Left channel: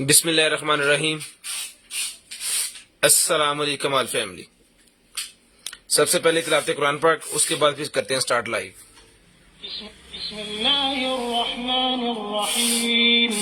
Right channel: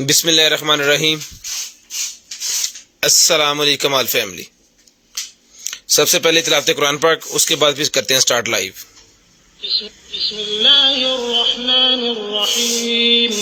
बिस्मिल्लाहिर्रहमानिर्रहीम। अस्सलाम वालेकुम ऑल फैमिली। सबसे पहले तिलावत कुरान पाक, उसके बाद फिर करते हैं स्टार्ट लाइव। बिस्मिल्लाहिर्रहमानिर्रहीम।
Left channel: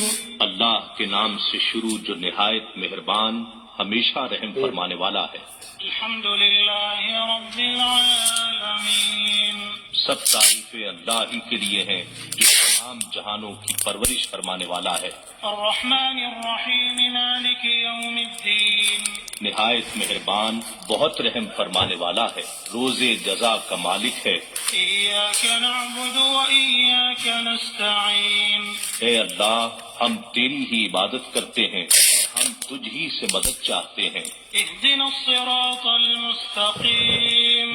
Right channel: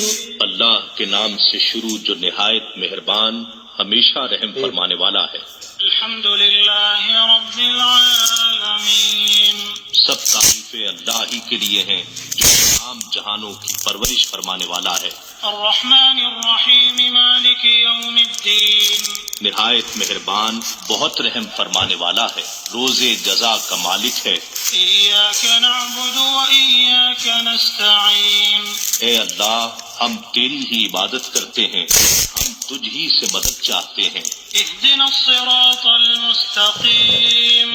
अल्लाह के नाम से शुरू जो निहायत मेहरबान हमेशा रहम फरमाने वाला है। अल्हम्दुलिल्लाहि रब्बिल आलमीन। सब तारीफें अल्लाह ही के लिए हैं जो तमाम जहानों की परवरिश फरमाने वाला है। अर्रहमानिर्रहीम मालिकि यौमिद्दीन। निहायत मेहरबान बहुत रहम फरमाने वाला है, रोजे जजा का मालिक है। इय्याका नअबुदु व इय्याका नस्तईन। ए अल्लाह, हम तेरी ही इबादत करते हैं, हम तुझ ही से मदद चाहते हैं। इहदिनस सिरातल मुस्तकीम।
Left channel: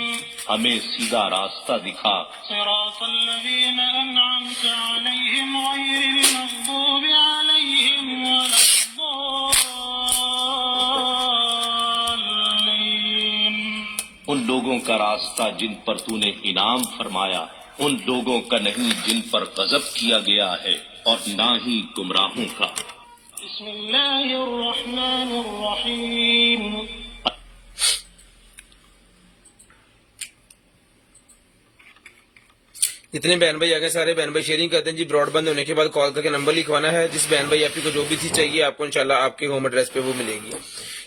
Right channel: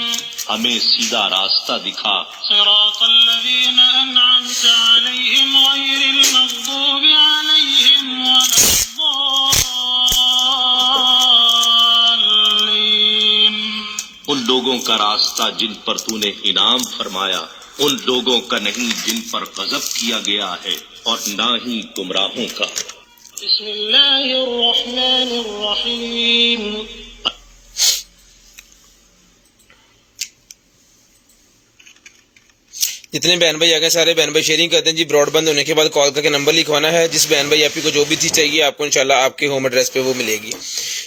हमें सीधा रास्ता दिखा। सिरातल लज़ीना अनअमत अलैहिम गैरिल मग़दूबि अलैहिम वलद्दल्लीन। उन लोगों का रास्ता जिन पर तूने इनाम फरमाया, उन लोगों का नहीं जिन पर गजब किया गया है, और ना ही गुमराहों का। बिस्मिल्लाहिर्रहमानिर्रहीम। जितने बहन भाई आ गए सारे बहन भाई शेयरिंग करते हैं जी। ब्रॉडबैंड होने के बाद कॉल करके नंबर लिखवाना है। जिस बहन भाई आपको जो भी चीज़ चाहिए आपको इंशाल्लाह आपके होम एड्रेस पे वो मिलेगी।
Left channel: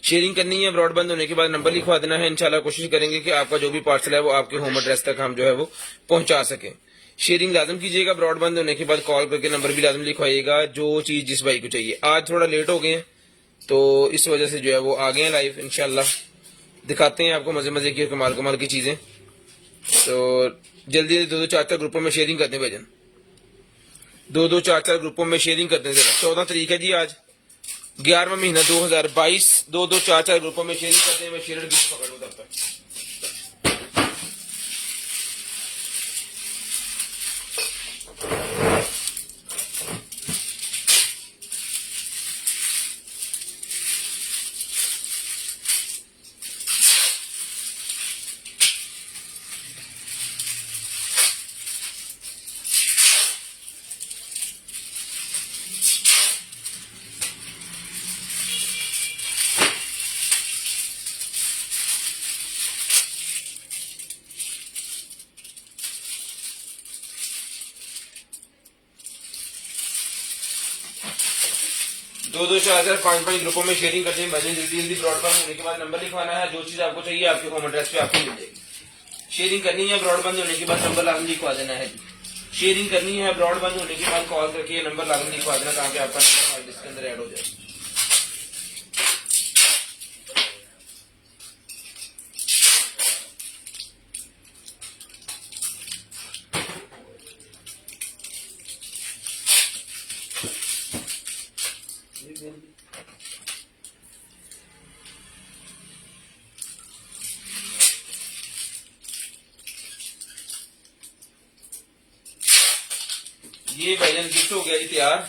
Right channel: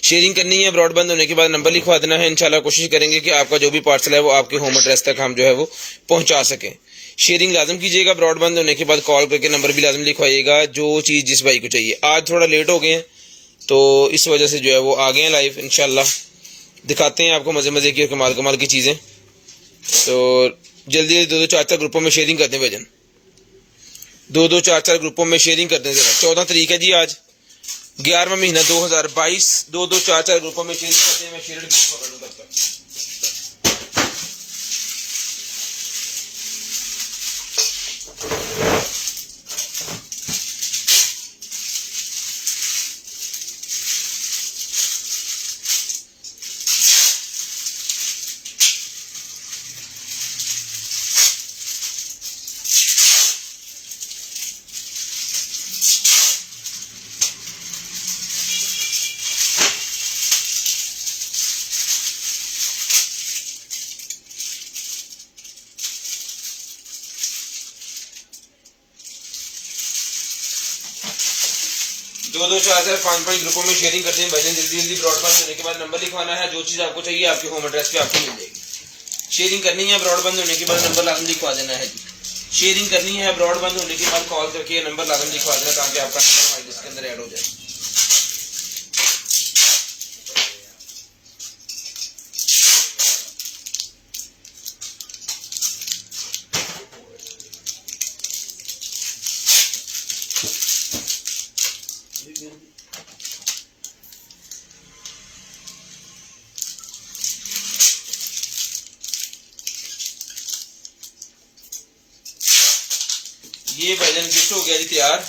शेयरिंग करनी है, ब्रॉडबैंड होने के बाद नंबर लिखवा देना है। इंशाल्लाह कोशिश करेंगे कि आपका जो भी पार्सल है वो आपके होम एड्रेस तक हम जो है वो पहुंचा सकें। शेयरिंग लाजम कीजिएगा। ब्रॉडबैंड होने के बाद कॉल करके नंबर भी लाजम लिखवाइएगा जो चीज़ जिस भाई को चाहिए। आज थोड़ा लेट हो गए हैं तो इस वजह से जो है वो आ गए हैं लाइव। इंशाल्लाह दिखाते हैं आपको मज़े मज़े की और कमाल कमाल की चीज़ें। तो जल्दी जल्दी 2-2 4-4 ग्रुपों में शेयरिंग करते हैं भजन। 2-2 4-4 ग्रुपों में शेयरिंग करते हैं। 14 तारीख है जी आज, 11वां महीना 2022। 2-2 4-4 ग्रुपों में शेयरिंग करते हैं। मैं शेयर पकड़ करता हूँ। दो 4-4 5-5 ग्रुपों में शेयरिंग करते हैं भजन। जल्दी जल्दी ब्रॉडबैंड होने के बाद नंबर लिखवाना है। जो चीज़ आपको चाहिए आपके होम एड्रेस पे आपको मिल जाएगी। शेयरिंग करनी है, ब्रॉडबैंड होने के बाद नंबर लाजम लिखवा देना है। शेयरिंग करनी है, ब्रॉडबैंड होने के बाद कॉल करके नंबर लाजम लिखवा देना ताकि आपका नंबर हमारे लिस्ट के अंदर ऐड हो जाए। ये भजन गिफ्ट हो गया जी तैयार।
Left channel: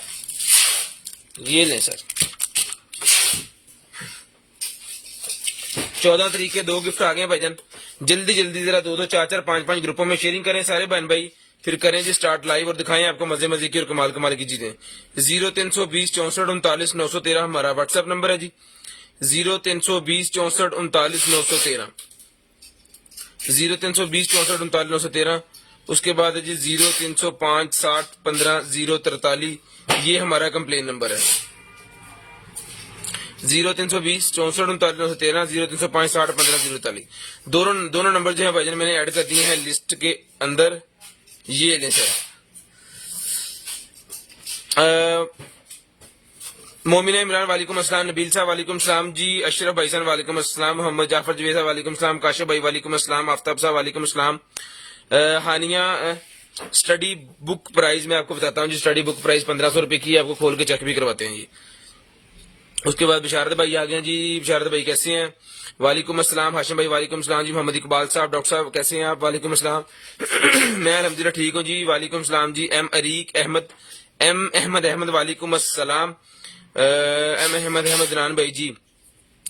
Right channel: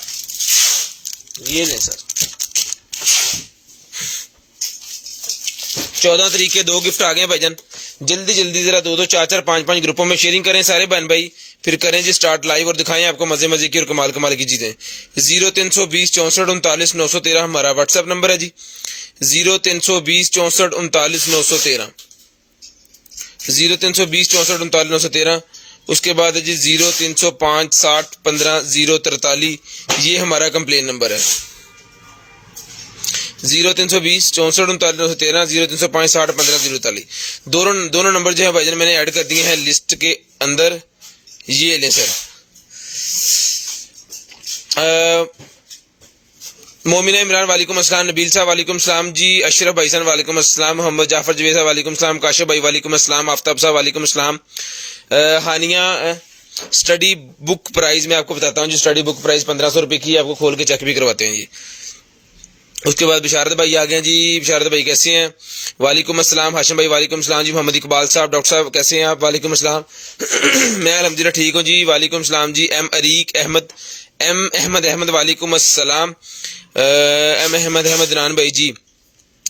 ये ले सर, 14 तारीख के 2 गिफ्ट आ गए भजन। जल्दी जल्दी जरा 2-2 4-4 5-5 ग्रुपों में शेयरिंग करें सारे बहन भाई। फिर करें जी स्टार्ट लाइव और दिखाएं आपको मजे मजे की और कमाल कमाल की चीजें। 0320 64 39 913 हमारा व्हाट्सएप नंबर है जी। 0320 64 39 913 0320 64 39 913। उसके बाद है जी 0305 60 15 043। ये हमारा कंप्लेन नंबर है। 0320 64 39 913 0305 60 15 043। दोनों नंबर जो है भाईजान मैंने ऐड कर दिए हैं लिस्ट के अंदर। ये ले सर। मोमिना इमरान वालेकुम अस्सलाम। नबील साहब वालेकुम अस्सलाम जी। अशरफ भाईजान वालेकुम अस्सलाम। मोहम्मद जाफर जवेद साहब वालेकुम अस्सलाम। काशिफ भाई वालेकुम अस्सलाम। आफ्ताब साहब वालेकुम अस्सलाम। हानिया स्टडी बुक प्राइस मैं आपको बताता हूँ जी। स्टडी बुक प्राइस 1500 रुपये की, आपको खोल के चेक भी करवाते हैं जी। उसके बाद बिशारत भाई आ गए जी। बिशारत भाई कैसे हैं? वालेकुम अस्सलाम। हाशिम भाई वालेकुम अस्सलाम जी। मोहम्मद इकबाल साहब, डॉक्टर साहब कैसे हैं आप? वालेकुम अस्सलाम। मैं अल्हम्दुलिल्लाह ठीक हूँ जी। वालेकुम अस्सलाम जी। एम अहमद वालेकुम अस्सलाम। एम अहमद नान भाई जी।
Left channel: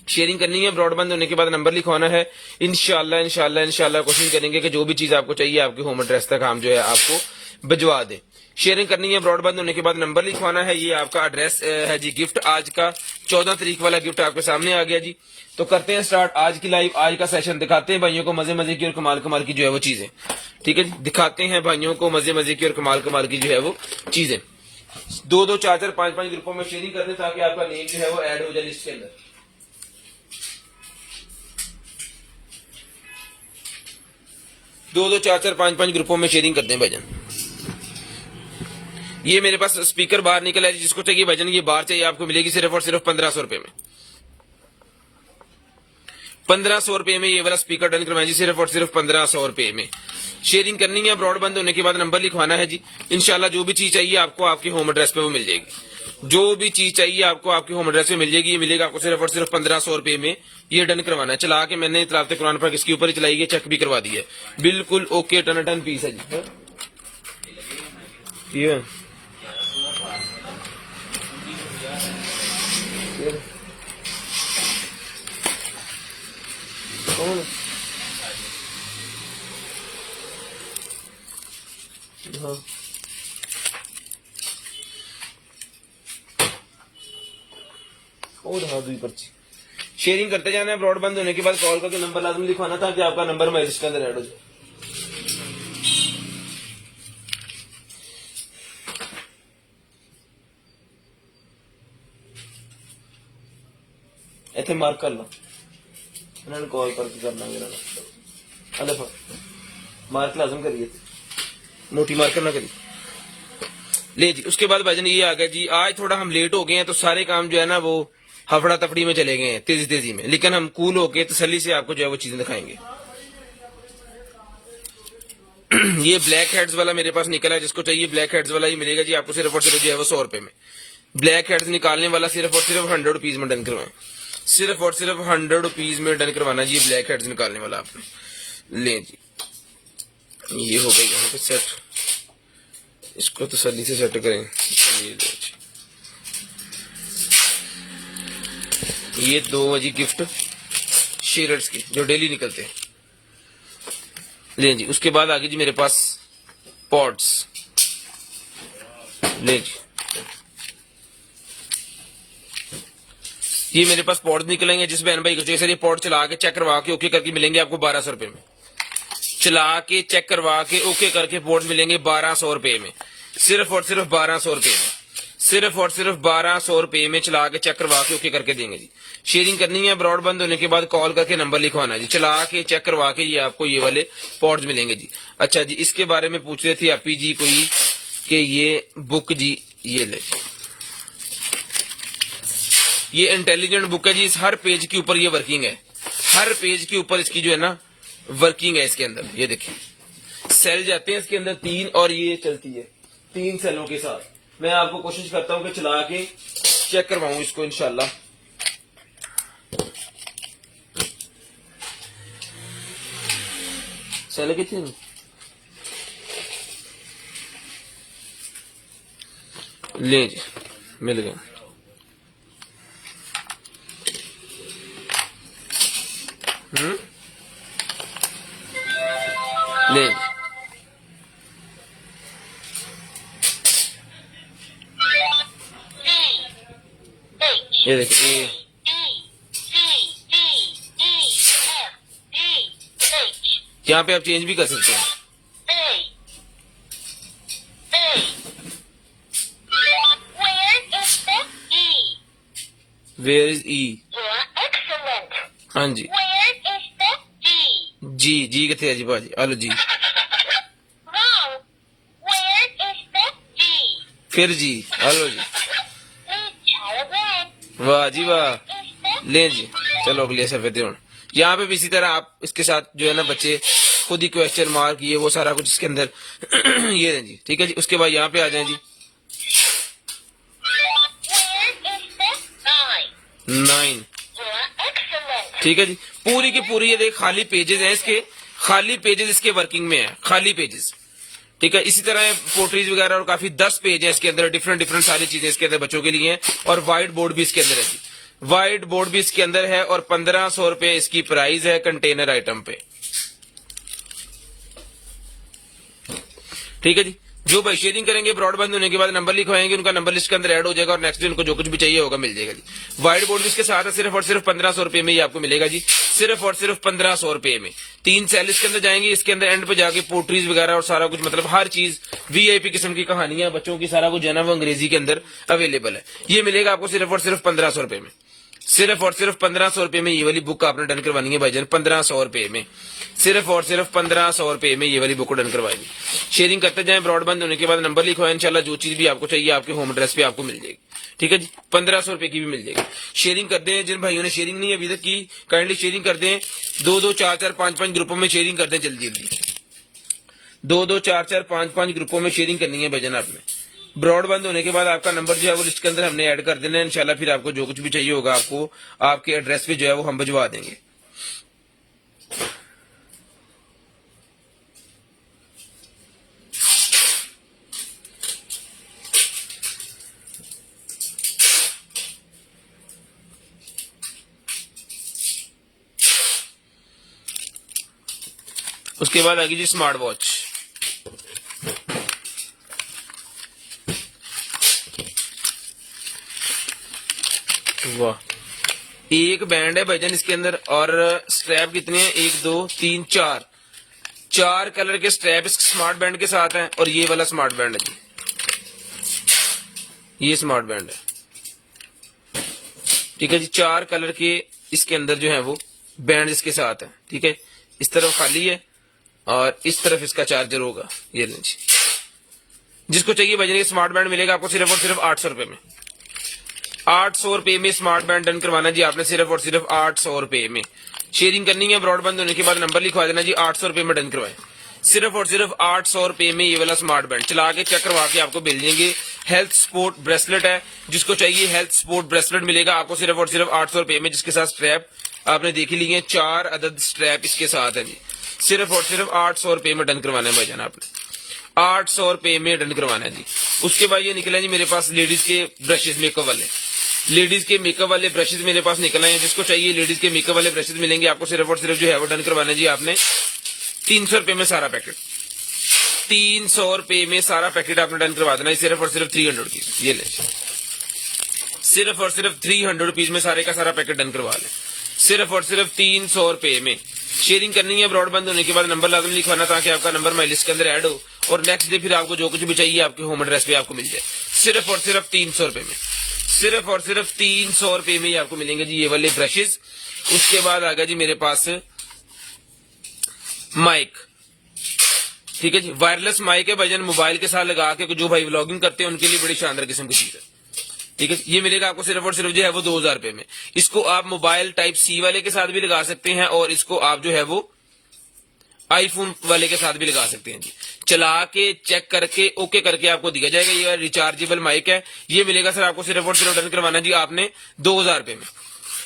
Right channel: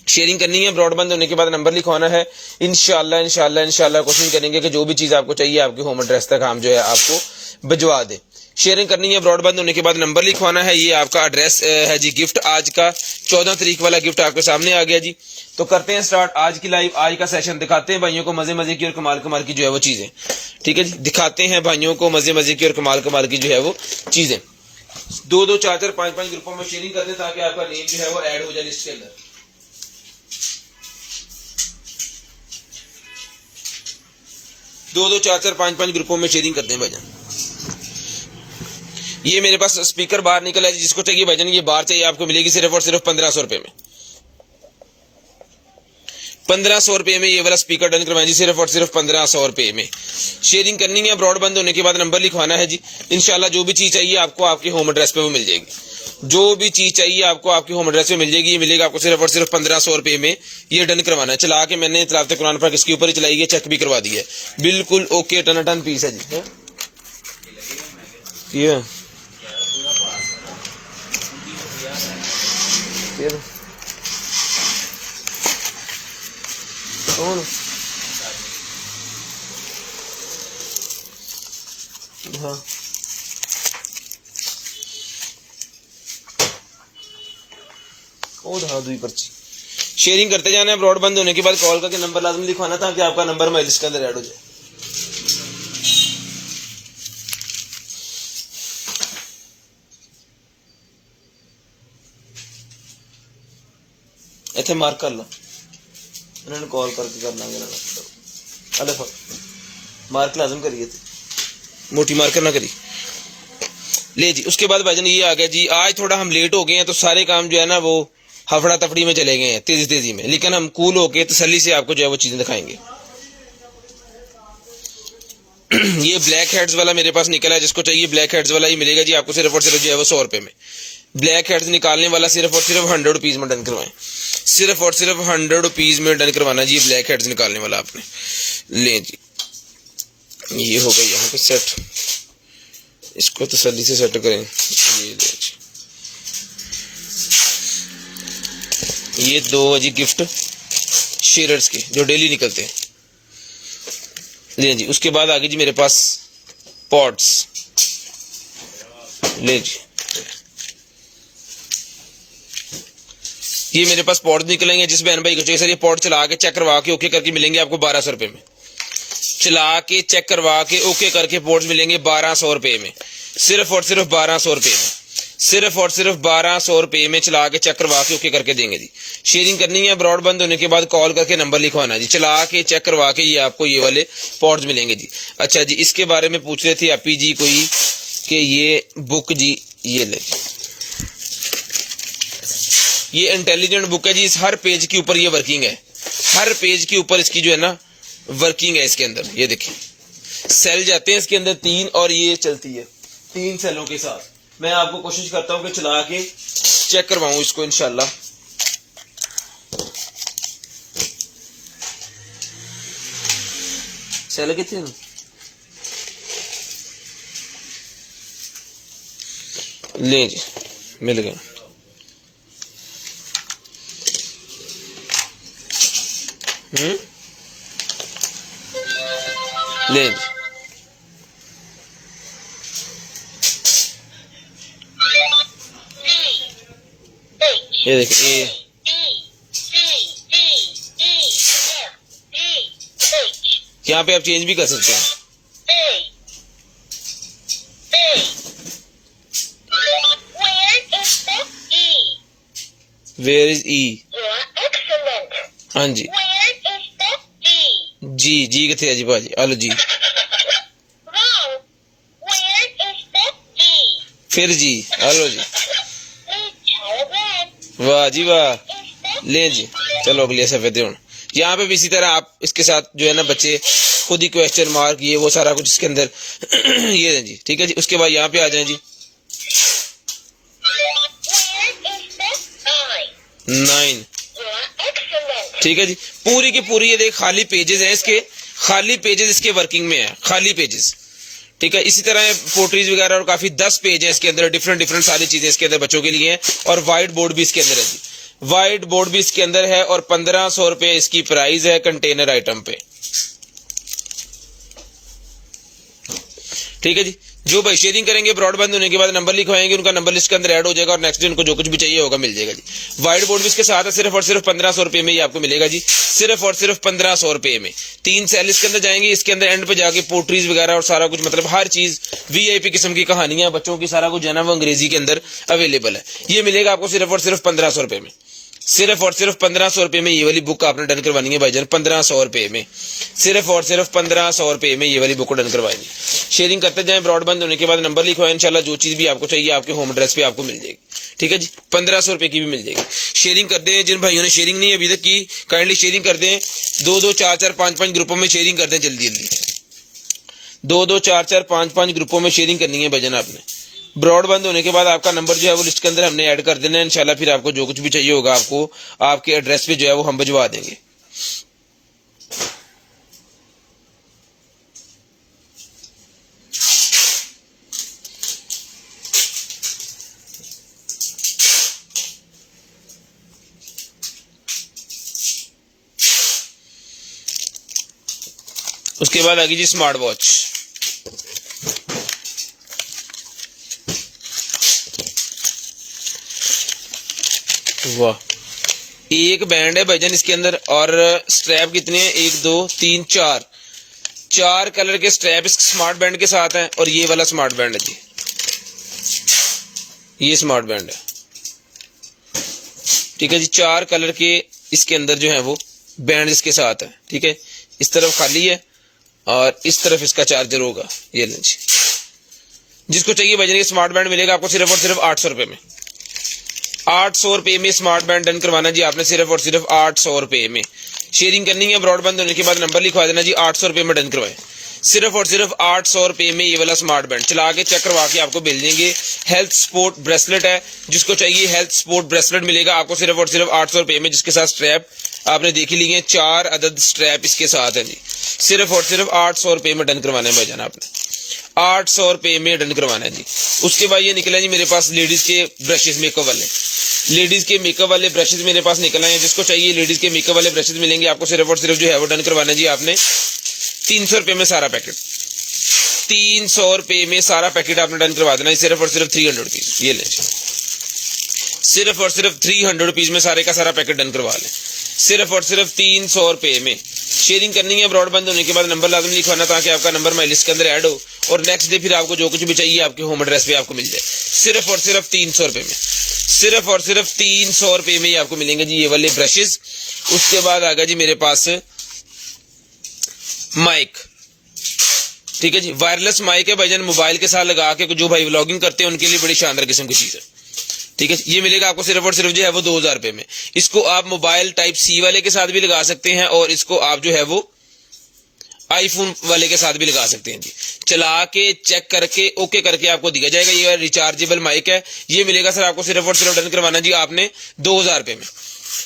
शेयरिंग करनी है, ब्रॉडबैंड होने के बाद नंबर लिखवाना है। इंशाल्लाह कोशिश करेंगे कि जो भी चीज़ आपको चाहिए आपके होम एड्रेस तक हम जो है आपको भिजवा दें। शेयरिंग करनी है, ब्रॉडबैंड होने के बाद नंबर लिखवाना है। ये आपका एड्रेस है जी। गिफ्ट आज का 14 तारीख वाला गिफ्ट आपके सामने आ गया जी। तो करते हैं स्टार्ट आज की लाइव, आज का सेशन। दिखाते हैं भाइयों को मजे मजे की और कमाल कमाल की जो है वो चीजें। ठीक है जी, दिखाते हैं भाइयों को मजे मजे की और कमाल कमाल की जो है वो चीजें। 2-2, 4-4, 5-5 ग्रुपों में शेयरिंग करते हैं ताकि आपका नेम जो है वो ऐड हो जाए लिस्ट के अंदर। 2-2, 4-4, 5-5 ग्रुपों में शेयरिंग करते हैं भाईजान। ये मेरे पास स्पीकर बाहर निकला है, जिसको चाहिए भाईजान ये बाहर चाहिए आपको मिलेगी सिर्फ और सिर्फ 1500 रुपए में। 1500 रुपए में ये वाला स्पीकर डन करवाएं जी, सिर्फ और सिर्फ 1500 रुपए में। शेयरिंग करनी है, ब्रॉडबैंड होने के बाद नंबर लिखवाना है जी। इंशाल्लाह जो भी चीज चाहिए आपको आपके होम एड्रेस पे वो मिल जाएगी। जो भी चीज चाहिए आपको आपके होम एड्रेस पे मिल जाएगी। ये मिलेगा आपको सिर्फ और सिर्फ 1500 रुपए में। ये डन करवाना है। चला के मैंने तिलावत कुरान पर इसके ऊपर ही चलाई है, चेक भी करवा दी है, बिल्कुल ओके, टन पीस है जी। ये हाँ दुई पर्ची। शेयरिंग करते जाना है, ब्रॉडबैंड होने के बाद कॉल करके नंबर लाजमी लिखवाना था कि आपका नंबर मैं लिस्ट के अंदर ऐड हो जाए। इतने मार्क कर लो, इन्होंने कॉल करके करना अलग मार्क लाजम करिए थे, मोटी मार्कर ना करी ले जी। उसके बाद भाईजान ये आ गया जी। आज थोड़ा हम लेट हो गए हैं तो सारे काम जो है ना वो हफड़ा तफड़ी में चले गए हैं, तेजी तेजी में, लेकिन हम कूल होके तसल्ली से आपको जो है वो चीजें दिखाएंगे। ये ब्लैक हेड्स वाला मेरे पास निकला है, जिसको चाहिए ब्लैक हेड्स वाला ही मिलेगा जी आपको सिर्फ और सिर्फ जो है वो 100 रुपए में। ब्लैक हेड्स निकालने वाला सिर्फ और सिर्फ 100 रुपीज में डन करवाएं, सिर्फ और सिर्फ 100 रुपीज में डन करवाना जी। ब्लैक हेड्स निकालने वाला आपने ले जी। ये हो गया यहाँ पे सेट, इसको तसल्ली से सेट करें। ये 2 जी गिफ्ट शेयर्स के जो डेली निकलते हैं ले जी। उसके बाद आगे जी मेरे पास पॉड्स ले जी। ये मेरे पास पॉड निकलेंगे, जिस बहन भाई को चाहिए सर ये पॉड चला के चेक करवा के ओके करके मिलेंगे आपको 1200 रुपए में। चला के चेक करवा के ओके करके पॉड्स मिलेंगे 1200 रुपए में, सिर्फ और सिर्फ 1200 रुपए में, सिर्फ और सिर्फ 1200 रुपए में चला के चेक करवा के ओके करके देंगे जी। शेयरिंग करनी है, ब्रॉडबैंड होने के बाद कॉल करके नंबर लिखवाना है जी। चला के चेक करवा के ये आपको ये वाले पॉड्स मिलेंगे जी। अच्छा जी, इसके बारे में पूछ रहे थे आपी जी कोई कि ये बुक जी ये ले, ये इंटेलिजेंट बुक है जी। इस हर पेज के ऊपर ये वर्किंग है, हर पेज के ऊपर इसकी जो है ना वर्किंग है। इसके अंदर ये देखिए सेल जाते हैं इसके अंदर 3 और ये चलती है 3 सेलों के साथ। मैं आपको कोशिश करता हूं कि चला के चेक करवाऊं इसको इंशाल्लाह। सेल कितने ले जी, मिल गया। ले यहाँ पे आप चेंज भी कर सकते हैं। वेयर इज ई? हाँ जी जी जी कितने जी भाजी आलो जी, फिर जी आलो जी, वाह जी वाह। ले जी चलो अगले सफे दे। यहाँ पे भी इसी तरह आप इसके साथ जो है ना बच्चे खुद ही क्वेश्चन मार्क ये वो सारा कुछ इसके अंदर ये है जी। ठीक है जी, उसके बाद यहाँ पे आ जाए जी 9। ठीक है जी, पूरी की पूरी ये देख खाली पेजेस हैं इसके, खाली पेजेस इसके वर्किंग में है, खाली पेजेस। ठीक है, इसी तरह पोट्रीज वगैरह और काफी 10 पेज है इसके अंदर, डिफरेंट डिफरेंट सारी चीजें इसके अंदर बच्चों के लिए हैं। और व्हाइट बोर्ड भी इसके अंदर है जी, व्हाइट बोर्ड भी इसके अंदर है। और 1500 रुपए इसकी प्राइस है कंटेनर आइटम पे। ठीक है जी, जो भाई शेयरिंग करेंगे ब्रॉडबैंड होने के बाद नंबर लिखवाएंगे, उनका नंबर लिस्ट के अंदर ऐड हो जाएगा और नेक्स्ट डे उनको जो कुछ भी चाहिए होगा मिल जाएगा जी। वाइट बोर्ड भी इसके साथ है, सिर्फ और सिर्फ 1500 रुपए में ही आपको मिलेगा जी, सिर्फ और सिर्फ 1500 रुपए में। 3 सेल इसके अंदर जाएंगे, इसके अंदर एंड पे जाके पोट्रीज वगैरह और सारा कुछ, मतलब हर चीज VIP किस्म की कहानियां बच्चों की सारा कुछ जो है ना वो अंग्रेजी के अंदर अवेलेबल है। ये मिलेगा आपको सिर्फ और सिर्फ 1500 रुपए में, सिर्फ और सिर्फ 1500 रुपए में ये वाली बुक आपने डन करवानी है भाईजान, 1500 रुपए में, सिर्फ और सिर्फ 1500 रुपए में ये वाली बुक को डन करवाएंगे। शेयरिंग करते जाएं, ब्रॉडबैंड होने के बाद नंबर लिखवाएं, इंशाल्लाह जो चीज भी आपको चाहिए आपके होम एड्रेस पे आपको मिल जाएगी। ठीक है जी, 1500 रुपए की भी मिल जाएगी। शेयरिंग करते हैं, जिन भाइयों ने शेयरिंग नहीं अभी तक की काइंडली शेयरिंग कर दें, 2-2, 4-4, 5-5 ग्रुपों में शेयरिंग कर दें जल्दी जल्दी, 2-2, 4-4, 5-5 ग्रुपों में शेयरिंग करनी है भाईजान आपने। ब्रॉडबैंड होने के बाद आपका नंबर जो है वो लिस्ट के अंदर हमने ऐड कर देना है, इंशाल्लाह फिर आपको जो कुछ भी चाहिए होगा आपको आपके एड्रेस पे जो है वो हम भिजवा देंगे। उसके बाद आएगी जी स्मार्ट वॉच। वाह, एक बैंड है भाईजान इसके अंदर और स्ट्रैप कितने हैं, 1 2 3 4, 4 कलर के स्ट्रैप इस स्मार्ट बैंड के साथ हैं और ये वाला स्मार्ट बैंड है जी, ये स्मार्ट बैंड है। ठीक है जी, 4 कलर के इसके अंदर जो है वो बैंड इसके साथ है। ठीक है, इस तरफ खाली है और इस तरफ इसका चार्जर होगा। ये लें जी, जिसको चाहिए भाईजान ये स्मार्ट बैंड मिलेगा आपको सिर्फ और सिर्फ 800 रुपए में, 800 रुपए में स्मार्ट बैंड डन करवाना जी आपने, सिर्फ और सिर्फ 800 रुपए में। शेयरिंग करनी है, ब्रॉडबैंड होने के बाद नंबर लिखवा देना जी, 800 रुपए में डन करवाएं, सिर्फ और सिर्फ 800 रुपए में ये वाला स्मार्ट बैंड चला के चेक करवा के आपको मिल देंगे। हेल्थ स्पोर्ट ब्रेसलेट है, जिसको चाहिए हेल्थ स्पोर्ट ब्रेसलेट मिलेगा आपको सिर्फ और सिर्फ 800 रुपए में, जिसके साथ स्ट्रैप आपने देख ही लिए, 4 अदद स्ट्रैप इसके साथ है जी, सिर्फ और सिर्फ 800 रुपए में डन करवाना है भाईजान आपने, 800 रुपए में डन करवाना है जी। उसके बाद ये निकला जी मेरे पास लेडीज के ब्रशेस मेकअप वाले, लेडीज के मेकअप वाले ब्रशेस मेरे पास निकल आए हैं। जिसको चाहिए लेडीज के मेकअप वाले ब्रशेस मिलेंगे आपको सिर्फ और सिर्फ जो है वो डन करवाना जी आपने 300 रुपए में सारा पैकेट, 300 रुपए में सारा पैकेट आपने डन करवा देना, सिर्फ और सिर्फ 300 रुपीज। ये ले, सिर्फ और सिर्फ 300 रुपीज में सारे का सारा पैकेट डन करवा लें, सिर्फ और सिर्फ 300 रुपए में। शेयरिंग करनी है, ब्रॉडबैंड होने के बाद नंबर लाजमी लिखवाना ताकि आपका नंबर मैं लिस्ट के अंदर ऐड हो और नेक्स्ट डे फिर आपको जो कुछ भी चाहिए आपके होम एड्रेस पे आपको मिल जाए, सिर्फ और सिर्फ 300 रुपए में, सिर्फ और सिर्फ 300 रुपए में ही आपको मिलेंगे जी ये वाले ब्रशेस। उसके बाद आ गया जी मेरे पास माइक। ठीक है जी, वायरलेस माइक है भाईजान, मोबाइल के साथ लगा के जो भाई व्लॉगिंग करते हैं उनके लिए बड़ी शानदार किस्म की चीज है। ठीक है, ये मिलेगा आपको सिर्फ और सिर्फ जो है वो 2000 रुपए में। इसको आप मोबाइल टाइप C वाले के साथ भी लगा सकते हैं और इसको आप जो है वो आईफोन वाले के साथ भी लगा सकते हैं जी। चला के चेक करके ओके करके आपको दिया जाएगा। ये रिचार्जेबल माइक है, ये मिलेगा सर आपको सिर्फ और सिर्फ डन करवाना जी आपने 2000 रुपए में,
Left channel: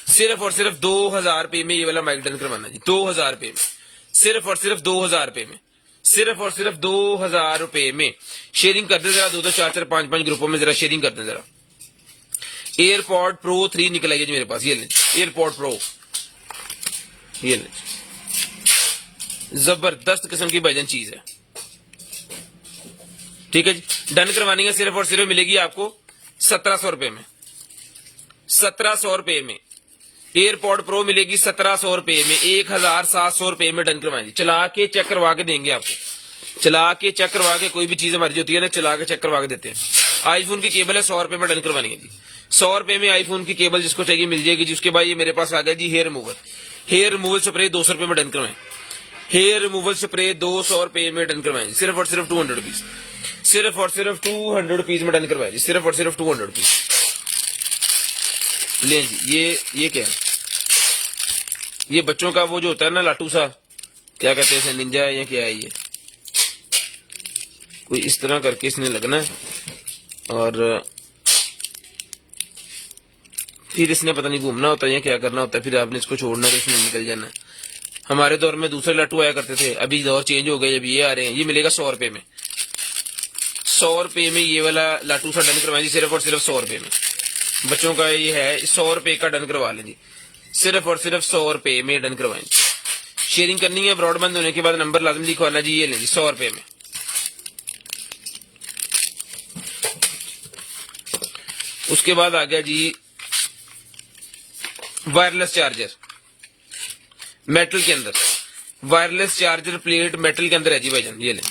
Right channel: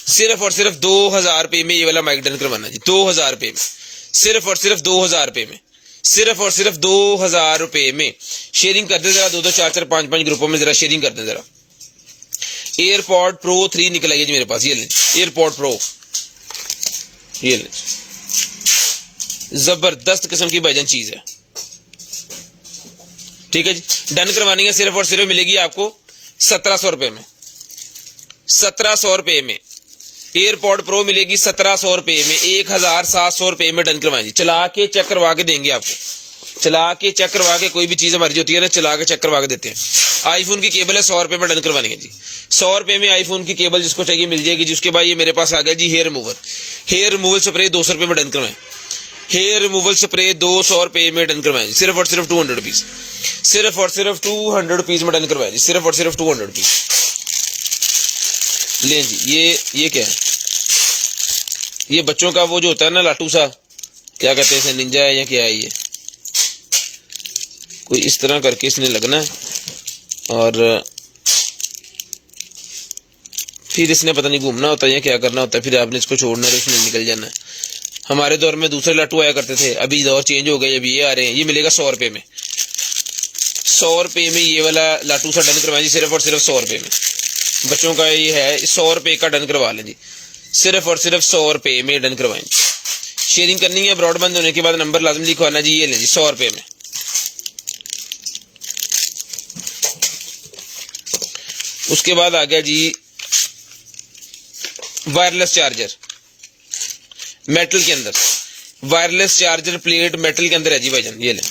सिर्फ और सिर्फ 2000 रुपए में ये वाला माइक डन करवाना जी, 2000 रुपए में, सिर्फ और सिर्फ 2000 रुपए में, सिर्फ और सिर्फ 2000 रुपए में। शेयरिंग कर दे जरा, 2-2, 4-4, 5-5 ग्रुपों में जरा शेयरिंग कर दे जरा। एयरपॉड प्रो 3 निकल आई जी मेरे पास, ये लें एयरपॉड प्रो, ये लें, जबरदस्त किस्म की भाईजान चीज है। ठीक है जी, डन करवानी है, सिर्फ और सिर्फ मिलेगी आपको 1700 रुपए में, 1700 रुपए में एयरपॉड प्रो मिलेगी 1700 रुपए में, 1700 रुपए में डन करवाएंगे। चला के चेक करवा के देंगे आपको, चला के चेक करवा के, कोई भी चीज हमारी होती है ना चला के चेक करवा के देते हैं। आईफोन की केबल है 100 रुपए में डन करवानी है जी, 100 रुपए में आईफोन की केबल जिसको चाहिए मिल जाएगी जी। उसके बाद ये मेरे पास आ गया जी hair removal, hair removal spray 200 रुपए में डन करवाएं, हेयर रिमूवल स्प्रे 200 रुपए में डन करवाएं, सिर्फ और सिर्फ 200 रुपीज, सिर्फ और सिर्फ 200 रुपीज में डन करवाएं, सिर्फ और सिर्फ 200 रुपीज। लो जी, ये क्या है, ये बच्चों का वो जो होता है ना लाटू सा, क्या कहते हैं, निंजा है या क्या है, ये कोई इस तरह करके इसने लगना है और फिर इसने पता नहीं घूमना होता है या क्या करना होता है, फिर आपने इसको छोड़ना है, इसमें निकल जाना है। हमारे दौर में दूसरे लाटू आया करते थे, अभी दौर चेंज हो गए, अभी ये आ रहे हैं। ये मिलेगा 100 रुपए में, 100 रुपए में ये वाला लाटू सा डन करवाएं जी, सिर्फ और सिर्फ 100 रुपए में। बच्चों का ये है, 100 रुपए का डन करवा लें जी, सिर्फ और सिर्फ 100 रुपए में डन करवाएं। शेयरिंग करनी है, ब्रॉडबैंड होने के बाद नंबर लाजमी लिखवाना जी, ये लें जी 100 रुपए में, उसके बाद आ गया जी वायरलेस चार्जर मेटल के अंदर, वायरलेस चार्जर प्लेट मेटल के अंदर है जी भाईजान, ये लें।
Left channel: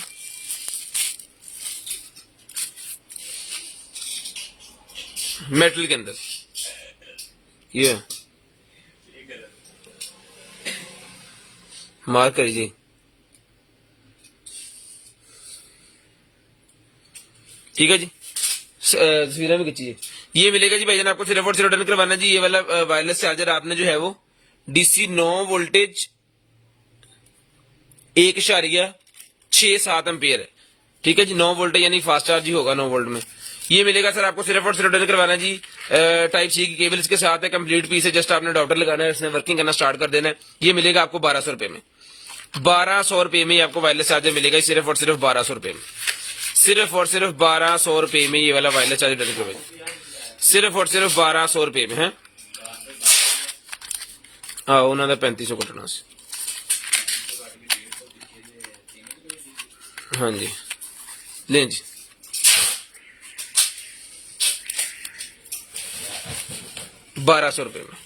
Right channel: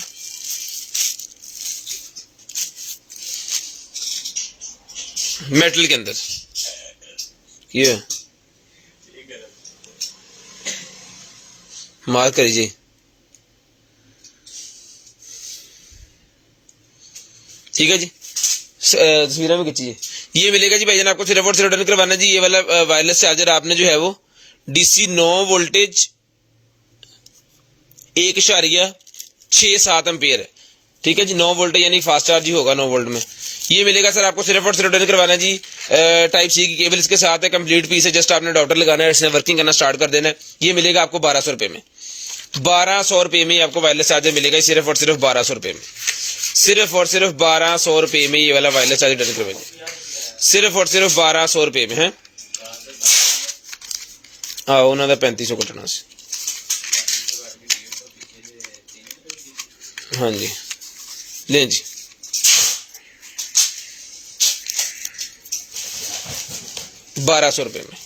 मेटल के अंदर ये मार्क करिए, ठीक है जी। तस्वीरें में खींचिए। ये मिलेगा जी भाईजान आपको सिर्फ और सिर्फ रिटर्न करवाना जी। ये वाला वायरलेस चार्जर आपने जो है वो डीसी 9 वोल्टेज 1.67 एम्पियर है, ठीक है जी। 9 वोल्ट यानी फास्ट चार्ज ही होगा 9 वोल्ट में। ये मिलेगा सर आपको सिर्फ और सिर्फ रिटर्न करवाना जी। टाइप सी की केबल इसके साथ है, कंप्लीट पीस है, जस्ट आपने अडॉप्टर लगाना है, इसने वर्किंग करना स्टार्ट कर देना है। ये मिलेगा आपको 1200 रुपए में, 1200 रुपए में आपको वायरलेस चार्जर मिलेगा सिर्फ और सिर्फ 1200 रुपए में, सिर्फ और सिर्फ 1200 रुपए में ये वाला वायरलेस चार्जर रिटर्न करवाएंगे, सिर्फ और सिर्फ 1200 रुपए में है। हाँ उन्होंने 3500 कटना से, हाँ जी लें जी। ₹1200 में।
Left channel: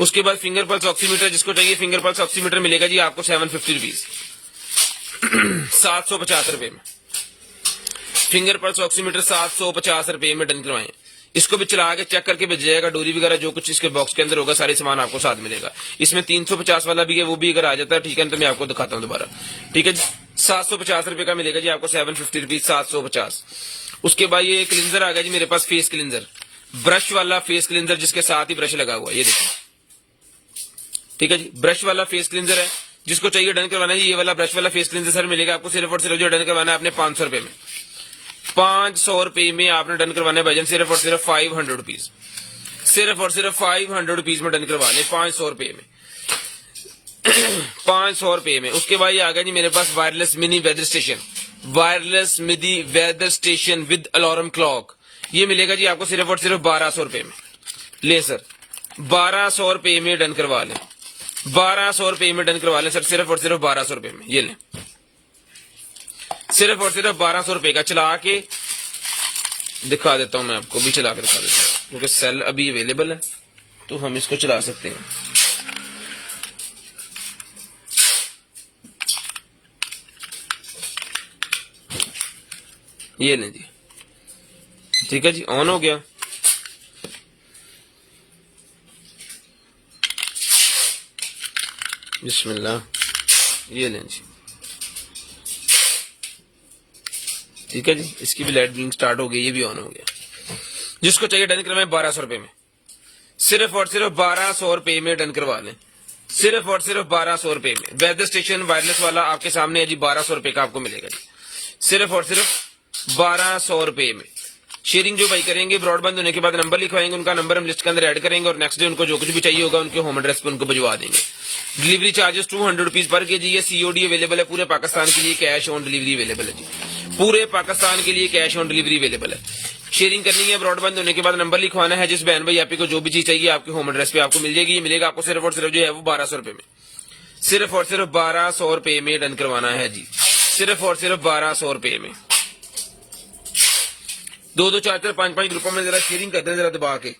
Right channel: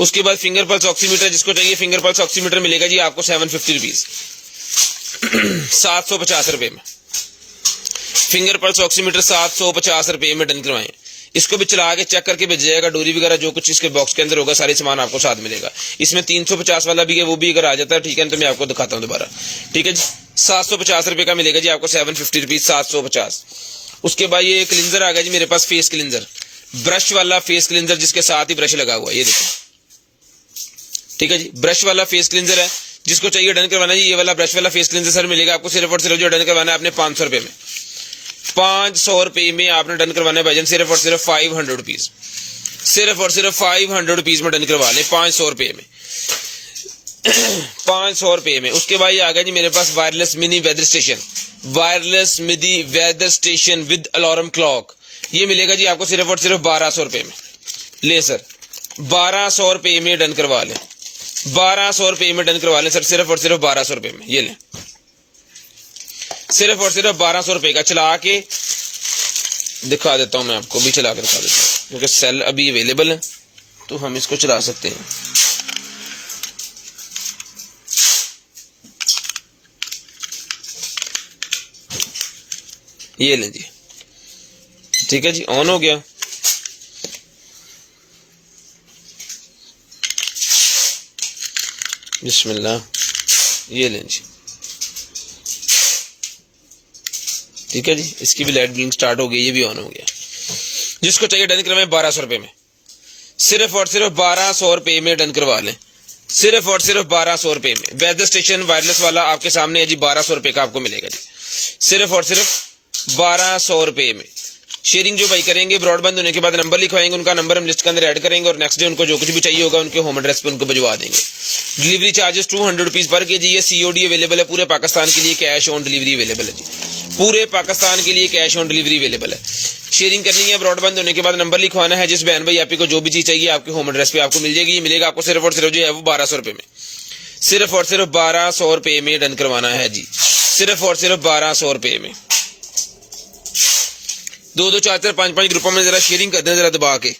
उसके बाद फिंगर पल्स ऑक्सीमीटर, जिसको चाहिए फिंगर पल्स ऑक्सीमीटर मिलेगा जी आपको 750 रुपीज, 750 रुपए में। फिंगर पल्स ऑक्सीमीटर 750 रुपए में डन करवाएं। इसको भी चला के चेक करके भेज जाएगा, डोरी वगैरह जो कुछ इसके बॉक्स के अंदर होगा सारे सामान आपको साथ मिलेगा। इसमें 350 वाला भी है, वो भी अगर आ जाता है ठीक है तो मैं आपको दिखाता हूँ दोबारा, ठीक है जी। 750 रुपए का मिलेगा जी आपको, 750 रुपीज 750। उसके बाद ये क्लींजर आ गया जी मेरे पास, फेस क्लींजर, ब्रश वाला फेस क्लींजर जिसके साथ ही ब्रश लगा हुआ है, ये देखो, ठीक है जी। ब्रश वाला फेस क्लींजर है, जिसको चाहिए डन करवाना जी। ये वाला ब्रश वाला फेस क्लींजर सर मिलेगा आपको सिर्फ और सिर्फ जो डन करवाना है आपने 500 रुपए में, 500 रुपए में आपने डन करवाना है भाईजान, सिर्फ और सिर्फ 500 रुपीज, सिर्फ और सिर्फ 500 रुपीज में डन करवा ले, 500 रुपए में, 500 रुपए में। उसके बाद ये आ गया जी मेरे पास wireless mini weather station, wireless mini weather station with alarm clock. ये मिलेगा जी आपको सिर्फ और सिर्फ 1200 रुपए में, ले सर 1200 रुपए में डन करवा लें, 1200 रुपए में डन करवा लें सर, सिर्फ और सिर्फ 1200 रुपए में, ये लें, सिर्फ और सिर्फ 1200 रुपए का। चला के दिखा देता हूं मैं आपको, भी चला कर दिखा देता हूं क्योंकि सेल अभी अवेलेबल है तो हम इसको चला सकते हैं। ये लीजिए, ठीक है जी, ऑन हो गया। बिस्मिल्लाह, ये लें जी, ठीक है जी। इसकी भी लाइट ब्लिंक स्टार्ट हो गई, ये भी ऑन हो गया। जिसको चाहिए डन करवाएं 1200 रुपए में, सिर्फ और सिर्फ 1200 रुपए में डन करवा लें, सिर्फ और सिर्फ 1200 रुपए में। वेदर स्टेशन वायरलेस वाला आपके सामने है जी, 1200 रुपए का आपको मिलेगा जी, सिर्फ और सिर्फ 1200 रुपए में। शेयरिंग जो भाई करेंगे ब्रॉडबैंड होने के बाद नंबर लिखवाएंगे, उनका नंबर हम लिस्ट के अंदर ऐड करेंगे और नेक्स्ट डे उनको जो कुछ भी चाहिए होगा उनके होम एड्रेस पे उनको भिजवा देंगे। डिलीवरी चार्जेस 200 रुपीज पर के जी। ये सीओडी अवेलेबल है पूरे पाकिस्तान के लिए, कैश ऑन डिलीवरी अवेलेबल है जी, पूरे पाकिस्तान के लिए कैश ऑन डिलीवरी अवेलेबल है। शेयरिंग करनी है ब्रॉडबैंड होने के बाद नंबर लिखवाना है, जिस बहन भाई आप को जो भी चीज चाहिए आपके होम एड्रेस पे आपको मिल जाएगी। ये मिलेगा आपको सिर्फ और सिर्फ जो है वो 1200 रुपए में, सिर्फ और सिर्फ 1200 रुपए में डन करवाना है जी, सिर्फ और सिर्फ 1200 रुपए में। 2-2, 4-4, 5-5 ग्रुपों में जरा शेयरिंग कर दें जरा दबा के।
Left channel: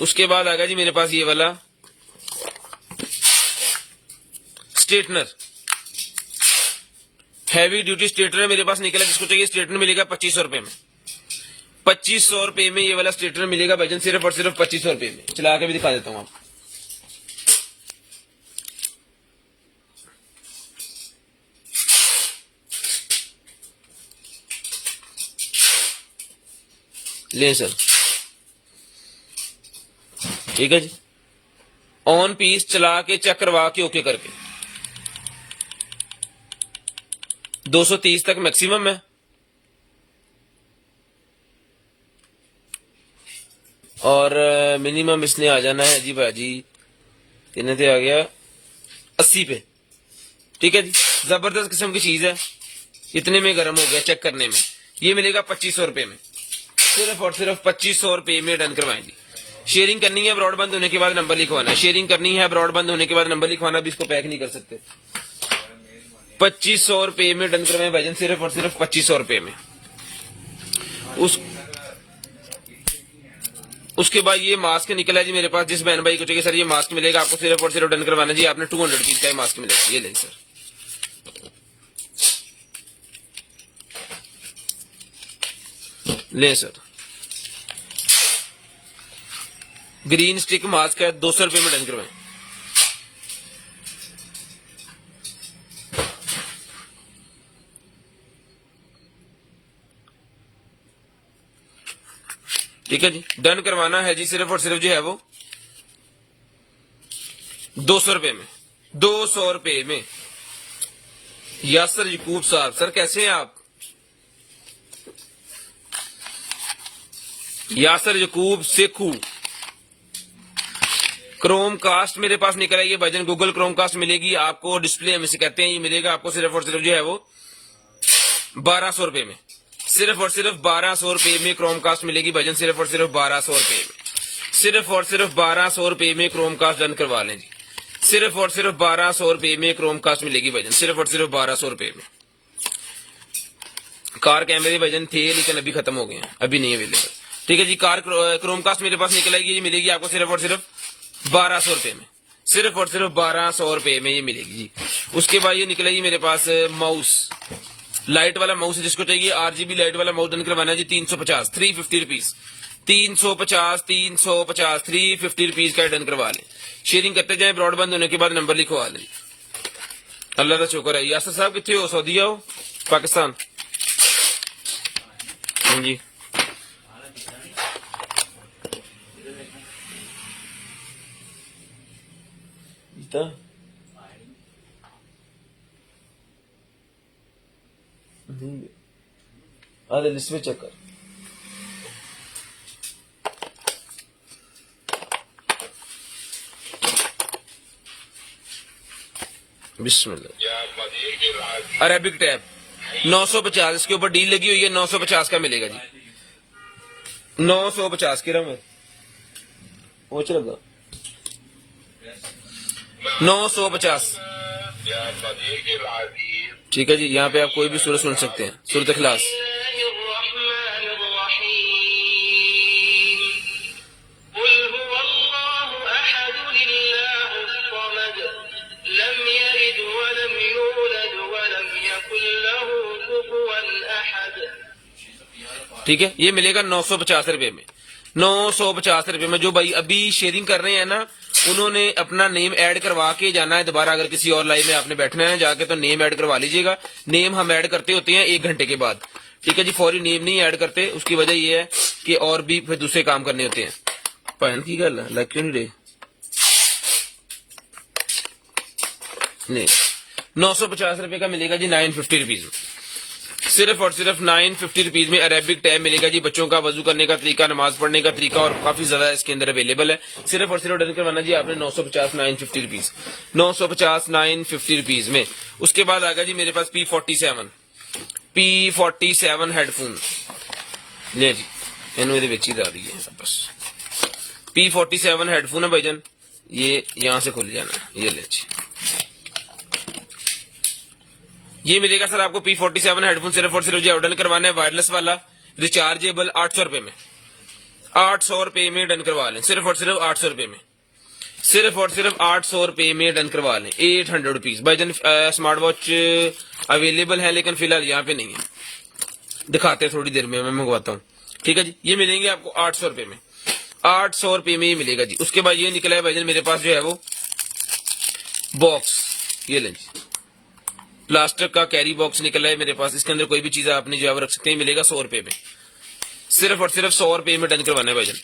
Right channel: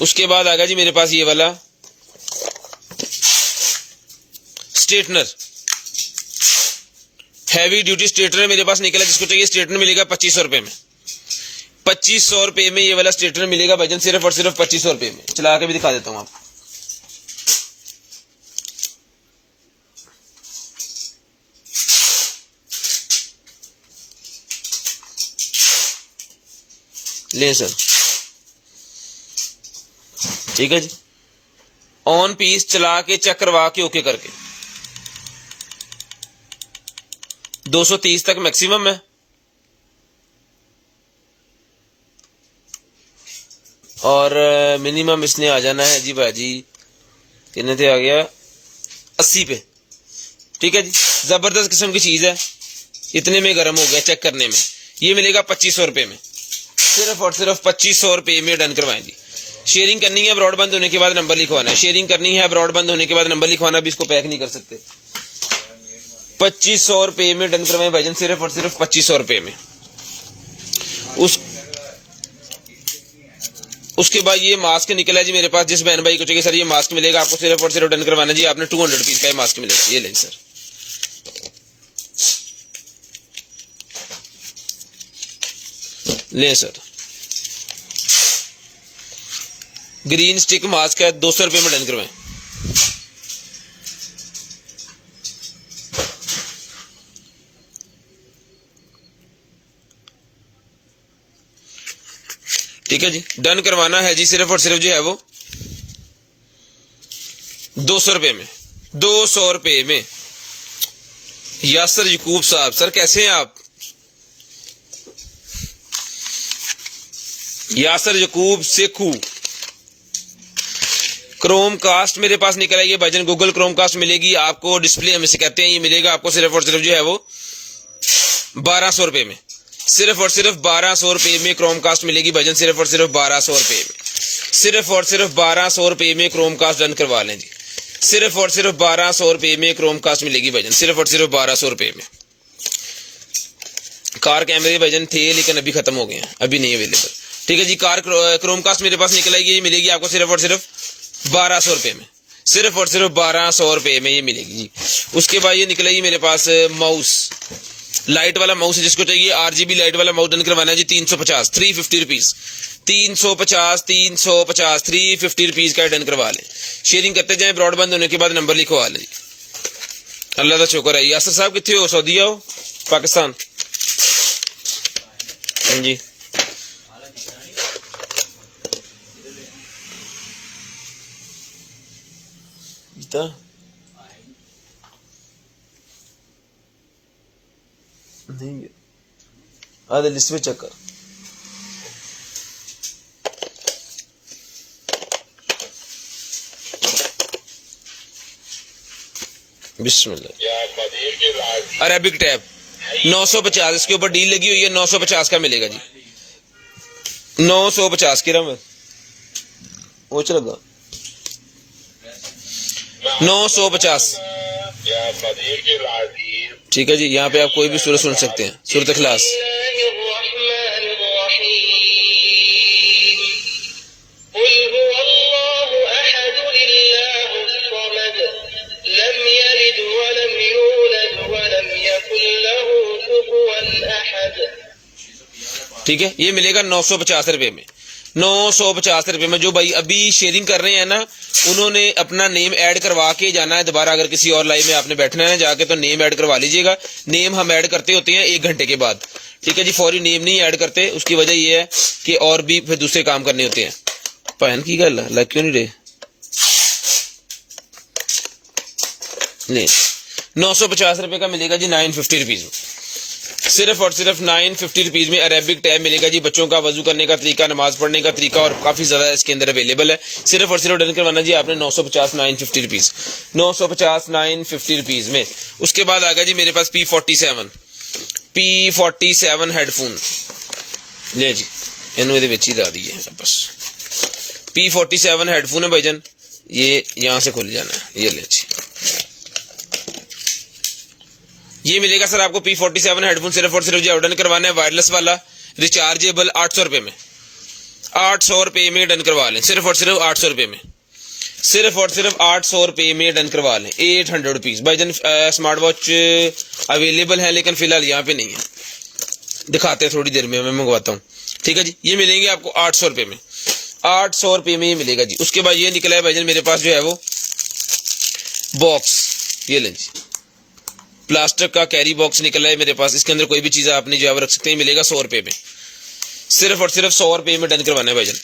उसके बाद आ गया जी मेरे पास ये वाला स्ट्रेटनर, हैवी ड्यूटी स्ट्रेटनर मेरे पास निकला। जिसको चाहिए स्ट्रेटनर मिलेगा 2500 रुपए में, 2500 रुपए में ये वाला स्ट्रेटनर मिलेगा भाईजान, सिर्फ और सिर्फ 2500 रुपए में। चला के भी दिखा देता हूं आपको, ले सर, ठीक है जी। ऑन पीस चला के चेक करवा के ओके करके 230 तक मैक्सिमम है और मिनिमम इसने आ जाना है जी भाजी, कितने से आ गया 80 पे, ठीक है जी। जबरदस्त किस्म की चीज है, इतने में गर्म हो गया चेक करने में। ये मिलेगा 2500 रुपए में, सिर्फ और सिर्फ 2500 रुपए में डन करवाएंगे। शेयरिंग करनी है ब्रॉडबैंड होने के बाद नंबर लिखवाना है, शेयरिंग करनी है ब्रॉडबैंड होने के बाद नंबर लिखवाना भी, इसको पैक नहीं कर सकते। ₹2500 में डन करवाएं भाईजान, सिर्फ और सिर्फ ₹2500 में। उसके बाद ये मास्क निकला जी मेरे पास, जिस बहन भाई को चाहिए सर ये मास्क मिलेगा आपको, सिर्फ और सिर्फ डन करवाना जी आपने, 200 पीस का ये मास्क मिलेगा। ये लें सर, लें सर, ग्रीन स्टिक मास्क है, ₹200 में डन करवाएं। ठीक है जी, डन करवाना है जी, सिर्फ और सिर्फ जो है वो ₹200 में, ₹200 में। यासर यकूब साहब, सर कैसे हैं आप? यासर यकूब सेखू, क्रोम कास्ट मेरे पास निकला है ये भाईजान, गूगल क्रोम कास्ट मिलेगी आपको, डिस्प्ले में से कहते हैं, ये मिलेगा आपको सिर्फ और सिर्फ जो है वो ₹1200 में, सिर्फ और सिर्फ ₹1200 में क्रोम कास्ट मिलेगी भाईजान, सिर्फ और सिर्फ ₹1200 में, सिर्फ और सिर्फ ₹1200 में क्रोम कास्ट डन करवा लें जी, सिर्फ और सिर्फ ₹1200 में क्रोम कास्ट मिलेगी भाईजान, सिर्फ और सिर्फ ₹1200 में। कार कैमरे भाईजान थे लेकिन अभी खत्म हो गए हैं, अभी नहीं अवेलेबल। ठीक है जी, कार क्रोम कास्ट मेरे पास निकल आएगी, ये मिलेगी आपको सिर्फ और सिर्फ ₹1200 में, सिर्फ और सिर्फ ₹1200 में ये मिलेगी जी। उसके बाद ये निकलेगी मेरे पास माउस, लाइट वाला माउस है, जिसको चाहिए RGB लाइट वाला माउस डन करवाना है जी, 350 350 रुपीज, 350 350 350 रुपीज का डन करवा लें। शेयरिंग करते जाएं, ब्रॉडबैंड होने के बाद नंबर लिखवा लें। अल्लाह का शुक्र है। यासर साहब कितने हो? सऊदीया हो? पाकिस्तान? हाँ जी, नहीं आधे लिस्ट में चेक कर। बिस्मिल्लाह। अरेबिक टैब 950, इसके ऊपर डील लगी हुई है, 950 का मिलेगा जी, 950 की रम वो लगा 950। ठीक है जी, यहाँ पे आप कोई भी सूरत सुन सकते हैं, सूरत इखलास। ठीक है, ये मिलेगा 950 रुपए में, 950 रुपए में। जो भाई अभी शेयरिंग कर रहे हैं ना, उन्होंने अपना नेम ऐड करवा के जाना है दोबारा। अगर किसी और लाइव में आपने बैठना है जाके तो नेम ऐड करवा लीजिएगा। नेम हम ऐड करते होते हैं 1 घंटे के बाद। ठीक है जी, फौरी नेम नहीं ऐड करते, उसकी वजह ये है कि और भी फिर दूसरे काम करने होते हैं। भैन की गल है, लग क्यों नहीं रहे? 950 रुपए का मिलेगा जी, 950 रुपीज में, सिर्फ और सिर्फ 950 रुपीज में अरेबिक टैब मिलेगा जी। बच्चों का वजू करने का तरीका, नमाज पढ़ने का तरीका और काफी ज्यादा इसके अंदर अवेलेबल है। सिर्फ और सिर्फ डन करवाना जी आपने 950 950 रुपीज, 950 950 रुपीज में। उसके बाद आ गया जी मेरे पास P47 हेडफोन, ले जी इन्होंने ही ला दी है बस। P47 हेडफोन है भाईजान, ये यहाँ से खोल जाना है, ये ले जी, ये मिलेगा सर आपको P47 हेडफोन, सिर्फ और सिर्फ जो डन करवाना है वायरलेस वाला, रिचार्जेबल, 800 रुपए में, 800 रुपए में डन करवा लें, सिर्फ और सिर्फ 800 रुपए में, सिर्फ और सिर्फ 800 रुपए में डन करवा लें। 800 रुपीज भाईजान। स्मार्ट वॉच अवेलेबल है लेकिन फिलहाल यहाँ पे नहीं है, दिखाते हैं थोड़ी देर में, मैं मंगवाता हूँ। ठीक है जी, ये मिलेंगे आपको 800 रुपए में, 800 रुपए में ये मिलेगा जी। उसके बाद ये निकला है भाईजान मेरे पास जो है वो बॉक्स, ये लें जी, प्लास्टिक का कैरी बॉक्स निकला है मेरे पास। इसके अंदर कोई भी चीज आपने जो है रख सकते हैं, मिलेगा 100 रुपए में, सिर्फ और सिर्फ 100 रुपए में डन करवाना है भाईजान,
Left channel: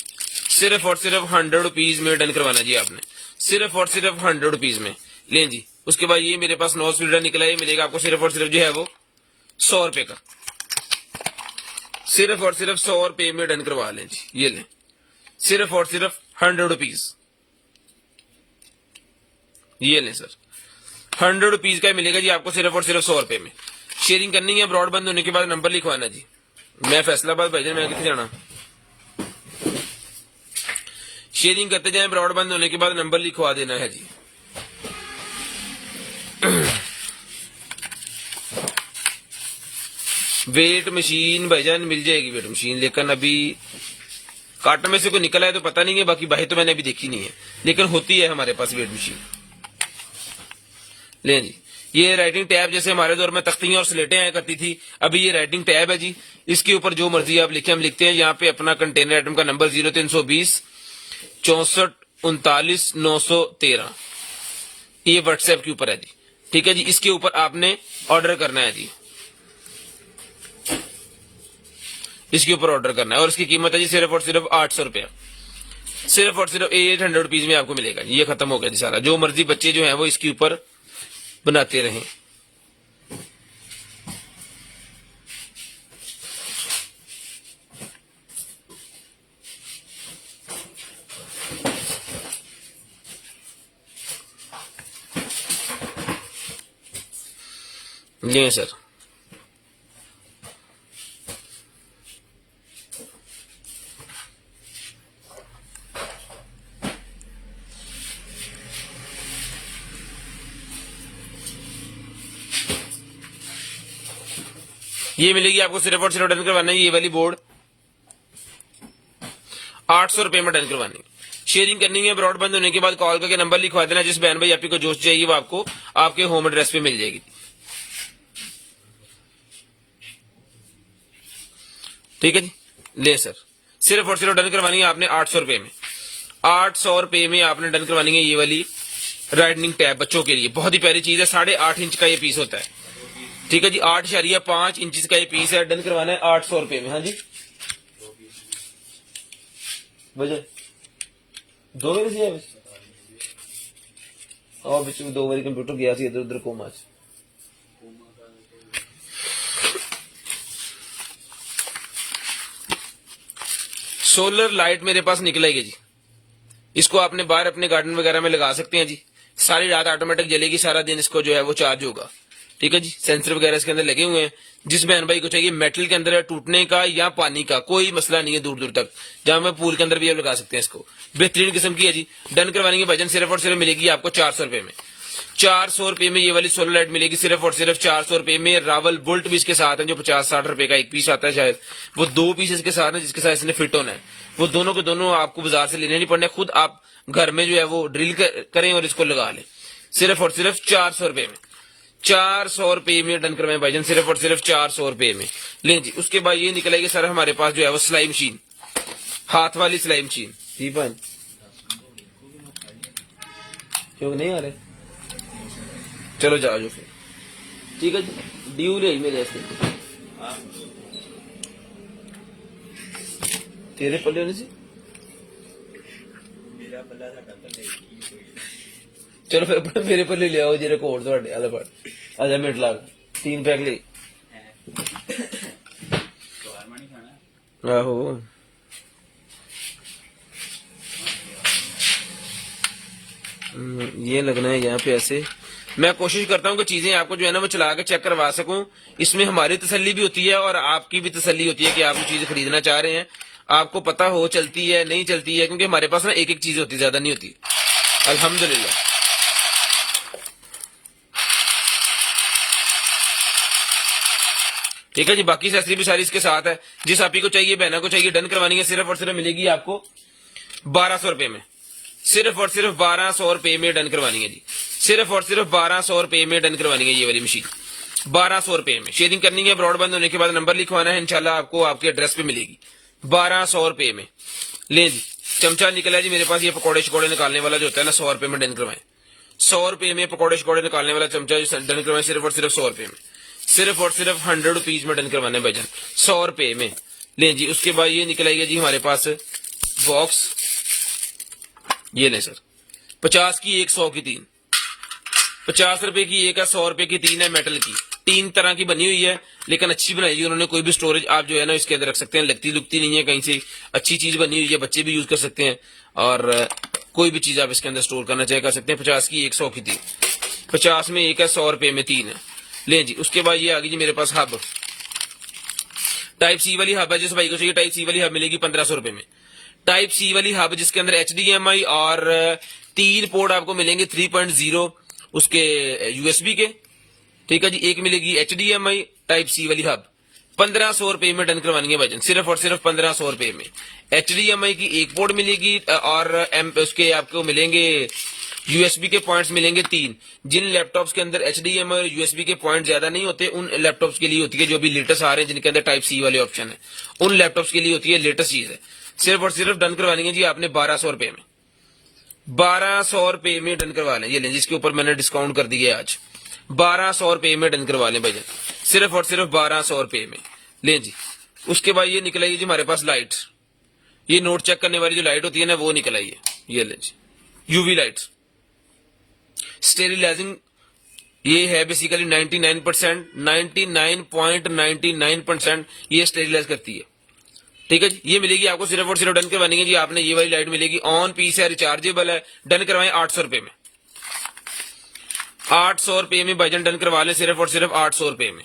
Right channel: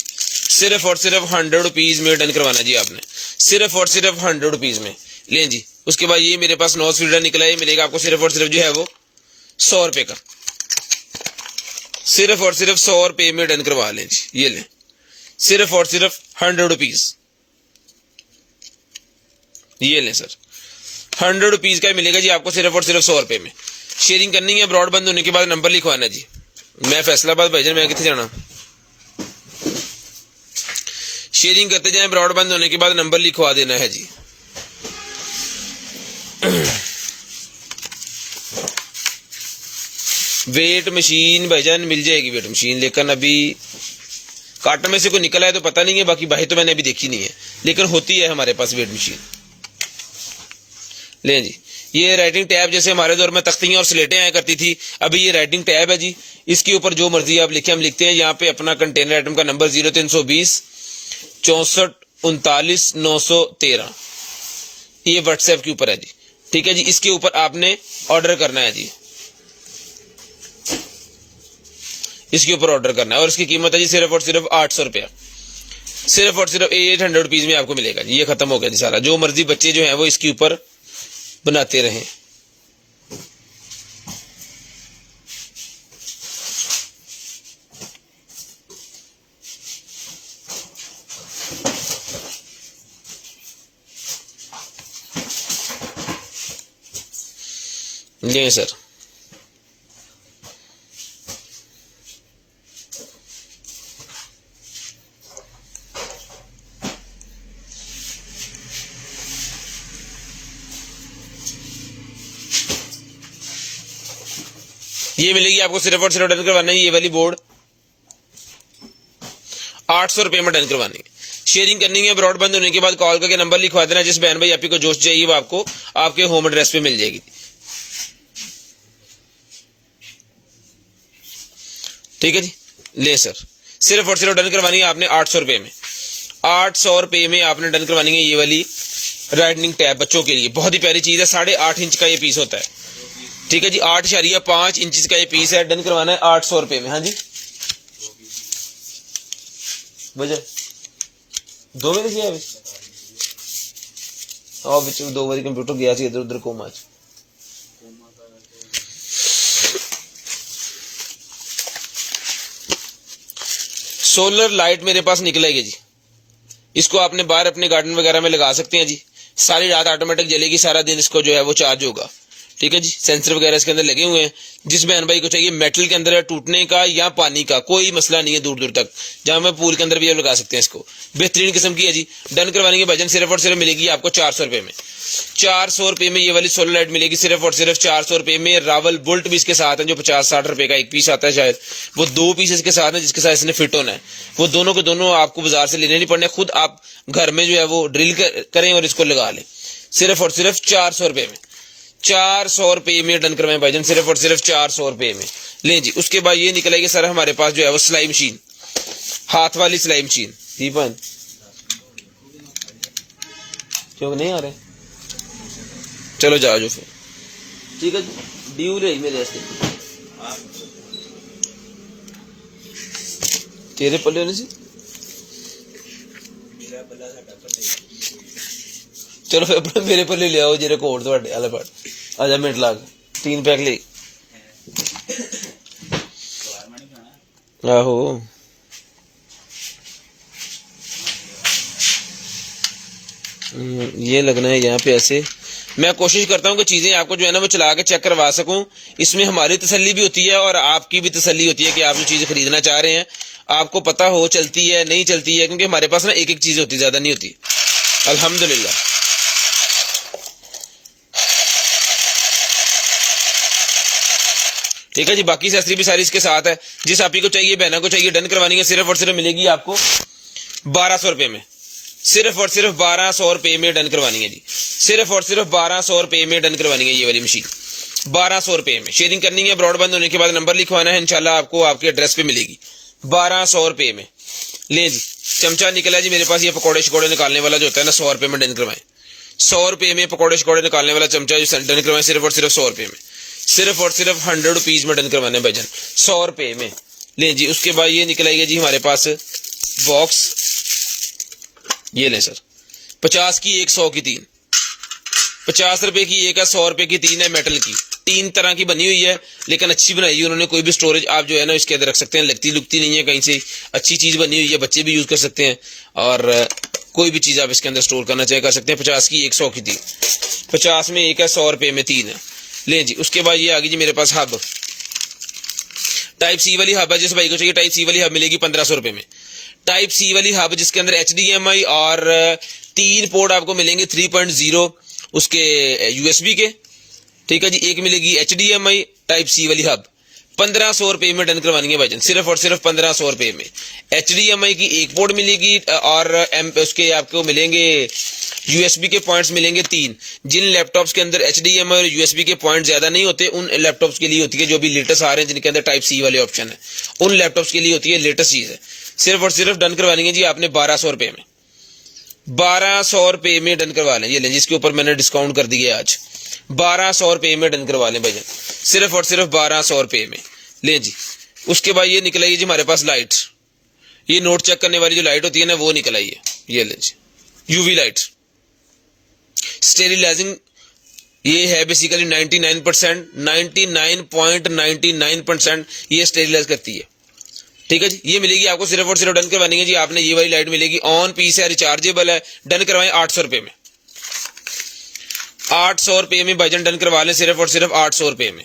सिर्फ और सिर्फ 100 रुपीज में डन करवाना है जी आपने, सिर्फ और सिर्फ 100 रुपीज में लें जी। उसके बाद ये मेरे पास नोज फीडर निकला है, मिलेगा आपको सिर्फ और सिर्फ जो है वो 100 रुपए का, सिर्फ और सिर्फ 100 रुपए में डन करवा लें जी, ये लें, सिर्फ और सिर्फ 100 रुपीज, ये लें सर, 100 रुपीज का मिलेगा जी आपको, सिर्फ और सिर्फ 100 रुपए में। शेयरिंग करनी है, ब्रॉडबैंड होने के बाद नंबर लिखवाना जी। मैं फैसलाबाद भाईजान, मैं कितने जाना? शेयरिंग करते जाएं, ब्रॉडबैंड होने के बाद नंबर लिखवा देना है जी। वेट मशीन भाईजान मिल जाएगी वेट मशीन, लेकिन अभी कार्टन में से कोई निकला है तो पता नहीं है, बाकी बाहर तो मैंने अभी देखी नहीं है, लेकिन होती है हमारे पास वेट मशीन। ले जी, ये राइटिंग टैब जैसे हमारे दौर में तख्तियां और स्लेटें आया करती थी, अभी ये राइटिंग टैब है जी। इसके ऊपर जो मर्जी आप लिखे हम लिखते हैं। यहाँ पे अपना कंटेनर आइटम का नंबर 0320 64 39 913, ये व्हाट्सएप के ऊपर है जी। ठीक है जी, इसके ऊपर आपने ऑर्डर करना है जी, इसके ऊपर ऑर्डर करना है और इसकी कीमत है जी सिर्फ और सिर्फ 800 रुपया, सिर्फ और सिर्फ 800 रुपीज में आपको मिलेगा जी। ये खत्म हो गया जी सारा, जो मर्जी बच्चे जो है वो इसके ऊपर बनाते रहें। नहीं सर, ये मिलेगी आपको सिर्फ और सिर्फ डन करवाना है ये वाली बोर्ड 800 रुपए में डन करवानी है। शेयरिंग करनी है, ब्रॉडबैंड होने के बाद कॉल करके नंबर लिखवा देना, जिस बहन भाई आप ही को जो चाहिए वो आपको आपके होम एड्रेस पे मिल जाएगी। ठीक है जी, ले सर, सिर्फ और सिर्फ डन करवानी है आपने 800 रुपए में। 800 रुपए में आपने डन करवानी है ये वाली राइटनिंग टैब बच्चों के लिए। बहुत ही प्यारी चीज है, 8.5 इंच का ये पीस होता है। ठीक है जी, 8.5 इंच का ये पीस है, डन करवाना है 800 रुपए में। हाँ जी, वजह 2 बजे से और बच्चे 2 बजे कंप्यूटर गया इधर उधर कोमा च। सोलर लाइट मेरे पास निकलेगी जी, इसको आपने बाहर अपने गार्डन वगैरह में लगा सकते हैं जी। सारी रात ऑटोमेटिक जलेगी, सारा दिन इसको जो है वो चार्ज होगा। ठीक है जी, सेंसर वगैरह इसके अंदर लगे हुए हैं। जिस बहन भाई को चाहिए मेटल के अंदर है, टूटने का या पानी का कोई मसला नहीं है दूर दूर तक, जहां में पूल के अंदर भी आप लगा सकते हैं इसको। बेहतरीन किस्म की है जी। डन करवाने के भजन सिर्फ और सिर्फ मिलेगी आपको 400 रुपए में। 400 रुपए में ये वाली सोलर लाइट मिलेगी सिर्फ और सिर्फ 400 रुपए में। रावल बुल्ट भी इसके साथ है, जो 50-60 रुपए का एक पीस आता है, शायद वो 2 पीस इसके साथ है जिसके साथ इसने फिट होना है। वो दोनों के दोनों आपको बाजार से लेने नहीं पड़ने, खुद आप घर में जो है वो ड्रिल करें और इसको लगा लें, सिर्फ और सिर्फ 400 रुपए में। 400 रुपए में डन करवाएं भाईजान, सिर्फ और सिर्फ 400 रुपए में। ले जी, उसके बाद ये निकलेगी सर हमारे पास जो है वो सिलाई मशीन, हाथ वाली सिलाई मशीन। दीपन क्यों नहीं आ रहे, चलो जाओ जो फिर। ठीक है जी, ड्यू ले मेरे वास्ते, तेरे पल्ले नहीं सी, चलो फिर मेरे पल्ले ले आओ जेरे कोड थोड़े आले पड़ आजा मिनट लाग 3 पैक ले आहो। ये लगना है यहाँ पे ऐसे। मैं कोशिश करता हूँ कि चीजें आपको जो है ना वो चला के चेक करवा सकूं, इसमें हमारी तसल्ली भी होती है और आपकी भी तसल्ली होती है कि आप जो चीजें खरीदना चाह रहे हैं आपको पता हो चलती है नहीं चलती है, क्योंकि हमारे पास ना एक चीज होती है, ज्यादा नहीं होती अल्हम्दुलिल्लाह। ठीक है जी, बाकी सस्ती भी सारी इसके साथ है। जिस आप ही को चाहिए, बहना को चाहिए, डन करवानी है सिर्फ और सिर्फ मिलेगी आपको 1200 रुपए में, सिर्फ और सिर्फ 1200 रुपए में डन करवानी है जी। सिर्फ और सिर्फ 1200 रुपए में डन करवानी है ये वाली मशीन, 1200 रुपए में। शेयरिंग करनी है, ब्रॉडबैंड होने के बाद नंबर लिखवाना है, इंशाल्लाह आपको आपके एड्रेस पे मिलेगी 1200 रुपए में। ले जी, चमचा निकला जी मेरे पास, ये पकौड़े शकौड़े निकालने वाला जो होता है ना, 100 रुपए में डन करवाएं। 100 रुपए में पकौड़े शकौड़े निकालने वाला चमचा डन करवाएं सिर्फ और सिर्फ 100 रुपए में, सिर्फ और सिर्फ 100 रुपीज में डन करवाने भजन 100 रुपए में। ले जी, उसके बाद ये निकलेगा जी हमारे पास बॉक्स, ये ले सर 50 की 1, 100 की 3, 50 रुपए की 1 है, 100 रुपए की 3 है, मेटल की 3 तरह की बनी हुई है, लेकिन अच्छी बनाई है उन्होंने। कोई भी स्टोरेज आप जो है ना इसके अंदर रख सकते हैं, लगती लुकती नहीं है कहीं से, अच्छी चीज बनी हुई है, बच्चे भी यूज कर सकते हैं और कोई भी चीज आप इसके अंदर स्टोर करना चाहे कर सकते हैं। 50 की 1, 100 की 3, 50 में 1 है, 100 रुपए में 3 है। ले जी, उसके बाद ये आ गई जी मेरे पास हब, टाइप सी वाली हब है। जिस भाई को चाहिए टाइप सी वाली हब मिलेगी 1500 रुपए में। टाइप सी वाली हब जिसके अंदर HDMI और 3 पोर्ट आपको मिलेंगे 3.0 उसके USB के। ठीक है जी, एक मिलेगी HDMI टाइप सी वाली हब, 1500 रुपए में डन करवानी है भाईजान, सिर्फ और सिर्फ 1500 रुपए में। HDMI की एक पोर्ट मिलेगी और उसके आपको मिलेंगे USB के पॉइंट्स मिलेंगे 3। जिन लैपटॉप्स के अंदर HDMI और USB के पॉइंट ज्यादा नहीं होते उन लैपटॉप्स के लिए होती है, जो भी लेटेस्ट आ रहे हैं जिनके अंदर टाइप C वाले ऑप्शन है, उन लैपटॉप्स के लिए होती है लेटेस्ट चीज है। सिर्फ और सिर्फ डन करवानी है जी आपने 1200 रुपए में, 1200 रुपए में डन करवा लें। ये लें जिसके ऊपर मैंने डिस्काउंट कर दिया आज, 1200 रुपए में डन करवा लें भाईजान, सिर्फ और सिर्फ 1200 रुपए में ले जी। उसके बाद ये निकल आई जी हमारे पास लाइट, ये नोट चेक करने वाली जो लाइट होती है ना वो निकल आई है, ये ले जी UV लाइट स्टेरिलाइजिंग, ये है बेसिकली 99%, 99.99% ये स्टेरिलाइज करती है, ठीक है जी। ये मिलेगी आपको सिर्फ और सिर्फ डन करवानी है जी आपने, ये वाली लाइट मिलेगी, ऑन पीस है, रिचार्जेबल है, डन करवाएं 800 रुपए में, 800 रुपए में भाईजान डन करवा लें, सिर्फ और सिर्फ 800 रुपए में,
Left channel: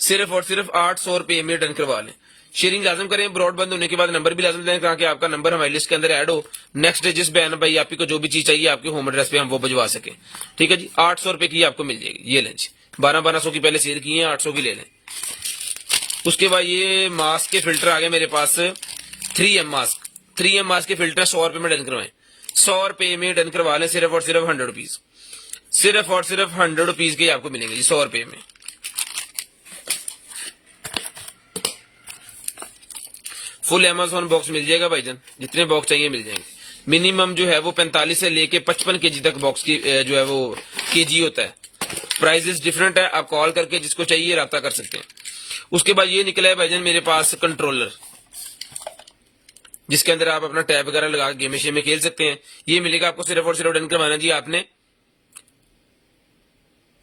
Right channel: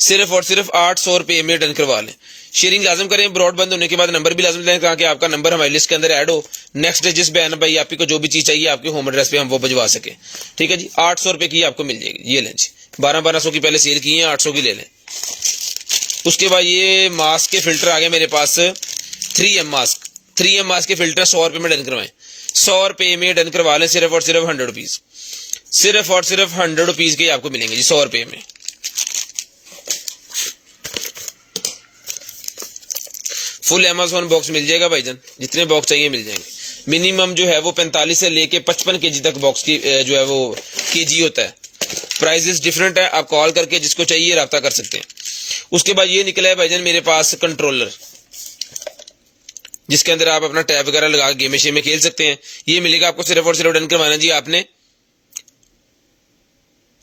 सिर्फ और सिर्फ 800 रुपए में डन करवा लें। शेयरिंग लाजम करें, ब्रॉडबैंड होने के बाद नंबर भी लाजम दें ताकि आपका नंबर हमारी लिस्ट के अंदर ऐड हो। नेक्स्ट जिस बहन भाई आपको जो भी चीज चाहिए आपके होम एड्रेस पे हम वो भिजवा सके, ठीक है जी। 800 रुपए की आपको मिल जाएगी, ये लें जी, 1200 की पहले सेल की है, 800 की ले लें। उसके बाद ये मास्क के फिल्टर आ गए मेरे पास, 3M मास्क, 3M मास्क के फिल्टर 100 रुपए में डन करवाएं, 100 रुपए में डन करवा लें, सिर्फ और सिर्फ 100 रुपीज, सिर्फ और सिर्फ 100 रुपीज के आपको मिलेंगे जी 100 रुपए में। फुल Amazon बॉक्स मिल जाएगा भाईजान, जितने बॉक्स चाहिए मिल जाएंगे। मिनिमम जो है वो 45 से लेके 55 kg तक बॉक्स की जो है वो kg होता है। प्राइसेस डिफरेंट है, आप कॉल करके जिसको चाहिए राब्ता कर सकते हैं। उसके बाद ये निकला है भाईजान मेरे पास कंट्रोलर, जिसके अंदर आप अपना टैब वगैरह लगा गेम में खेल सकते हैं। ये मिलेगा आपको सिर्फ और सिर्फ डन करवाना जी आपने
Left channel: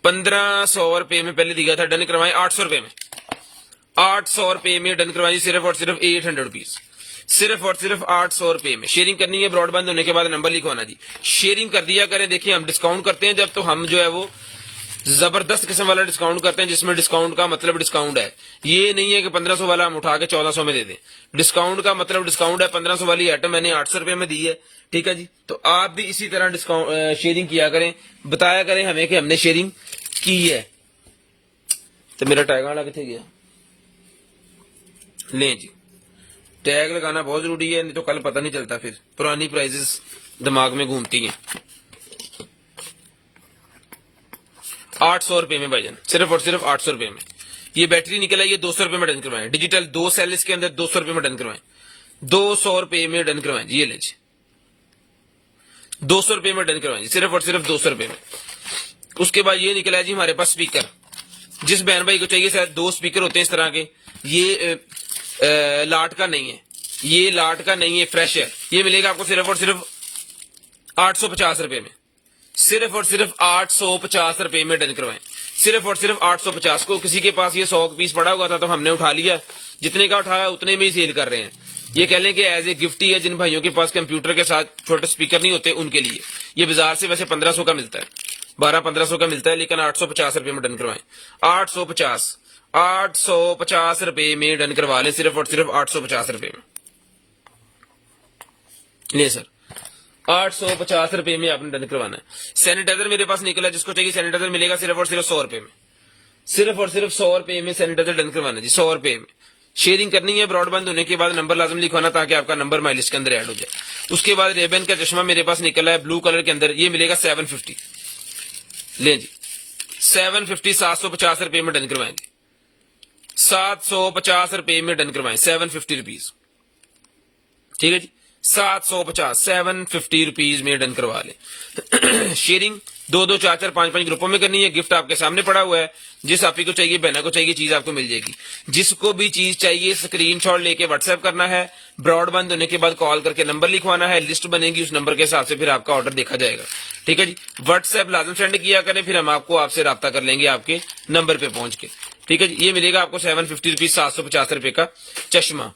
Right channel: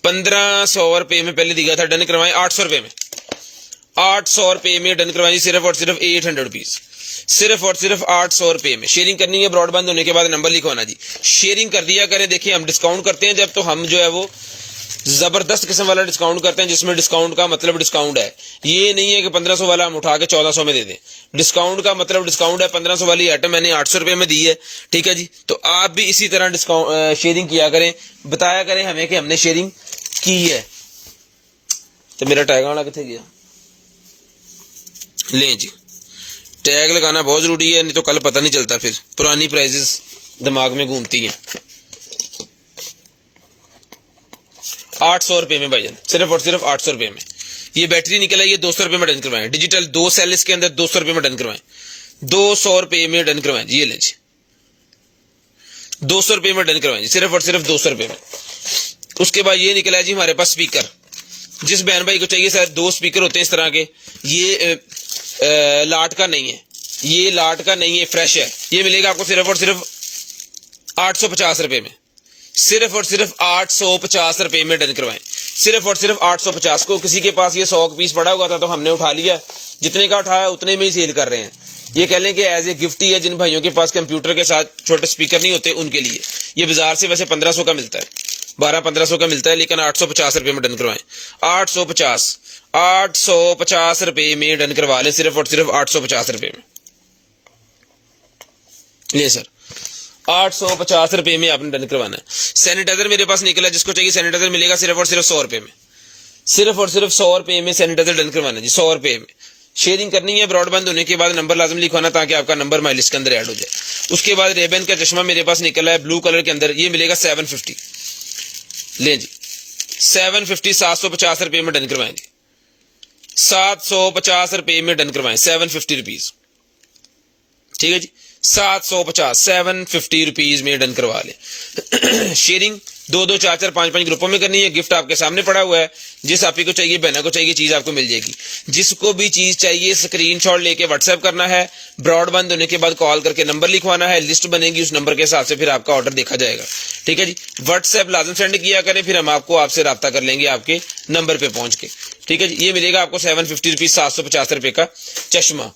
1500 रुपए में, पहले दिया था डन करवाएं 800 रुपए में, 800 रुपए में डन करवाई, सिर्फ और सिर्फ 800 रुपीज, सिर्फ और सिर्फ 800 रुपए में। शेयरिंग करनी है, ब्रॉडबैंड होने के बाद नंबर लिखवाना जी, शेयरिंग कर दिया करें। देखिए हम डिस्काउंट करते हैं जब, तो हम जो है वो जबरदस्त किस्म वाला डिस्काउंट करते हैं, जिसमें डिस्काउंट का मतलब डिस्काउंट है। ये नहीं है कि 1500 वाला हम उठा के 1400 में दे दें, डिस्काउंट का मतलब डिस्काउंट है। 1500 वाली आइटम मैंने 800 रुपए में दी है, ठीक है जी। तो आप भी इसी तरह डिस्काउंट शेयरिंग किया करें, बताया करें हमें कि हमने शेयरिंग की है। तो मेरा टैग वाला कितने गया, लें जी, टैग लगाना बहुत जरूरी है, नहीं तो कल पता नहीं चलता, फिर पुरानी प्राइजेस दिमाग में घूमती हैं। 800 रुपए में भाईजान, सिर्फ और सिर्फ 800 रुपए में। ये बैटरी निकल आई है, 200 रुपए में डन करवाएं, डिजिटल 2 सेल इसके अंदर, 200 रुपए में डन करवाएं, 200 रुपए में डन करवाएं जी, ये लें जी, 200 रुपए में डन करवाएं जी, सिर्फ और सिर्फ 200 रुपए में। उसके बाद ये निकला जी हमारे पास स्पीकर, जिस बहन भाई को चाहिए सर 2 स्पीकर होते हैं इस तरह के, ये लाट का नहीं है, ये लाट का नहीं है, फ्रेश है। ये मिलेगा आपको सिर्फ और सिर्फ 850 रुपए में, सिर्फ और सिर्फ 850 रुपए में डन करवाएं, सिर्फ और सिर्फ 850 को। किसी के पास ये 100 पीस पड़ा हुआ था तो हमने उठा लिया, जितने का उठाया उतने में ही सेल कर रहे हैं। ये कह लें कि एज ए गिफ्ट ही है, जिन भाइयों के पास कंप्यूटर के साथ छोटे स्पीकर नहीं होते उनके लिए। ये बाजार से वैसे 1500 का मिलता है, 1200-1500 का मिलता है, लेकिन 850 रुपए में डन करवाएं, 850 रुपए में डन करवा ले, सिर्फ और सिर्फ 850 रुपए में। ये सर 850 रुपए में आपने डन करवाना है। सैनिटाइजर मेरे पास निकला, जिसको चाहिए सैनिटाइजर मिलेगा सिर्फ और सिर्फ 100 रुपए में, सिर्फ और सिर्फ 100 रुपए में सैनिटाइजर डन करवाना जी, 100 रुपए में। शेयरिंग करनी है, ब्रॉडबैंड होने के बाद नंबर लाजम लिखवाना ताकि आपका नंबर माई लिस्ट के अंदर ऐड हो जाए। उसके बाद रेबन का चश्मा मेरे पास निकला है ब्लू कलर के अंदर, ये मिलेगा 750, ले जी 750, 750 रुपए में डन करवाएंगे, 750 रुपए में डन करवाएं, 750 रुपीज, ठीक है जी, 750 रुपीज में डन करवा ले। शेयरिंग 2-2, 4-4, 5-5 ग्रुपों में करनी है। गिफ्ट आपके सामने पड़ा हुआ है, जिस आपी को चाहिए, बहना को चाहिए, चीज आपको मिल जाएगी। जिसको भी चीज चाहिए स्क्रीनशॉट लेके व्हाट्सएप करना है, ब्रॉडबैंड होने के बाद कॉल करके नंबर लिखवाना है, लिस्ट बनेगी, उस नंबर के हिसाब से फिर आपका ऑर्डर देखा जाएगा, ठीक है जी। व्हाट्सएप लाजम सेंड किया करें, फिर हम आपको आपसे राब्ता कर लेंगे आपके नंबर पे पहुंच के, ठीक है जी। ये मिलेगा आपको 750 रुपीज, 750 रुपए का चश्मा।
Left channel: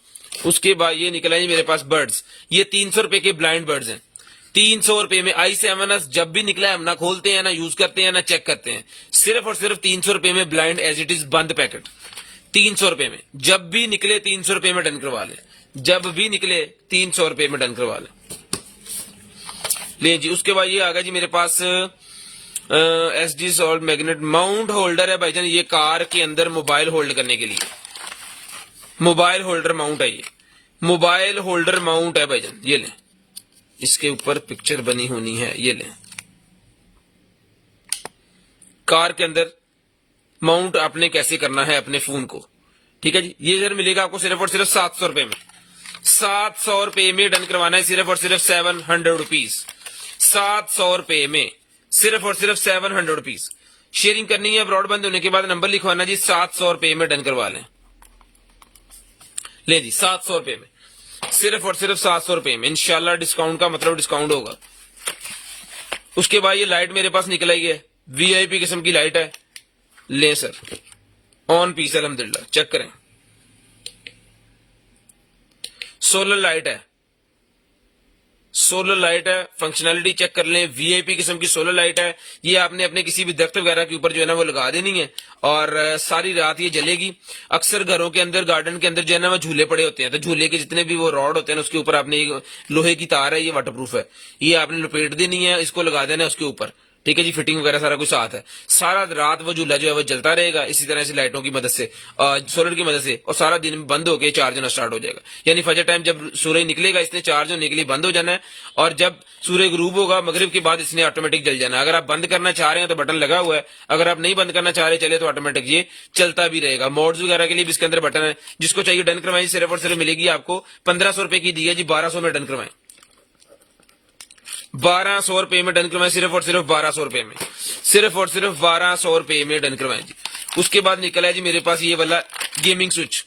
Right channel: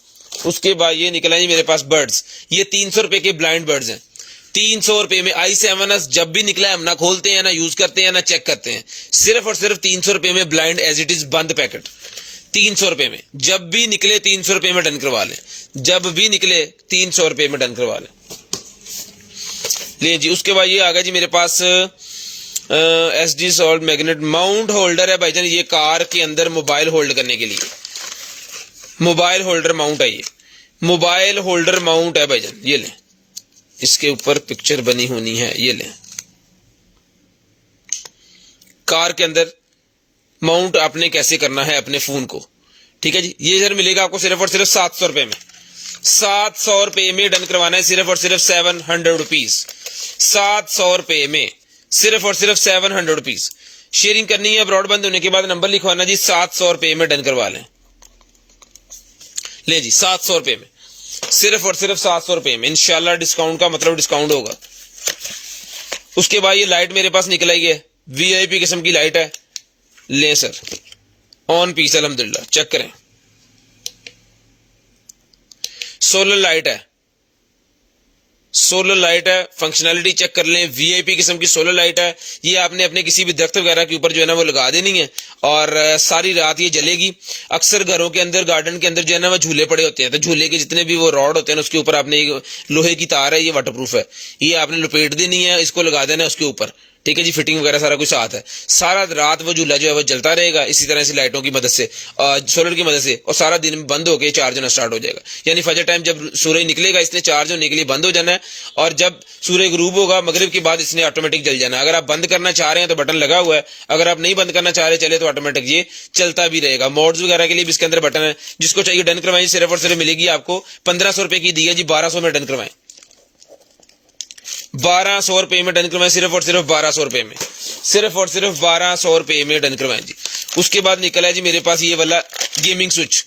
उसके बाद ये निकला जी मेरे पास बर्ड्स, ये 300 रुपए के ब्लाइंड बर्ड्स हैं, 300 रुपए में। i7s जब भी निकला हम ना खोलते हैं, ना यूज करते हैं, ना चेक करते हैं, सिर्फ और सिर्फ 300 रुपए में ब्लाइंड एज इट इज बंद पैकेट, 300 रुपए में। जब भी निकले 300 रुपए में डन करवा लें, जब भी निकले 300 रुपए में डन करवा लें, ले जी। उसके बाद ये आ गया जी मेरे पास SD salt magnet mount holder है भाईजान, ये कार के अंदर मोबाइल होल्ड करने के लिए मोबाइल होल्डर माउंट है, ये मोबाइल होल्डर माउंट है भाईजान। ये लें, इसके ऊपर पिक्चर बनी होनी है, ये लें, कार के अंदर माउंट आपने कैसे करना है अपने फोन को, ठीक है जी। ये सर मिलेगा आपको सिर्फ और सिर्फ 700 रुपए में, 700 रुपए में डन करवाना है, सिर्फ और सिर्फ 700 रुपीज, 700 रुपए में सिर्फ और सिर्फ 700 रुपीज। शेयरिंग करनी है, ब्रॉडबैंड होने के बाद नंबर लिखवाना जी, 700 रुपए में डन करवा लें। ले जी 700 रुपए में, सिर्फ और सिर्फ 700 रुपए में, इंशाल्लाह डिस्काउंट का मतलब डिस्काउंट होगा। उसके बाद ये लाइट मेरे पास निकल आई है, VIP किस्म की लाइट है, ले सर ऑन पीस अल्हम्दुलिल्लाह, चेक करें, सोलर लाइट है, सोलर लाइट है, फंक्शनैलिटी चेक कर लें, VIP किस्म की सोलर लाइट है। ये आपने अपने किसी भी दरख्त वगैरह के ऊपर जो है ना वो लगा देनी है और सारी रात ये जलेगी। अक्सर घरों के अंदर गार्डन के अंदर जो है ना वो झूले पड़े होते हैं, तो झूले के जितने भी वो रॉड होते हैं ना उसके ऊपर आपने लोहे की तार है, ये वाटरप्रूफ है, ये आपने लपेट देनी है, इसको लगा देना है उसके ऊपर, ठीक है जी। फिटिंग वगैरह सारा कुछ साथ है, सारा रात वो झूला जो है वो जलता रहेगा इसी तरह से लाइटों की मदद से, सोलर की मदद से, और सारा दिन बंद होकर चार्ज होना स्टार्ट हो जाएगा। यानी फजर टाइम जब सूरज निकलेगा इसने चार्ज होने के लिए बंद हो जाना है, और जब सूर्य गुरूब होगा मगरिब के बाद इसने ऑटोमेटिक जल जाना है। अगर आप बंद करना चाह रहे हैं तो बटन लगा हुआ है, अगर आप नहीं बंद करना चाह रहे चले तो ऑटोमेटिक ये चलता भी रहेगा। मोड्स वगैरह के लिए भी इसके अंदर बटन है, जिसको चाहिए डन करवाएं, सिर्फ और सिर्फ मिलेगी आपको 1500 रुपए की दी है जी, 1200 में डन करवाएं, 1200 रुपए में डन करवाएं, सिर्फ और सिर्फ 1200 रुपए में, सिर्फ और सिर्फ 1200 रुपए में डन करवाएं जी। उसके बाद निकला है जी मेरे पास ये वाला गेमिंग स्विच,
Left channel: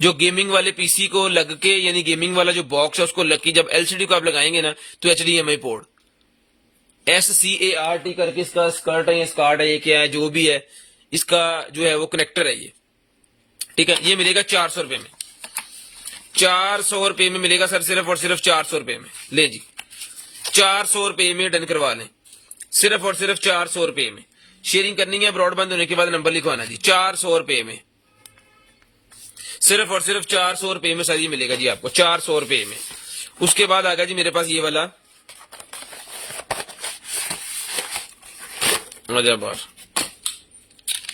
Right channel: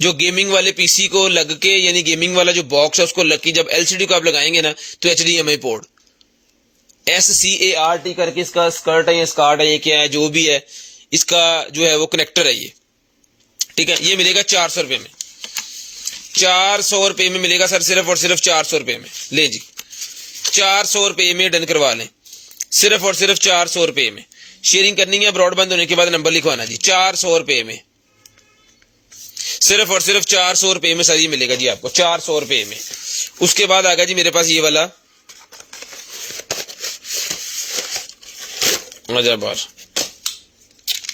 जो गेमिंग वाले पीसी को लग के, यानी गेमिंग वाला जो बॉक्स है उसको लग के जब LCD को आप लगाएंगे ना तो HDMI पोर्ट SCART करके इसका स्कर्ट है या स्कार्ट है, ये क्या है जो भी है, इसका जो है वो कनेक्टर है ये, ठीक है। ये मिलेगा 400 रुपए में, 400 रुपए में मिलेगा सर, सिर्फ और सिर्फ 400 रुपए में। ले जी 400 रुपए में डन करवा लें, सिर्फ और सिर्फ 400 रुपए में। शेयरिंग करनी है, ब्रॉडबैंड होने के बाद नंबर लिखवाना जी, 400 रुपए में, सिर्फ और सिर्फ 400 रुपए में सही मिलेगा जी आपको, 400 रुपए में। उसके बाद आ गया जी मेरे पास ये वाला बार,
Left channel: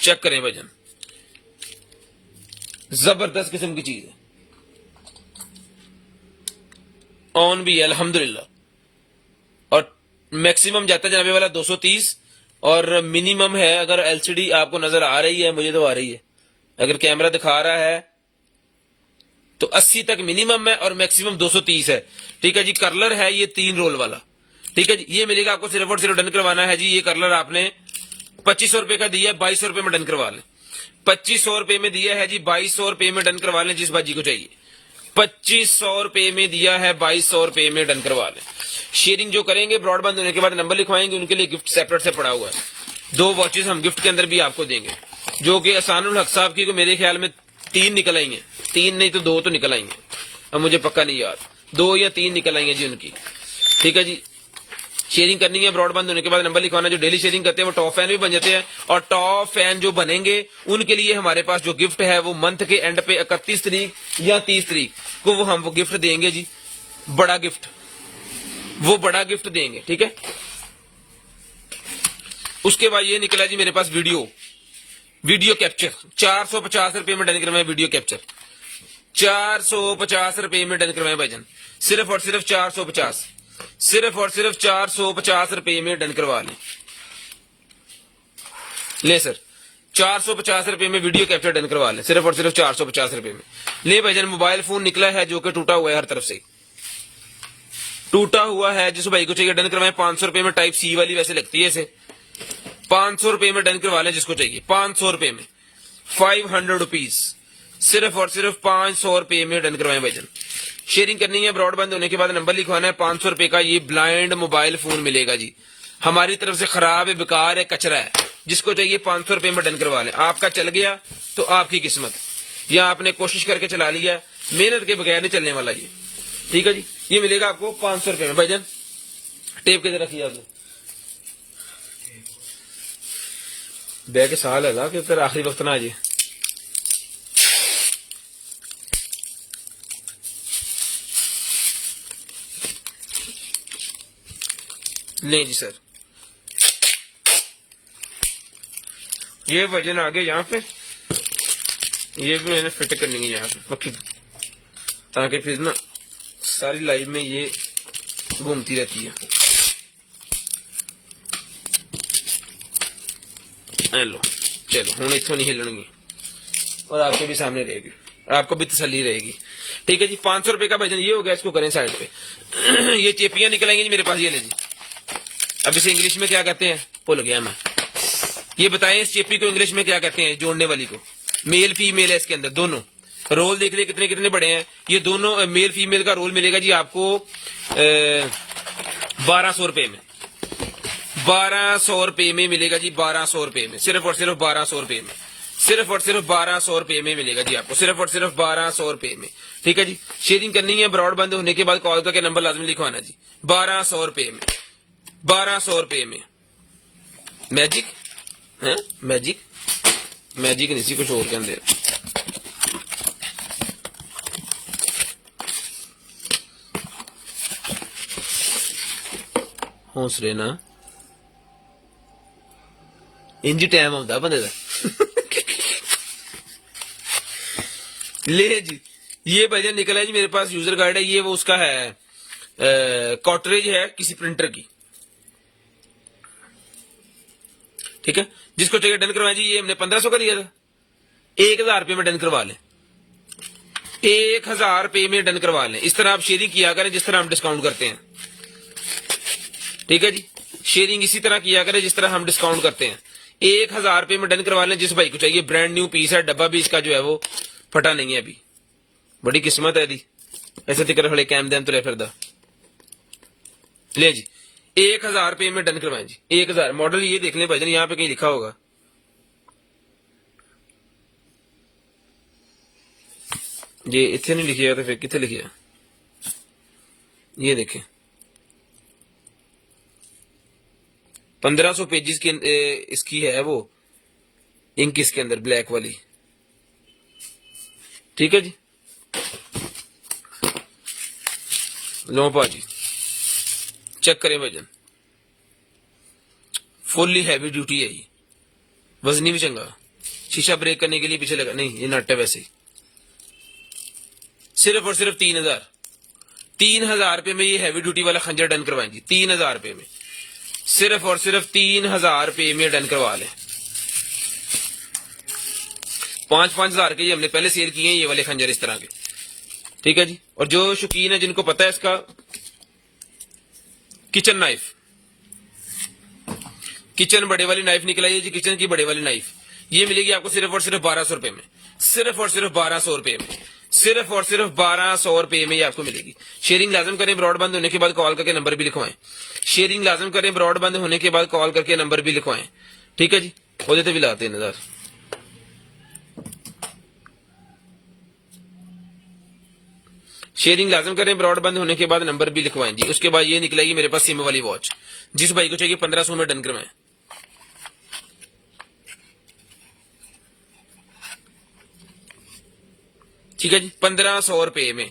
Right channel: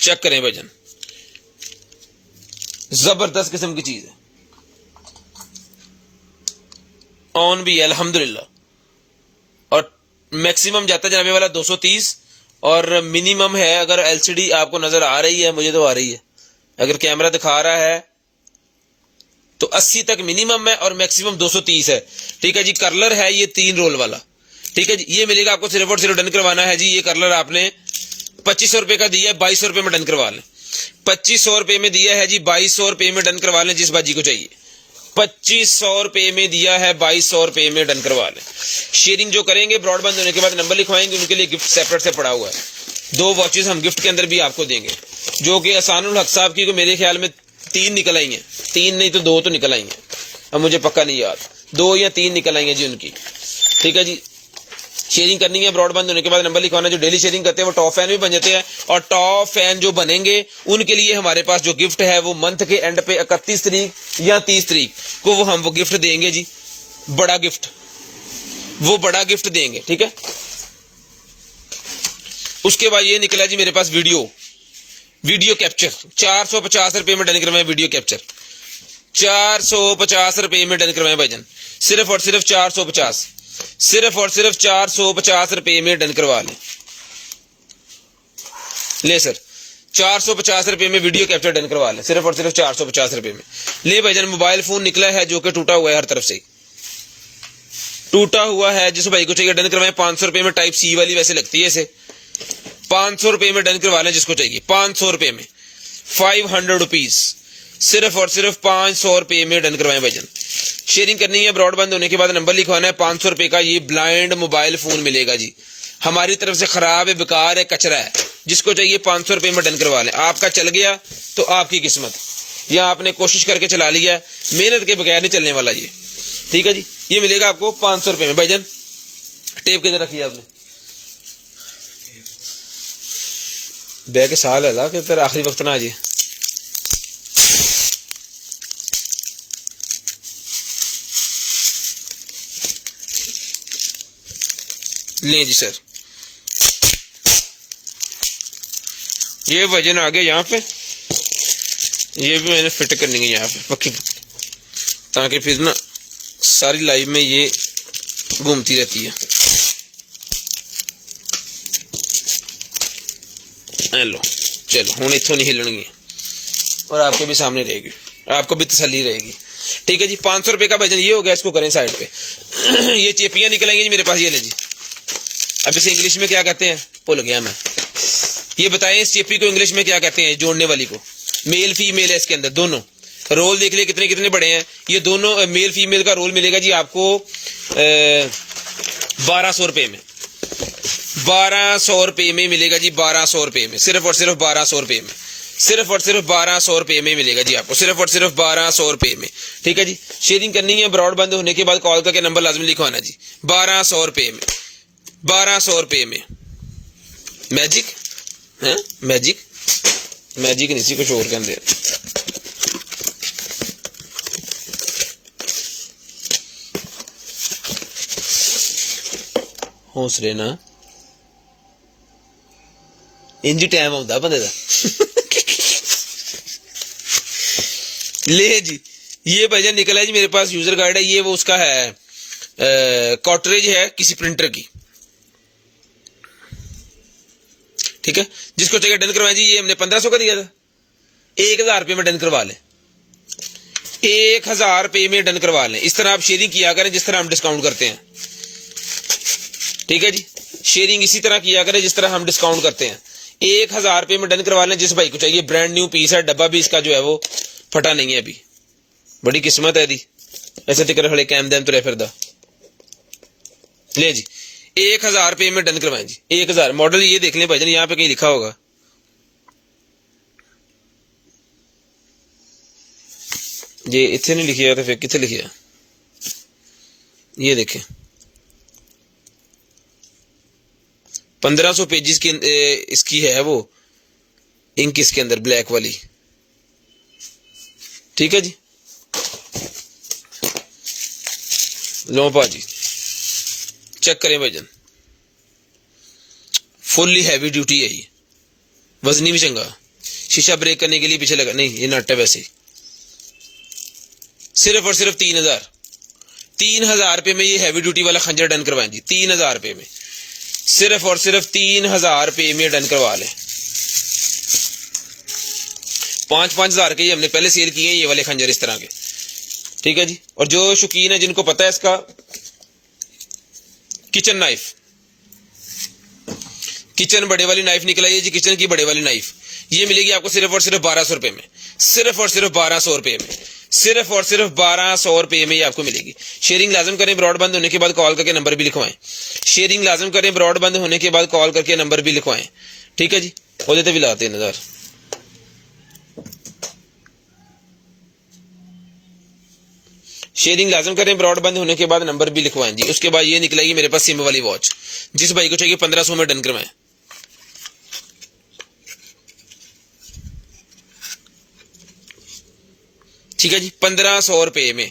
चेक करें भाईजान, जबरदस्त किस्म की चीज है, ऑन भी है अल्हम्दुलिल्लाह, और मैक्सिमम जाता है जनाबे वाला 230, और मिनिमम है, अगर LCD आपको नजर आ रही है, मुझे तो आ रही है, अगर कैमरा दिखा रहा है तो 80 तक मिनिमम है और मैक्सिमम 230 है, ठीक है जी। कर्लर है ये 3 रोल वाला, ठीक है जी। ये मिलेगा आपको, सिर्फ और सिर्फ डन करवाना है जी। ये कर्लर आपने 2500 रुपए का दिया है, 2200 रुपए में डन करवा लें, 2500 रुपए में दिया है जी, 2200 रुपए में डन करवा लें, जिस बाजी को चाहिए 2500 रुपए में दिया है, 2200 रुपए में डन करवा लें। शेयरिंग जो करेंगे ब्रॉडबैंड होने के बाद नंबर लिखवाएंगे, उनके लिए गिफ्ट सेपरेट से पड़ा हुआ है, 2 वॉचेस हम गिफ्ट के अंदर भी आपको देंगे, जो कि असानुल हक साहब की मेरे ख्याल में 3 निकल आई हैं, 3 नहीं तो 2 तो निकल आई हैं, अब मुझे पक्का नहीं याद, 2 या 3 निकल आई हैं जी उनकी, ठीक है जी। शेयरिंग करनी है, ब्रॉडबैंड होने के बाद नंबर लिखवाना। जो डेली शेयरिंग करते हैं वो टॉप फैन भी बन जाते हैं, और टॉप फैन जो बनेंगे उनके लिए हमारे पास जो गिफ्ट है वो मंथ के एंड पे 31 तारीख या 30 तारीख को हम वो गिफ्ट देंगे जी, बड़ा गिफ्ट, वो बड़ा गिफ्ट देंगे, ठीक है। उसके बाद ये निकला जी मेरे पास वीडियो कैप्चर, 450 रुपए में डन करवाएं, वीडियो कैप्चर 450 रुपए में डन करवाएं भाईजान, सिर्फ और सिर्फ 450, सिर्फ और सिर्फ 450 रुपए में डन करवा लें। ले सर 450 रुपए में वीडियो कैप्चर डन करवा लें, सिर्फ और सिर्फ 450 रुपए में। ले भाईजान मोबाइल फोन निकला है जो कि टूटा हुआ है, हर तरफ से टूटा हुआ है, जिस भाई को चाहिए डन करवाएं। 500 रुपए में टाइप C वाली वैसे लगती है इसे, 500 रुपए में डन करवा लें जिसको चाहिए, 500 रुपए में, 500 रुपीज, सिर्फ और सिर्फ 500 रुपए में डन करवाएं भाईजान। शेयरिंग करनी है, ब्रॉडबैंड होने के बाद नंबर लिखवाना है। 500 रुपए का ये ब्लाइंड मोबाइल फोन मिलेगा जी, हमारी तरफ से खराब है, बेकार है, कचरा है, जिसको चाहिए 500 रुपए में डन करवा लें। आपका चल गया तो आपकी किस्मत, या आपने कोशिश करके चला लिया, मेहनत के बगैर नहीं चलने वाला ये, ठीक है जी। ये मिलेगा आपको 500 रुपए में भाईजान। टेप किधर रखी है आपने? बैग के साल है ला कि तेरा आखिरी वक्त ना आ जाए। ले जी सर, ये वजन आ गया यहाँ पे, ये भी मैंने फिट करनी है यहाँ पे पक्की, ताकि फिर ना सारी लाइफ में ये घूमती रहती है। लो चलो हूँ इतों नहीं हिलनी और आपके भी सामने रहेगी, आपको भी तसल्ली रहेगी। ठीक है जी, 500 रुपये का वजन ये हो गया। इसको करें साइड पे। ये चेपियां निकलेंगी जी मेरे पास, ये ले जी। अब इसे इंग्लिश में क्या कहते हैं भूल गया मैं, ये बताएं इस चेपी को इंग्लिश में क्या कहते हैं, जोड़ने वाली को। मेल फीमेल है इसके अंदर, दोनों रोल देख लिए कितने कितने बड़े हैं। ये दोनों मेल फीमेल का रोल मिलेगा जी आपको 1200 रुपये में, 1200 रुपये में मिलेगा जी, 1200 रुपये में, सिर्फ और सिर्फ 1200 रुपये में, सिर्फ और सिर्फ 1200 रुपये में मिलेगा जी आपको, सिर्फ और सिर्फ 1200 रुपये में। ठीक है जी, शेयरिंग करनी है, ब्रॉड बंद होने के बाद कॉल करके नंबर लाजमी लिखवाना जी। 1200 रुपये में, 1200 रुपये में। मैजिक है, मैजिक मैजिक नहीं सी, कुछ और के अंदर। हौसले ना इंज टाइम आता बंदे का। ले जी, ये भजन निकला है जी मेरे पास, यूजर गाइड है ये, वो उसका है कॉटरेज है किसी प्रिंटर की। ठीक है, जिसको चाहिए डन करवाएं जी। ये हमने 1500 का दिया था, 1000 रुपये में डन करवा लें, 1000 रुपये में डन करवा लें। इस तरह आप शेयरिंग किया करें जिस तरह हम डिस्काउंट करते हैं। ठीक है जी, शेयरिंग इसी तरह किया करें जिस तरह हम डिस्काउंट करते हैं। 1000 रुपये में डन करवा लें जिस भाई को चाहिए। ब्रांड न्यू पीस है, डब्बा भी इसका जो है वो फटा नहीं है अभी, बड़ी किस्मत है दी। ऐसे टिकर खड़े कैम दैम तुरे फिरदा। ले जी, 1000 रुपये में डन करवाएं जी, 1000। मॉडल ये देख लें भाईजान, यहाँ पे कहीं लिखा होगा, ये इतने नहीं लिखिएगा तो फिर कितने लिखिएगा। ये देखें 1500 पेजेस की इसकी है वो इंक इसके अंदर ब्लैक वाली। ठीक है जी, लो पाजी चेक करें भाईजान, फुल्ली हैवी ड्यूटी है ये, वजनी भी चंगा, शीशा ब्रेक करने के लिए पीछे लगा नहीं, ये नट है वैसे ही। सिर्फ और सिर्फ 3000 रुपये में ये हैवी ड्यूटी वाला खंजर डन करवाएं जी, 3000 रुपये में, सिर्फ और सिर्फ 3000 रुपये में डन करवा लें। 5,000 के ये हमने पहले सेल किए हैं ये वाले खंजर इस तरह के। ठीक है जी, और जो शौकीन है जिनको पता है इसका, किचन नाइफ, किचन बड़े वाली नाइफ निकल आई है जी, किचन की बड़े वाली नाइफ, ये मिलेगी आपको सिर्फ और सिर्फ 1200 रुपये में, सिर्फ और सिर्फ 1200 रुपये में, सिर्फ और सिर्फ 1200 रुपये में ये आपको मिलेगी। शेयरिंग लाजम करें, ब्रॉड बंद होने के बाद कॉल करके नंबर भी लिखवाएं। शेयरिंग लाजम करें, ब्रॉड बंद होने के बाद कॉल करके नंबर भी लिखवाएं। ठीक है जी, हो जाते भी लाते 3000। शेयरिंग लाजम करें, ब्रॉड बंद होने के बाद नंबर भी लिखवाएं जी। उसके बाद ये निकलेगी मेरे पास सिम वाली वॉच, जिस भाई को चाहिए 1500 में डन करवाएं। ठीक है जी, 1500 रुपये में,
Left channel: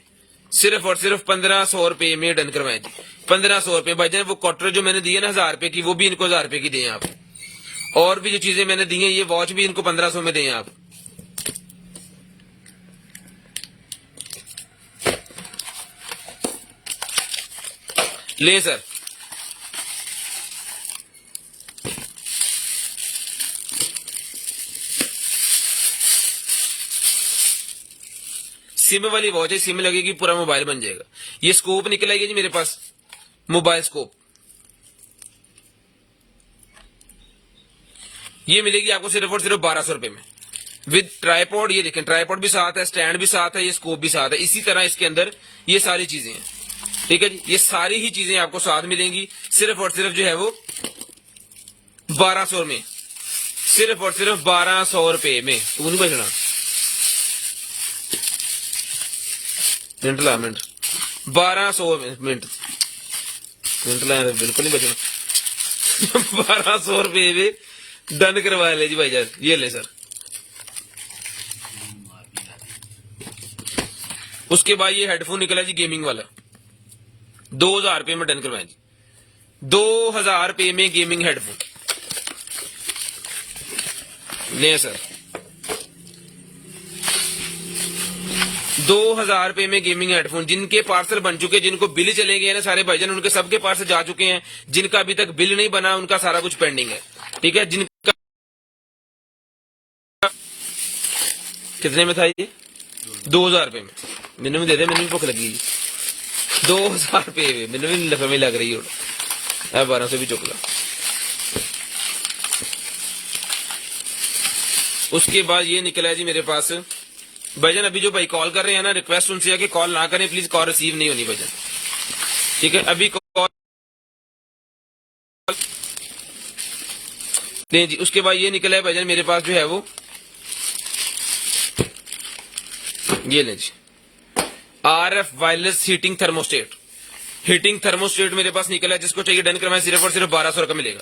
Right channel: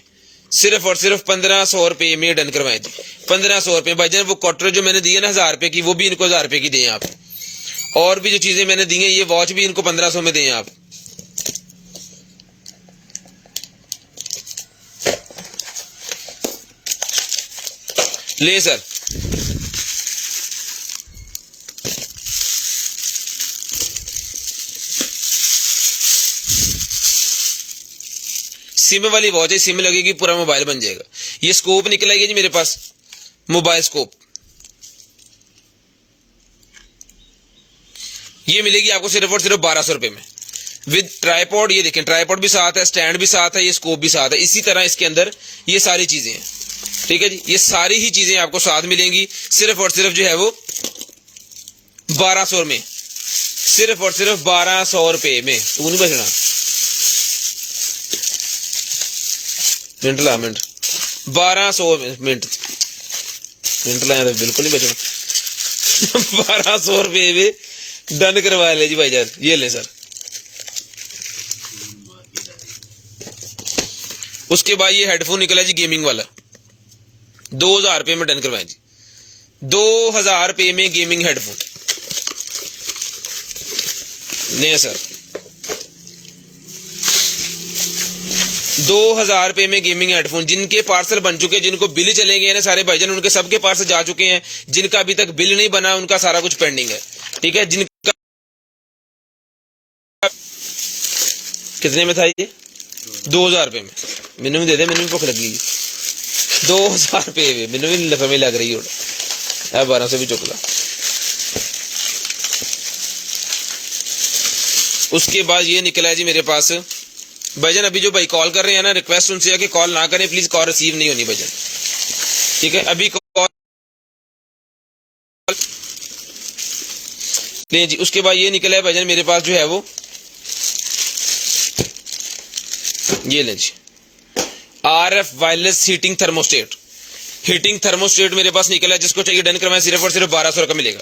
सिर्फ और सिर्फ 1500 रुपये में डन करवाएं जी। 1500 रुपये भाईजान, वो क्वार्टर जो मैंने दिया ना 1000 रुपये की, वो भी इनको 1000 रुपये की दें आप। और भी जो चीजें मैंने दी हैं, ये वॉच भी इनको 1500 में दें आप। ले सर, सिम वाली वॉच है, सिम लगेगी पूरा मोबाइल बन जाएगा। ये स्कोप निकलेगी जी मेरे पास, मोबाइल स्कोप, ये मिलेगी आपको सिर्फ और सिर्फ 1200 रुपये में, विद ट्राइपॉड। ये देखें ट्राइपॉड भी साथ है, स्टैंड भी साथ है, ये स्कोप भी साथ है। इसी तरह इसके अंदर ये सारी चीजें हैं। ठीक है जी, ये सारी ही चीजें आपको साथ मिलेंगी, सिर्फ और सिर्फ जो है वो 1200 में, सिर्फ और सिर्फ 1200 रुपये में। तू नहीं बचना, मिनट ला, मिनट 1200 मिनट ला, बिल्कुल नहीं बचना। 1200 रुपये में डन करवा ले जी भाईजान, ये ले सर। उसके बाद ये हेडफोन निकला जी गेमिंग वाला, 2000 रुपये में डन करवाएं जी, 2000 रुपये में गेमिंग हेडफोन। ले सर 2000 रुपए में गेमिंग हेडफोन, जिनके पार्सल बन चुके हैं, जिनको बिल चले गए हैं सारे भाईजान, उनके सबके पार्सल जा चुके हैं। जिनका अभी तक बिल नहीं बना उनका सारा कुछ पेंडिंग है, ठीक है। जिनका कितने में था ये? 2000 रुपए में। मैंने भी दे दे, मैंने भी भूख लगी हुई। 2000 रुपए में मैंने भी लफे में लग रही हो 12 से भी चुकला। उसके बाद ये निकला है जी मेरे पास भाईजान, अभी जो भाई कॉल कर रहे हैं ना, रिक्वेस्ट उनसे है कि कॉल ना करें प्लीज, कॉल रिसीव नहीं होनी भाईजान, ठीक है। अभी कॉल ले जी। उसके बाद ये निकला है भाईजान मेरे पास जो है वो ये ले जी, RF wireless heating thermostat. Heating thermostat मेरे पास निकला है, जिसको चाहिए डन करवाएं, सिर्फ और सिर्फ 1200 का मिलेगा।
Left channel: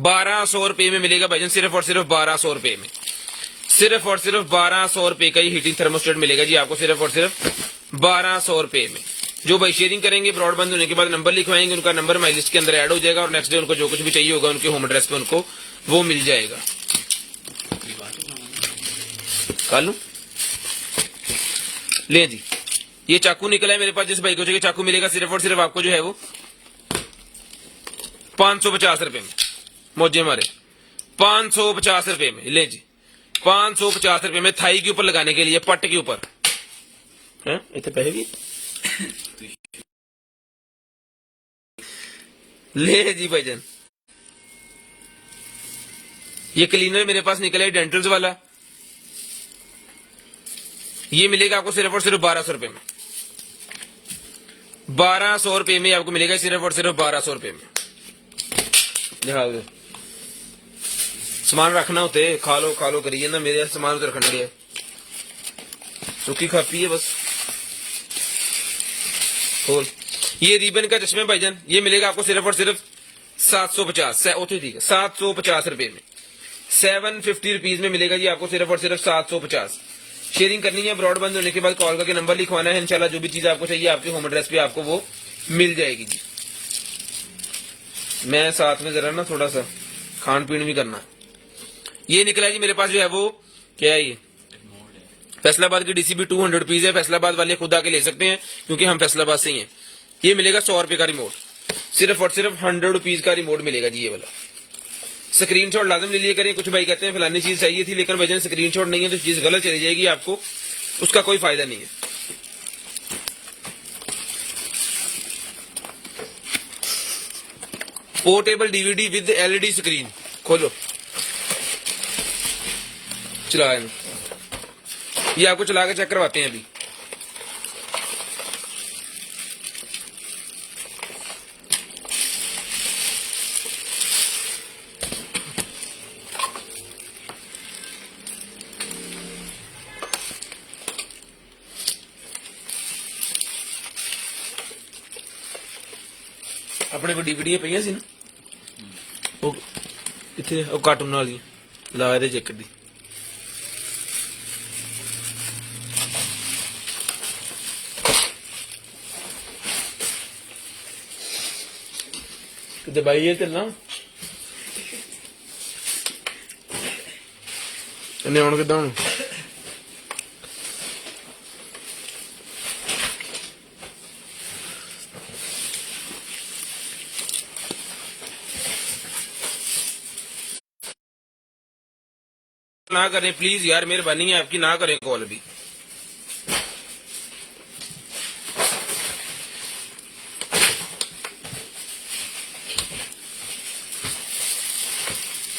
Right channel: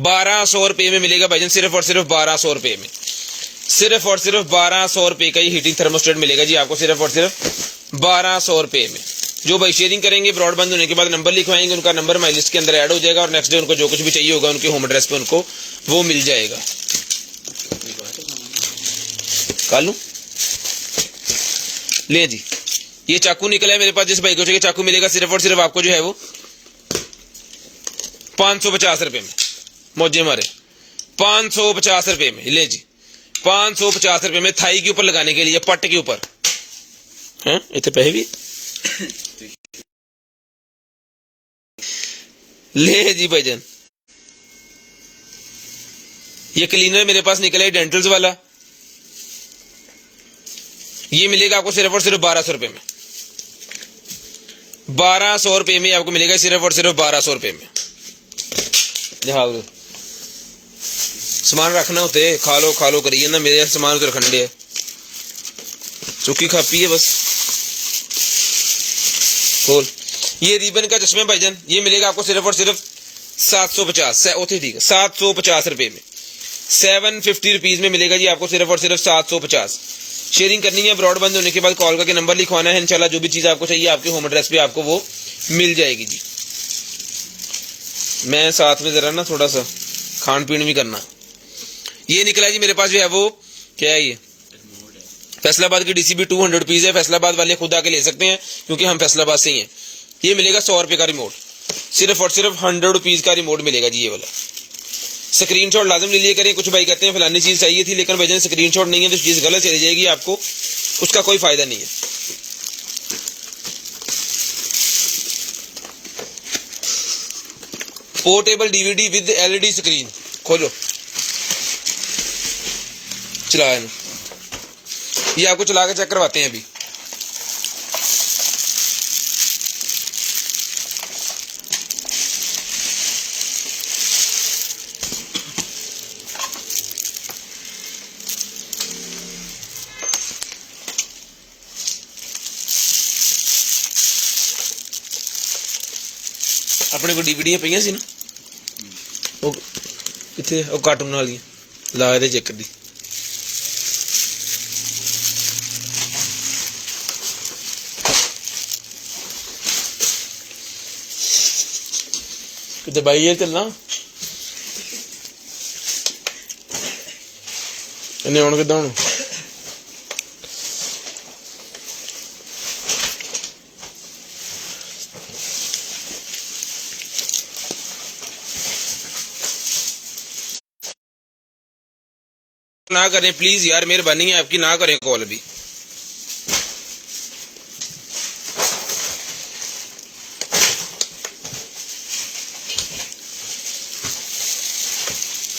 1200 रुपए में मिलेगा भाईजान, सिर्फ और सिर्फ 1200 रुपए में, सिर्फ और सिर्फ 1200 रुपए का ये हीटिंग थर्मोस्टेट मिलेगा जी आपको, सिर्फ और सिर्फ 1200 रुपए में। जो भाई शेयरिंग करेंगे ब्रॉडबैंड होने के बाद नंबर लिखवाएंगे, उनका नंबर माई लिस्ट के अंदर ऐड हो जाएगा और नेक्स्ट डे उनको जो कुछ भी चाहिए होगा उनके होम एड्रेस पे उनको वो मिल जाएगा। कर लूं ले जी, ये चाकू निकला है मेरे पास, जिस भाई को चाहिए चाकू मिलेगा, सिर्फ और सिर्फ आपको जो है वो 550 रुपए में। मौजे मारे 550 रुपए में ले जी, 550 रुपए में थाई के ऊपर लगाने के लिए, पट्ट के ऊपर हैं, इतने पैसे भी ले जी भाईजान। ये क्लीनर मेरे पास निकला है डेंटल्स वाला, ये मिलेगा आपको सिर्फ और सिर्फ 1200 रुपए में। 1200 रुपए में आपको मिलेगा, सिर्फ और सिर्फ 1200 रुपए में। सामान रखना होते खा लो करिए ना, मेरे सामान तो रखने है, चुकी खापी है बस। खोल ये रिबन का चश्मे भाईजान, ये मिलेगा आपको सिर्फ और सिर्फ 750, ठीक है 750 रुपए में, 750 रुपीज में मिलेगा जी आपको, सिर्फ और सिर्फ 750। शेयरिंग करनी है, ब्रॉडबैंड होने के बाद कॉल करके नंबर लिखवाना है, इंशाल्लाह जो भी चीज आपको चाहिए आपके होम एड्रेस पे आपको वो मिल जाएगी जी। मैं साथ में जरा ना थोड़ा सा खान पीन भी करना। ये निकला जी मेरे पास जो है वो क्या है, ये फैसलाबाद की DCB 200 रुपीज है। फैसलाबाद वाले खुद आके ले सकते हैं क्योंकि हम फैसलाबाद से ही हैं। ये मिलेगा 100 रुपए का रिमोट, सिर्फ और सिर्फ 100 रुपीज का रिमोट मिलेगा जी। ये वाला स्क्रीनशॉट लाजम ले लिया करें। कुछ भाई कहते हैं फलानी चीज चाहिए थी लेकिन भाईजान स्क्रीनशॉट नहीं है तो चीज गलत चली जाएगी, आपको उसका कोई फायदा नहीं है। Portable DVD with LED screen, खोलो चला, ये आपको चला के चेक करवाते हैं अभी। अपने को DVD पईयां सी ना, ਉਹ ਕਿੱਥੇ ਉਹ ਕਾਰਟੂਨ ਵਾਲੀ ਲਾ ਇਹਦੇ ਚੈੱਕ ਦੀ। ਕਿਤੇ ਬਾਈ ਇਹ ਚੱਲਣਾ ਇਹਨੇ ਹੁਣ ਕਿੱਦਾਂ ਹੁਣ ना करें प्लीज यार, मेहरबानी है आपकी, ना करें कॉल भी।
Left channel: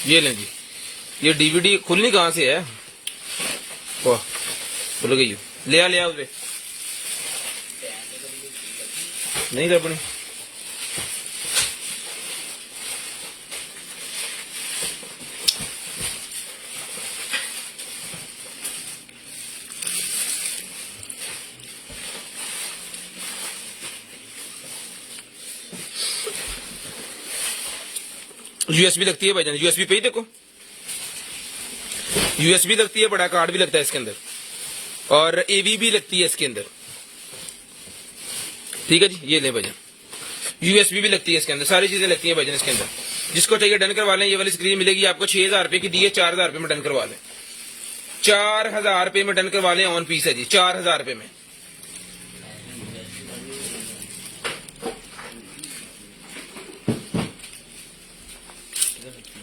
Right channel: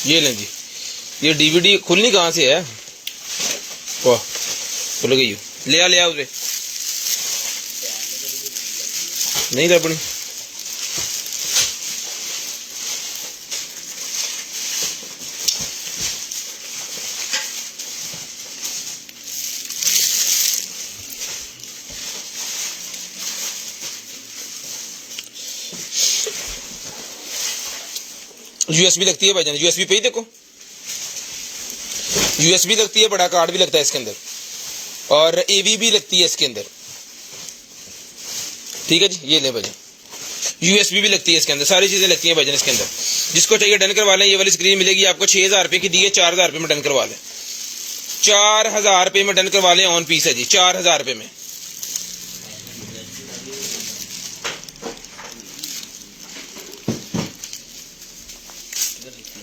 ये लें जी, ये DVD खुलनी कहाँ से है, वाह खुल गई, ले आ उसे नहीं तो अपनी USB लगती है भाईजान, USB पे ही देखो USB लगती है, बड़ा कार्ड भी लगता है इसके अंदर और AV भी लगती है इसके अंदर, ठीक है जी। ये ले भाईजान USB भी लगती है इसके अंदर, सारी चीजें लगती हैं भाईजान इसके अंदर। जिसको चाहिए डन करवा लें। ये वाली स्क्रीन मिलेगी आपको 6,000 रुपए की दी है, 4,000 रुपए में डन करवा लें। 4,000 रुपए में डन करवा लें, ऑन पीस है जी 4,000 रुपए में।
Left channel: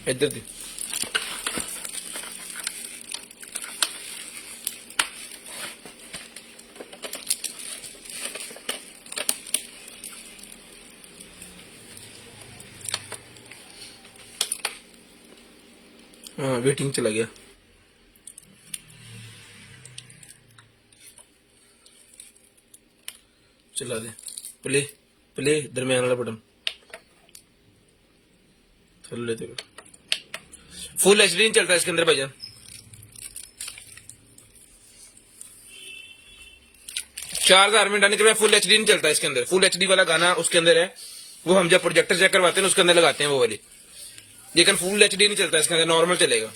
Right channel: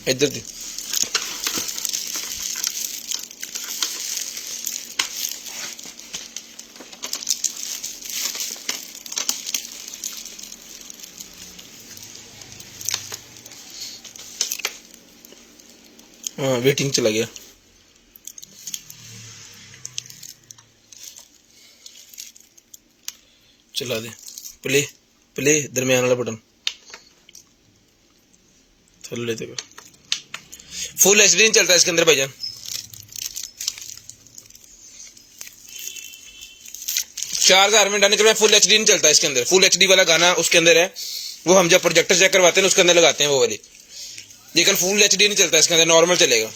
इधर दी हाँ, वेटिंग चला गया। चला दे प्ले प्ले, दरमियान वाला बटन थल्ले लेते। फुल एचडी नहीं चलता इसके अंदर भाईजान। 4,000 में डन करवाएं, फुल एचडी नहीं चलता इसके अंदर। फुल एचडी वाला गाना उसके अंदर है, वो हम जब प्रोजेक्टर चेक करवाते हैं उसके अंदर लगाते हैं वो वाली, लेकिन फुल एचडी नहीं चलता इसके अंदर, नॉर्मल चलेगा।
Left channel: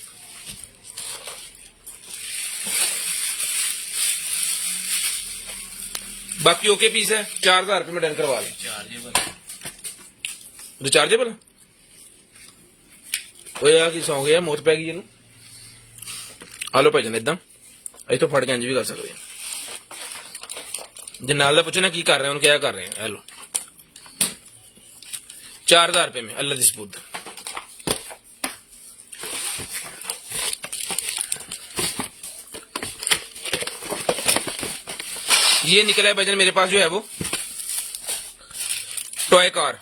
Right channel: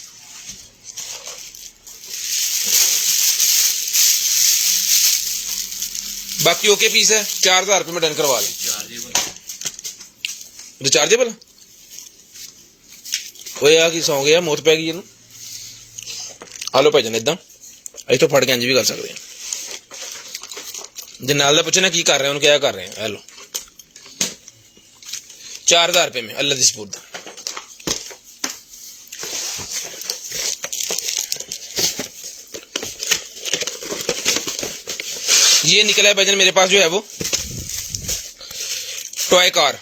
बाकी ओके पीस है, 4,000 रुपए में डन करवा लें। रिचार्जेबल वो यार की सौ गया, मौत पै गई है। आलो भाईजान इदा इतों फट के इंज भी कर सकते हैं। जे नाल दा पूछे ना की कर रहे हैं, उन्होंने क्या कर रहे हैं, हेलो 4,000 रुपए में अल्लाह दी सपुर्द। ये निकला है भाईजान मेरे पास जो है वो टॉय कार,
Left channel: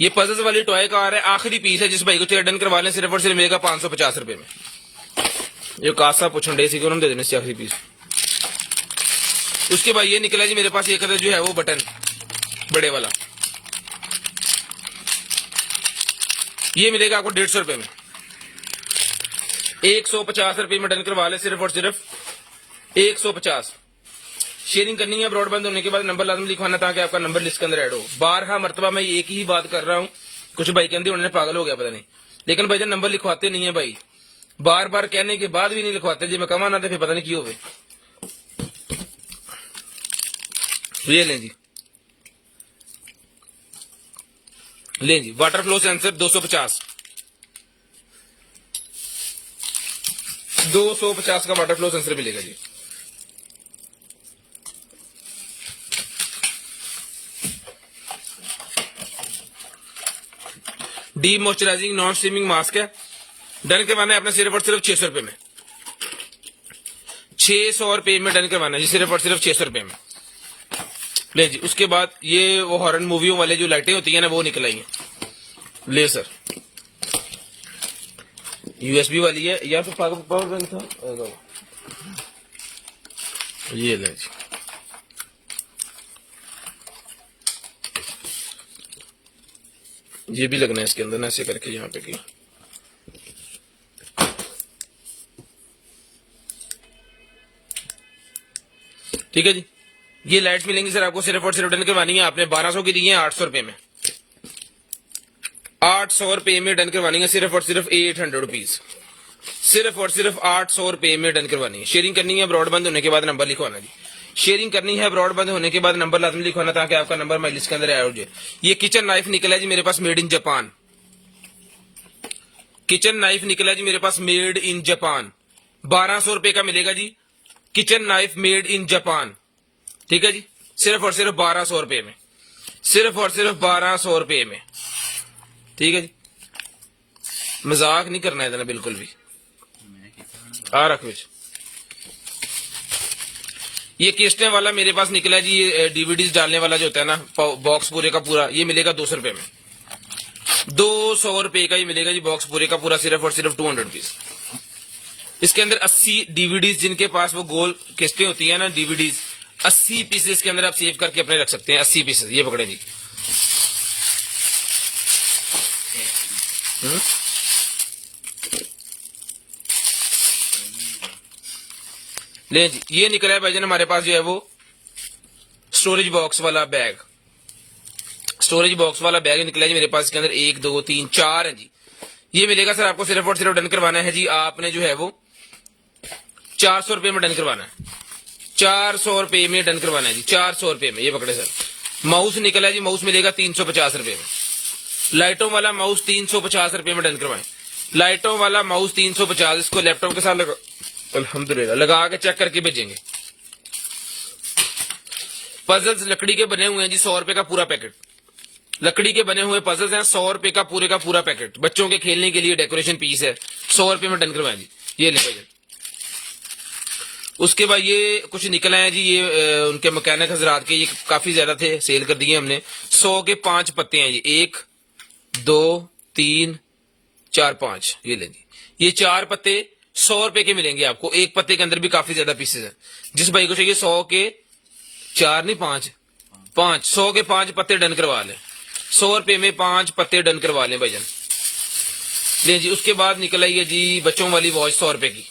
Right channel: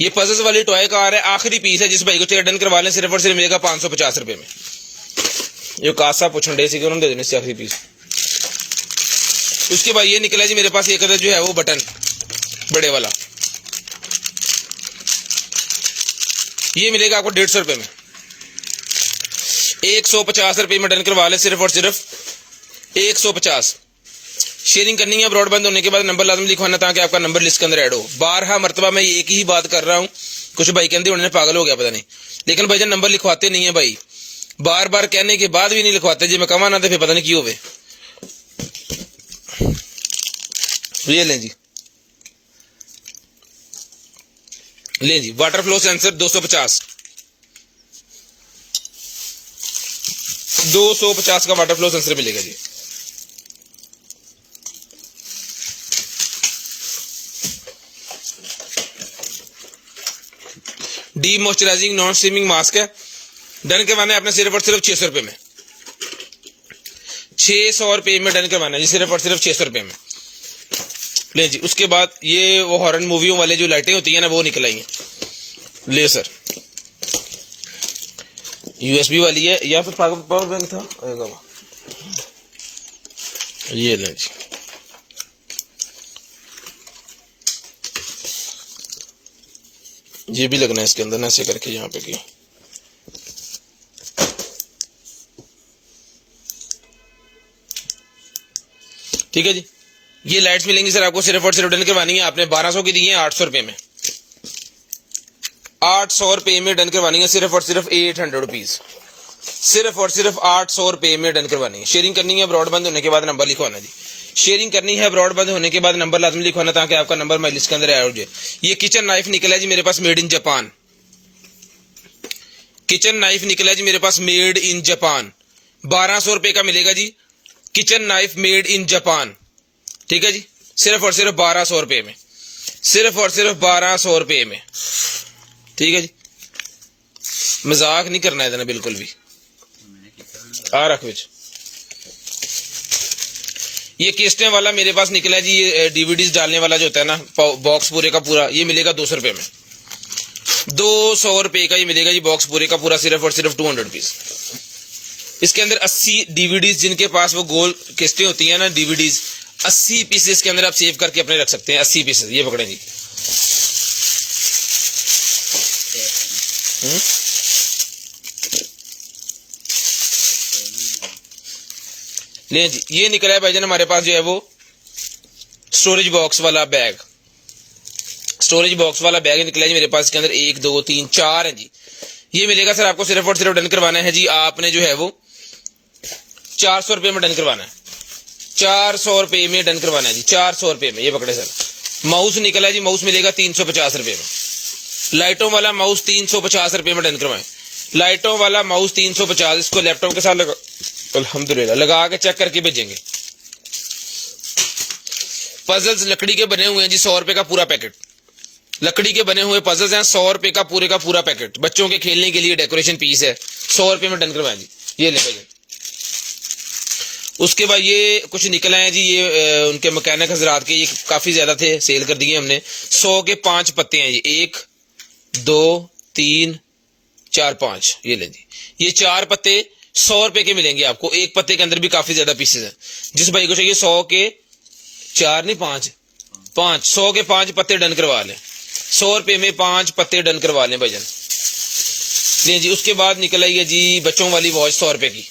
ये पजल्स वाली टॉय कार है, आखिरी पीस है। जिस भाई को चाहिए डन करवा लें, सिर्फ और सिर्फ मिलेगा 550 रुपए में। ये कासा पूछने डे सी उन्होंने दे देने से आखिरी पीस। उसके बाद ये निकला जी मेरे पास, ये कलर जो है वो बटन बड़े वाला, ये मिलेगा आपको 150 रुपए में। 150 रुपए में डन करवा ले, सिर्फ और सिर्फ 150। शेयरिंग करनी है, ब्रॉडबैंड होने के बाद नंबर लाजम लिखवाना ताकि आपका नंबर लिस्ट के अंदर ऐड हो। 12 मरतबा मैं एक ही बात कर रहा हूं, कुछ भाई कहते उन्होंने पागल हो गया पता नहीं, लेकिन भाई जब नंबर लिखवाते नहीं है भाई, बार बार कहने के बाद भी नहीं लिखवाते जी, मैं कमा ना थे फिर पता नहीं क्यों हुए। ये लें जी, ले जी वाटर फ्लो सेंसर 250 का वाटर फ्लो सेंसर मिलेगा जी। De moisturizing non steaming mask है, डन करवाना है अपने सिर्फ और सिर्फ 600 रुपए में। 600 रुपए में डन करवाना है जी, सिर्फ और सिर्फ 600 रुपए में। ले जी, उसके बाद ये वो हॉरर मूवियों वाले जो लाइटें होती है ना वो निकलेंगे, ले सर यूएसबी वाली है या फिर पावर बैंक था आएगा, ये ले जी। ये भी लगना है इसके अंदर ना, ऐसे करके यहाँ पे की। ठीक है जी, ये लाइट्स मिलेंगी सर आपको, सिर्फ और सिर्फ डन करवानी है आपने 1200 की दी है 800 रुपए में। 800 रुपए में डन करवानी है, सिर्फ और सिर्फ 800 रुपीज, सिर्फ और सिर्फ 800 रुपए में डन करवानी है। शेयरिंग करनी है, ब्रॉडबैंड होने के बाद नंबर लिखवाना जी। शेयरिंग करनी है, ब्रॉडबैंड होने के बाद नंबर लाजमी लिखवाना ताकि आपका नंबर मैं लिस्ट के अंदर ऐड हो जाए। ये किचन नाइफ निकला है जी मेरे पास, made in Japan. Kitchen knife निकला है जी मेरे पास, मेड इन जापान। 1200 रुपए का मिलेगा जी, kitchen knife made in Japan. ठीक है जी, सिर्फ और सिर्फ 1200 रुपए में, सिर्फ और सिर्फ 1200 रुपए में। ठीक है जी, मजाक नहीं करना है इतना बिल्कुल भी। आ रख विच ये किस्टें वाला मेरे पास निकला जी, ये डीवीडीज डालने वाला जो होता है ना बॉक्स पूरे का पूरा, ये मिलेगा 200 रुपए में। 200 रुपए का ही मिलेगा जी बॉक्स पूरे का पूरा, सिर्फ और सिर्फ 200 रुपीज। इसके अंदर 80 डीवीडीज, जिनके पास वो गोल किस्टें होती है ना डीवीडीज, 80 पीसेस के अंदर आप सेव करके अपने रख सकते हैं। 80 पीसेस ये पकड़े जी। ले जी, ये निकला है भाईजान हमारे पास जो है वो स्टोरेज बॉक्स वाला बैग, स्टोरेज बॉक्स वाला बैग निकला है जी मेरे पास। इसके अंदर 1 2 3 4 है जी। ये मिलेगा सर आपको, सिर्फ और सिर्फ डन करवाना है जी आपने जो है वो 400 रुपए में डन करवाना है। 400 रुपए में डन करवाना है जी, 400 रुपए में। ये पकड़े सर, माउस निकला है जी, माउस मिलेगा 350 रुपए में। लाइटों वाला माउस 350 रुपए में डन करवाएं। लाइटों वाला माउस 350, इसको लैपटॉप के साथ लगा, अल्हम्दुलिल्लाह, लगा के चेक करके भेजेंगे। पजल्स लकड़ी के बने हुए हैं जी, 100 रुपए का पूरा पैकेट। लकड़ी के बने हुए पजल्स हैं, 100 रुपए का पूरा पैकेट। बच्चों के खेलने के लिए डेकोरेशन पीस है, 100 रुपए में डन करवाएं जी। ये ले भाई। उसके बाद ये कुछ निकला है जी, ये उनके मैकेनिक हजरात के, ये काफी ज्यादा थे, सेल कर दिए हमने। 100 के 5 पत्ते हैं ये, 1 2 3 4 5, ये लें जी। ये 4 पत्ते 100 रुपए के मिलेंगे आपको। एक पत्ते के अंदर भी काफी ज्यादा पीसेस हैं। जिस भाई को चाहिए 100 के 4 नहीं 5, 100 के 5 पत्ते डन करवा लें। 100 रुपए में 5 पत्ते डन करवा लें भाईजान। लें जी। उसके बाद निकल आई है जी बच्चों वाली वॉच 100 रुपए की।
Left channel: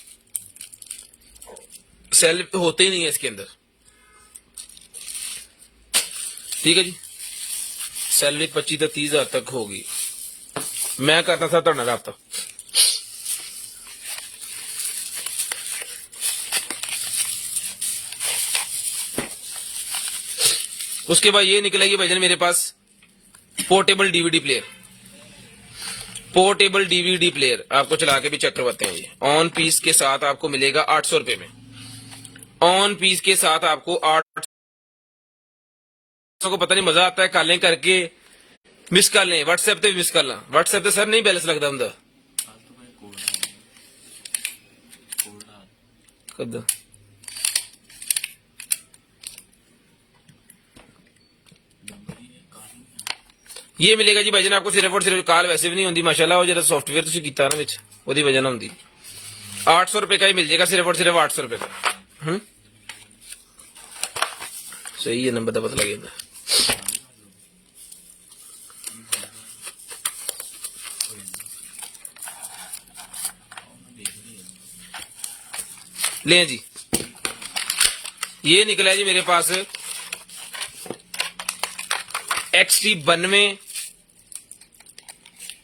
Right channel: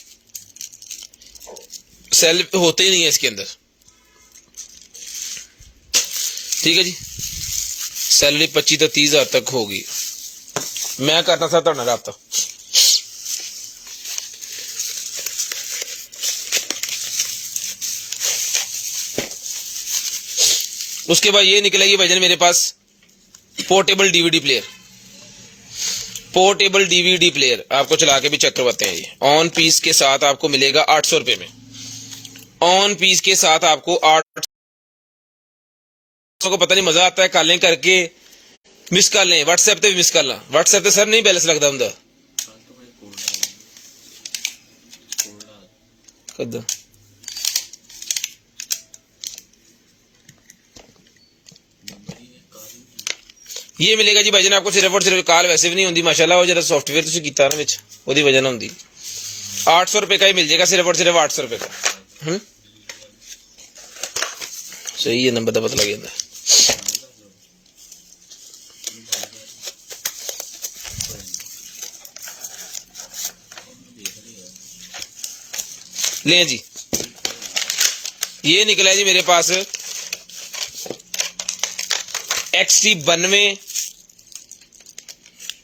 सेल होते ही नहीं है इसके अंदर, ठीक है जी। सैलरी 25 तो 30 हजार तक होगी। मैं करता था ਤੁਹਾਡਾ राब्ता। उसके बाद ये निकलेगी भाईजान मेरे पास portable DVD player. Portable DVD player आपको चला के भी चेक करवाते हैं। ये ऑन पीस के साथ आपको मिलेगा 800 रुपए में। ऑन पीस के साथ आपको 800 को पता नहीं मजा आता है, कॉलिंग करके मिस कर लें, व्हाट्सएप पे भी मिस कर ला। व्हाट्सएप पे सर नहीं बैलेंस लगता ਹੁੰਦਾ कद। ये मिलेगा जी भाईजान आपको सिर्फ और सिर्फ, कॉल वैसे भी नहीं होती माशाल्लाह, वो जरा सॉफ्टवेयर तुसी कीता ना विच ओदी वजह ना होंदी। 800 रुपए का ही मिल जाएगा, सिर्फ और सिर्फ 800 रुपए का। सही है, नंबर का पता लग जाता है। ले जी। ये निकला जी मेरे पास XT92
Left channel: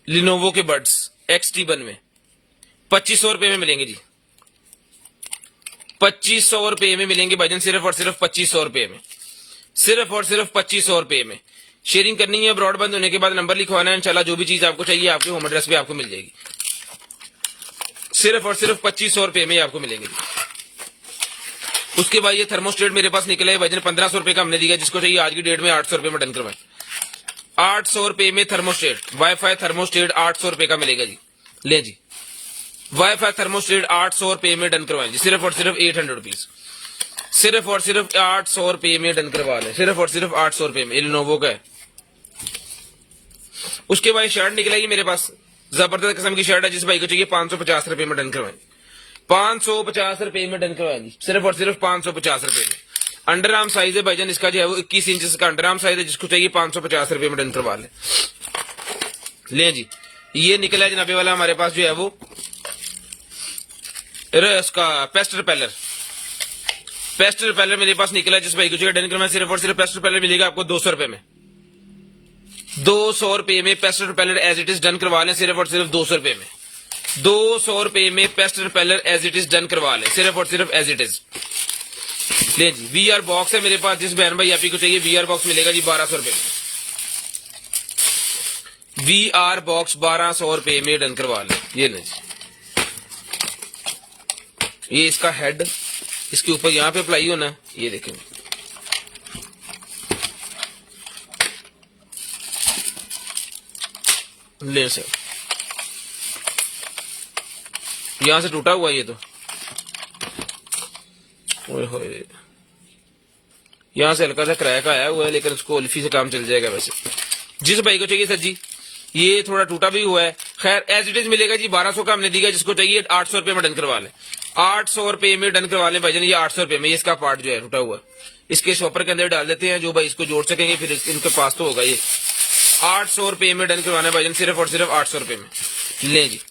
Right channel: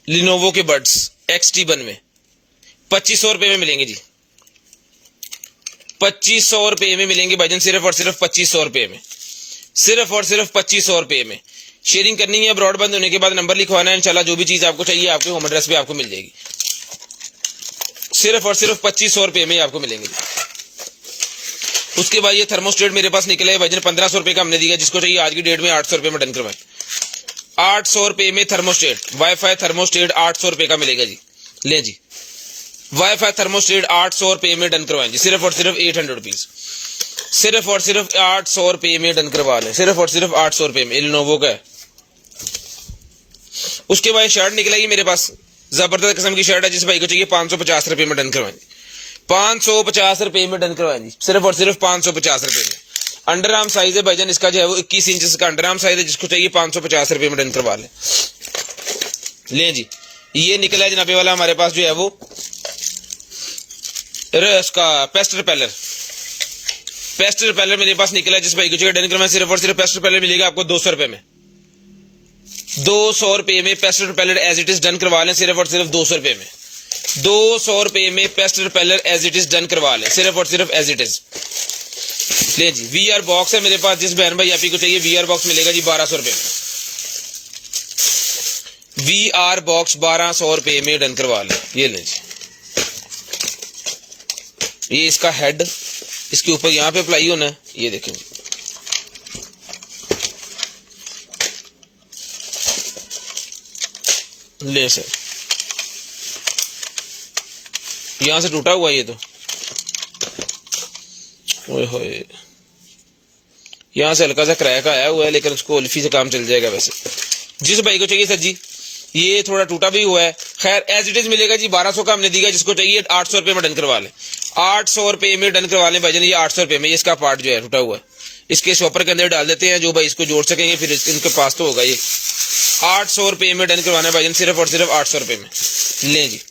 लिनोवो के बड्स। XT92 2500 रुपए में मिलेंगे जी। 2500 रुपए में मिलेंगे भाईजान, सिर्फ और सिर्फ 2500 रुपए में। सिर्फ और सिर्फ 2500 रुपए में। शेयरिंग करनी है, ब्रॉडबैंड होने के बाद नंबर लिखवाना है, इंशाल्लाह जो भी चीज आपको चाहिए आपके होम एड्रेस पे आपको मिल जाएगी। सिर्फ और सिर्फ 2500 रुपए में आपको मिलेंगे। उसके बाद ये थर्मोस्टेट मेरे पास निकला है भाईजान, 1500 रुपए का हमने दिया। जिसको चाहिए आज की डेट में 800 रुपए में डन करवाएं। 800 रुपए में थर्मोस्टेट, वाईफाई थर्मोस्टेट 800 रुपए का मिलेगा जी। ले जी, वाईफाई थर्मोस्टेट 800 रुपए में डन करवाएं जी। सिर्फ और सिर्फ 800 रुपीज। सिर्फ और सिर्फ 800 रुपए में डन करवा लें। सिर्फ और सिर्फ 800 रुपए में, लिनोवो का है। उसके बाद शर्ट निकलेगी मेरे पास, जबरदस्त किस्म की शर्ट है। जिस भाई को चाहिए 550 रुपए में डन करवाएं। 550 रुपए में डन करवाएं जी। सिर्फ और सिर्फ 550 रुपए में। अंडर आर्म साइज है भाईजान इसका, जो है वो 21 इंच का अंडर आर्म साइज है। जिसको चाहिए 550 रुपए में डन करवा लें। ले जी। ये निकला है जनाबे वाला हमारे पास जो है वो इसका पेस्ट रिपेलर। पेस्ट रिपेलर मेरे पास निकला है। जिस भाई को चाहिए डन करवाएं। सिर्फ और सिर्फ पेस्ट रिपेलर मिलेगा आपको 200 रुपए में। 200 रुपए में pest repeller as it is done करवा लें। सिर्फ और सिर्फ 200 रुपए में। 200 रुपए में pest repeller as it is done करवा लें। सिर्फ और सिर्फ एज इट इज। ले जी। VR बॉक्स है मेरे पास। जिस बहन भाई आप ही को चाहिए VR बॉक्स मिलेगा जी 1200 रुपए में। VR बॉक्स 1200 रुपए में डन करवा लें। ये ले जी। ये इसका हेड, इसके ऊपर यहां पे अप्लाई होना है। ये देखें, ले सर, यहां से टूटा हुआ है ये तो, ओए होए, यहां से हल्का सा क्रैक आया हुआ है, लेकिन उसको उल्फी से काम चल जाएगा। वैसे जिस भाई को चाहिए सर जी, ये थोड़ा टूटा भी हुआ है, खैर एज इट इज मिलेगा जी। 1200 का हमने दिया। जिसको चाहिए 800 रुपए में डन करवा लें। 800 रुपए में डन करवा लें भाईजान। ये 800 रुपए में, इसका पार्ट जो है टूटा हुआ है, इसके शॉपर के अंदर डाल देते हैं। जो भाई इसको जोड़ सकेंगे फिर इनके पास तो होगा। ये 800 रुपए में डन करवाना भाईजान। सिर्फ और सिर्फ 800 रुपए में। ले जी।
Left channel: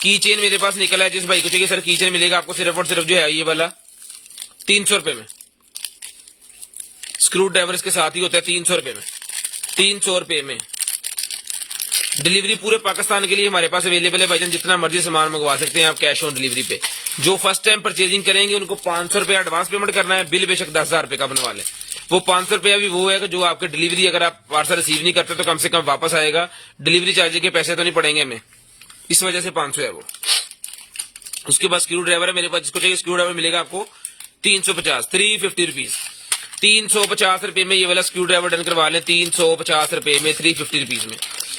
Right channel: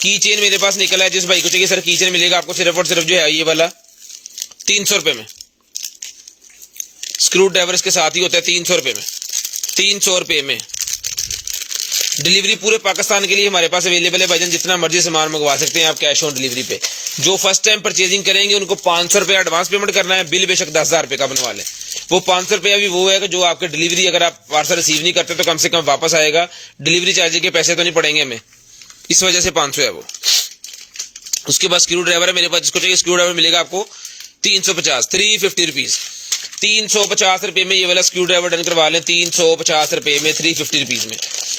की चेन मेरे पास निकला है। जिस भाई को चाहिए सर की चेन मिलेगा आपको सिर्फ और सिर्फ जो है ये वाला 300 रुपए में। स्क्रू ड्राइवर इसके साथ ही होता है। 300 रुपए में। 300 रुपए में। डिलीवरी पूरे पाकिस्तान के लिए हमारे पास अवेलेबल है भाईजान। जितना मर्जी सामान मंगवा सकते हैं आप कैश ऑन डिलीवरी पे। जो फर्स्ट टाइम परचेजिंग करेंगे उनको 500 रुपए एडवांस पेमेंट करना है। बिल बेशक 10,000 रुपए का बनवा लें। वो 500 रुपया भी वो है कि जो आपके डिलीवरी, अगर आप पार्सल रिसीव नहीं करते तो कम से कम वापस आएगा, डिलीवरी चार्ज के पैसे तो नहीं पड़ेंगे हमें, इस वजह से 500 है वो। उसके बाद स्क्रू ड्राइवर है मेरे पास, जिसको चाहिए स्क्रू ड्राइवर मिलेगा आपको 350, 350 रुपीज, 350 रुपए में ये वाला स्क्रू ड्राइवर डन करवा लें, 350 रुपए में, 350 रुपीज में,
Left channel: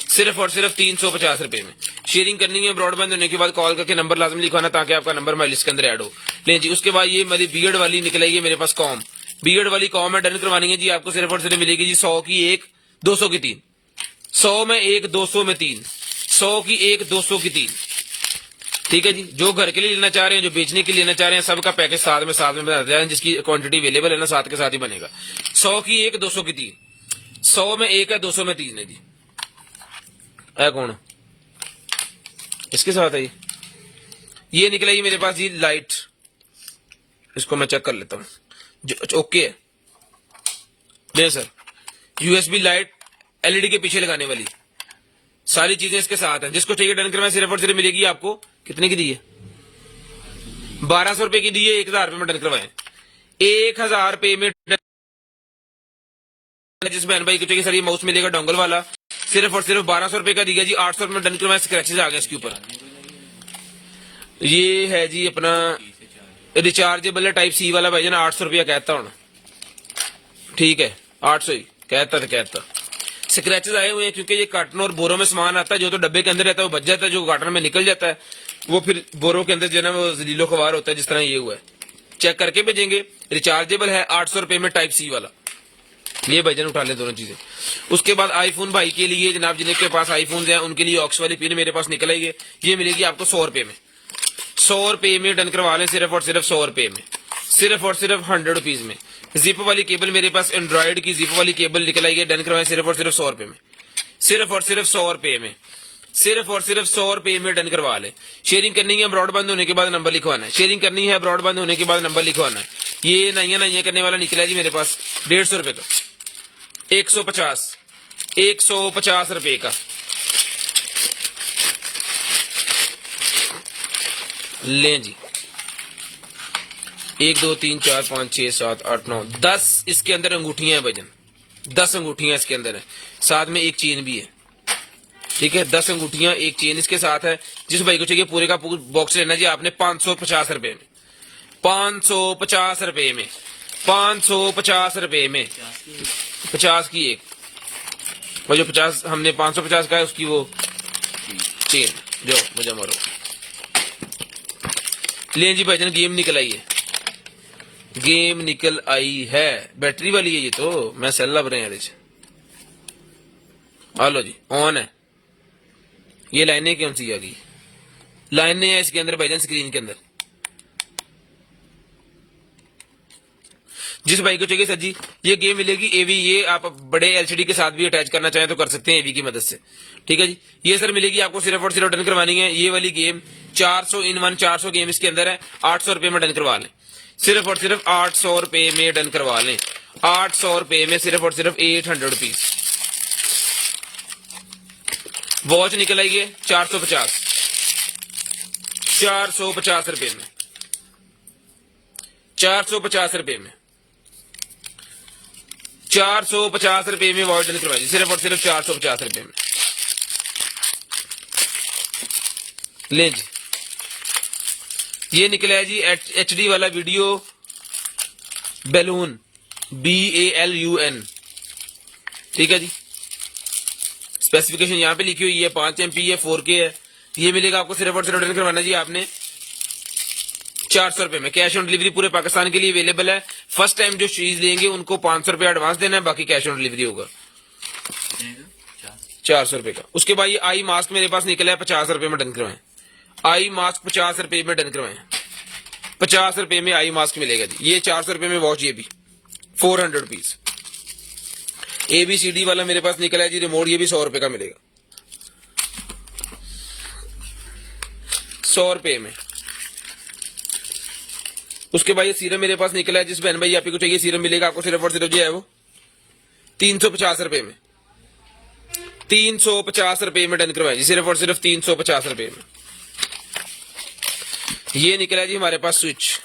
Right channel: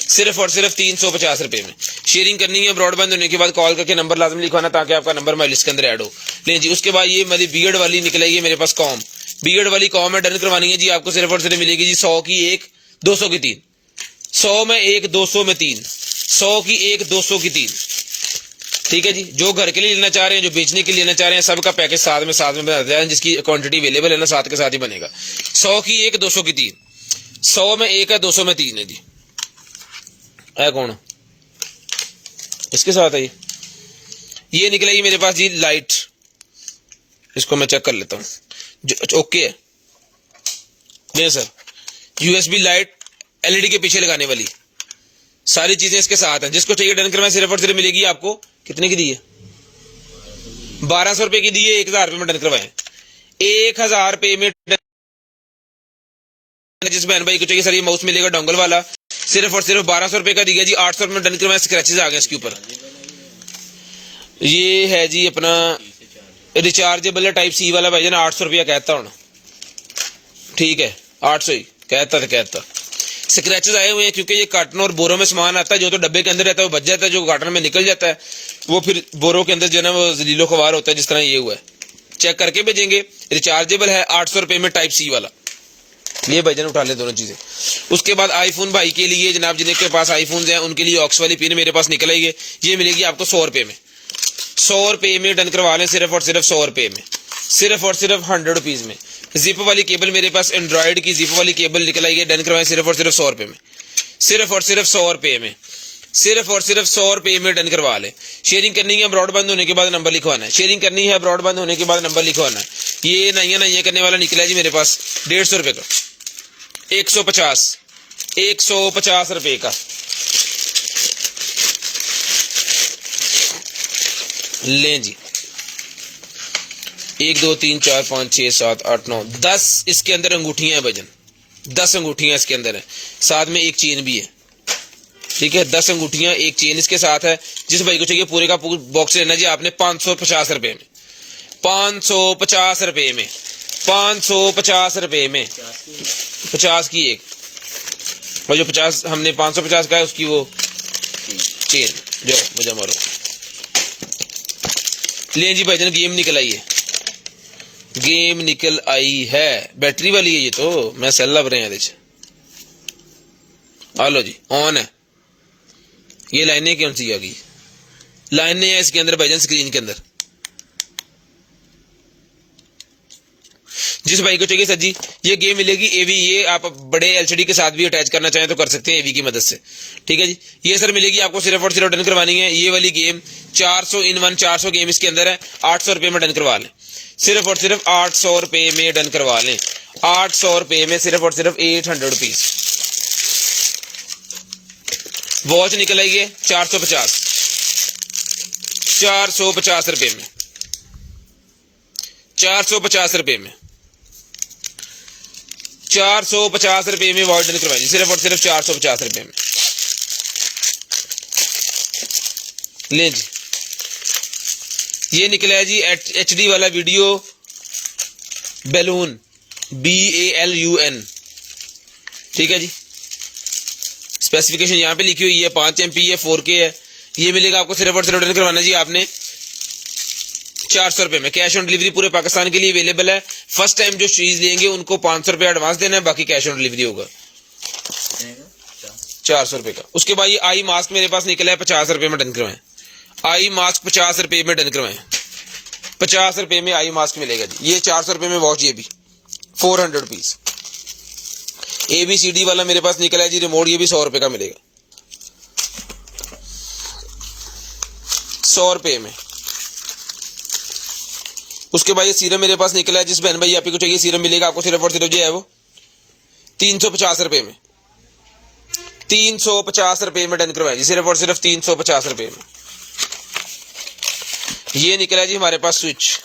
सिर्फ और सिर्फ 350 रुपए में। शेयरिंग करनी है, ब्रॉडबैंड होने के बाद कॉल करके नंबर लाजमी लिखवाना ताकि आपका नंबर हमारी लिस्ट के अंदर ऐड हो। नहीं जी, उसके बाद ये मेरी बीएड वाली निकलेगी मेरे पास कॉम, बीएड वाली कॉम है, डन करवानी है जी आपको, सिर्फ और सिर्फ मिलेगी जी 100 की 1, 200 की 3, 100 में 1, 200 में 3, 100 की 1, 200 की 3। ठीक है जी, जो घर के लिए लेना चाह रहे हैं, जो बेचने के लिए लेना चाह रहे हैं, सबका पैकेज साथ में बना जाए, जिसकी क्वांटिटी अवेलेबल है ना साथ के साथ ही बनेगा। 100 की 1, 200 की 3, 100 में 1 है, 200 में 3 है जी। है कौन इसके साथ है ये निकलेगी मेरे पास जी लाइट, इसको मैं चेक कर लेता हूँ। ओके है नहीं सर, यूएसबी लाइट एलईडी के पीछे लगाने वाली सारी चीजें इसके साथ हैं। जिसको चाहिए डन करना, सिर्फ और सिर्फ मिलेगी आपको, कितने की दी है? 1200 रुपए की दी है, 1000 रुपए में डन करवाएं, 1000 रुपए में। जिस बहन भाई को चाहिए सर ये माउस मिलेगा डोंगल वाला, सिर्फ और सिर्फ 1200 रुपए का दिया जी, 800 रुपए में डन करवाएं। स्क्रैचेस आ गए इसके ऊपर। ये है जी अपना रिचार्जेबल टाइप सी वाला भाई ना, 800 रुपया कहता हूँ, ठीक है 800 ही कहता। स्क्रैचेस आए हुए हैं क्योंकि ये कार्टन और बोरों में सामान आता है, जो तो डब्बे के अंदर रहता है वो बच जाता है, जो कार्टन में निकल जाता है वो फिर बोरों के अंदर जो है ना वो जलीलो खवार होता है, जिस तरह ये हुआ है। चेक करके भेजेंगे। रिचार्जेबल है 800 रुपए में टाइप सी वाला, ये भाईजान उठा ले दोनों चीजें। उसके बाद आईफोन भाई के लिए जनाब जिनके पास आईफोन है उनके लिए ऑक्स वाली पिन मेरे पास निकल आई है, ये मिलेगी आपको 100 रुपए में, 100 रुपए में डन करवा लें, सिर्फ और सिर्फ 100 रुपए में, सिर्फ और सिर्फ 100 रुपीज में। जिप वाली केबल मेरे पास एंड्रॉइड की जिप वाली केबल निकल आई है, डन करवाएं सिर्फ और सिर्फ 100 रुपए में, सिर्फ और सिर्फ 100 रुपए में, सिर्फ और सिर्फ 100 रुपए में डन करवा ले। शेयरिंग करनी है, ब्रॉडबैंड होने के बाद नंबर लिखवाना है। शेयरिंग करनी है, ब्रॉडबैंड होने के बाद नंबर लिखवाना है। ये नैया करने वाला निकला जी मेरे पास 150 रुपए का, 150 रुपए का लें जी। 1 2 3 4 5 6 7 8 9 10 इसके अंदर अंगूठियां हैं वजन, 10 अंगूठियां इसके अंदर है, साथ में एक चेन भी है, ठीक है 10 अंगूठियां एक चेन इसके साथ है। जिस भाई को चाहिए पूरे का बॉक्स लेना जी आपने 550 रुपए में, 550 रुपए में, 550 रुपए में, 50 की एक, और जो 50 हमने 550 का है उसकी वो चेन जो मुझे मारो। लें जी भाईजान, गेम निकल आई है, गेम निकल आई है, बैटरी वाली है ये तो, मैं सेल लब रहे हैं। हेलो जी, ऑन है। ये लाइनें कौन सी आ गई? लाइनें है इसके अंदर भाईजान, स्क्रीन के अंदर। जिस भाई को चाहिए सर जी ये गेम मिलेगी एवी, ये आप बड़े एलसीडी के साथ भी अटैच करना चाहें तो कर सकते हैं एवी की मदद से, ठीक है जी। ये सर मिलेगी आपको सिर्फ और सिर्फ डन करवानी है ये वाली गेम, 400 इन 1 400 गेम इसके अंदर है, 800 रुपए में डन करवा लें, सिर्फ और सिर्फ 800 रुपए में डन करवा लें, 800 रुपए में, सिर्फ और सिर्फ 800 रुपीज। वॉच निकल आई है 450 रुपए में, 450 रुपए में, 450 रुपए में वॉच डन करवाई, सिर्फ और सिर्फ 450 रुपए में। ले जी, ये निकला है जी HD वाला वीडियो बैलून, BALUN, ठीक है जी। स्पेसिफिकेशन यहाँ पे लिखी हुई है, 5 MP है, 4K है। ये मिलेगा आपको सिर्फ और सिर्फ डन करवाना जी आपने 400 रुपए में। कैश ऑन डिलीवरी पूरे पाकिस्तान के लिए अवेलेबल है। फर्स्ट टाइम जो चीज लेंगे उनको 500 रुपए एडवांस देना है, बाकी कैश ऑन डिलीवरी होगा 400 रुपए का। उसके बाद ये आई मास्क मेरे पास निकला है 50 रुपए में डन करवाएं, आई मास्क 50 रुपए में डन करवाएं, 50 रुपए में आई मास्क मिलेगा जी। ये 400 रुपए में वॉच, ये भी 400 रुपीज। ABCD वाला मेरे पास निकला है जी रिमोट, ये भी 100 रुपए का मिलेगा, 100 रुपए में। उसके बाद ये सीरम मेरे पास निकला है, जिस बहन भाई आप को चाहिए सीरम मिलेगा आपको सिर्फ और सिर्फ जो है वो 350 रुपए में, 350 रुपए में डन करवाए जी, सिर्फ और सिर्फ 350 रुपए में। ये निकला है जी हमारे पास switch,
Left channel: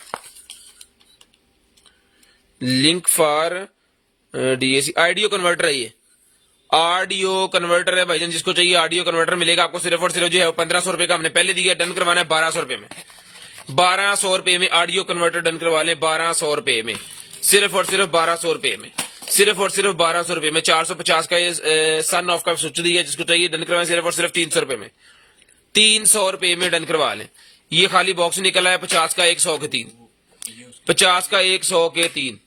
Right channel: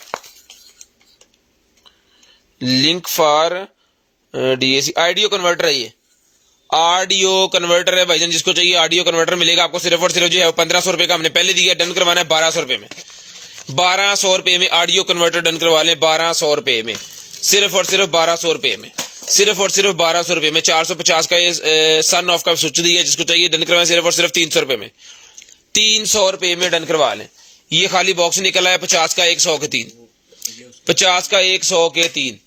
link for DAC audio converter है, ये ऑडियो कन्वर्टर है भाईजान, जिसको चाहिए ऑडियो कन्वर्टर मिलेगा आपको सिर्फ और सिर्फ जो है 1500 रुपए का हमने पहले दिया, डन करवाना है 1200 रुपए में। 1200 रुपए में ऑडियो कन्वर्टर डन करवा लें, 1200 रुपए में, सिर्फ और सिर्फ 1200 रुपए में, सिर्फ और सिर्फ 1200 रुपए में। 450 का ये सन ऑफ का स्विच दिया, जिसको चाहिए डन करवाएं सिर्फ और सिर्फ 300 रुपए में, 300 रुपए में डन करवा लें। ये खाली बॉक्स निकला है 50 का 100 के 3, 50 का 100 के 3।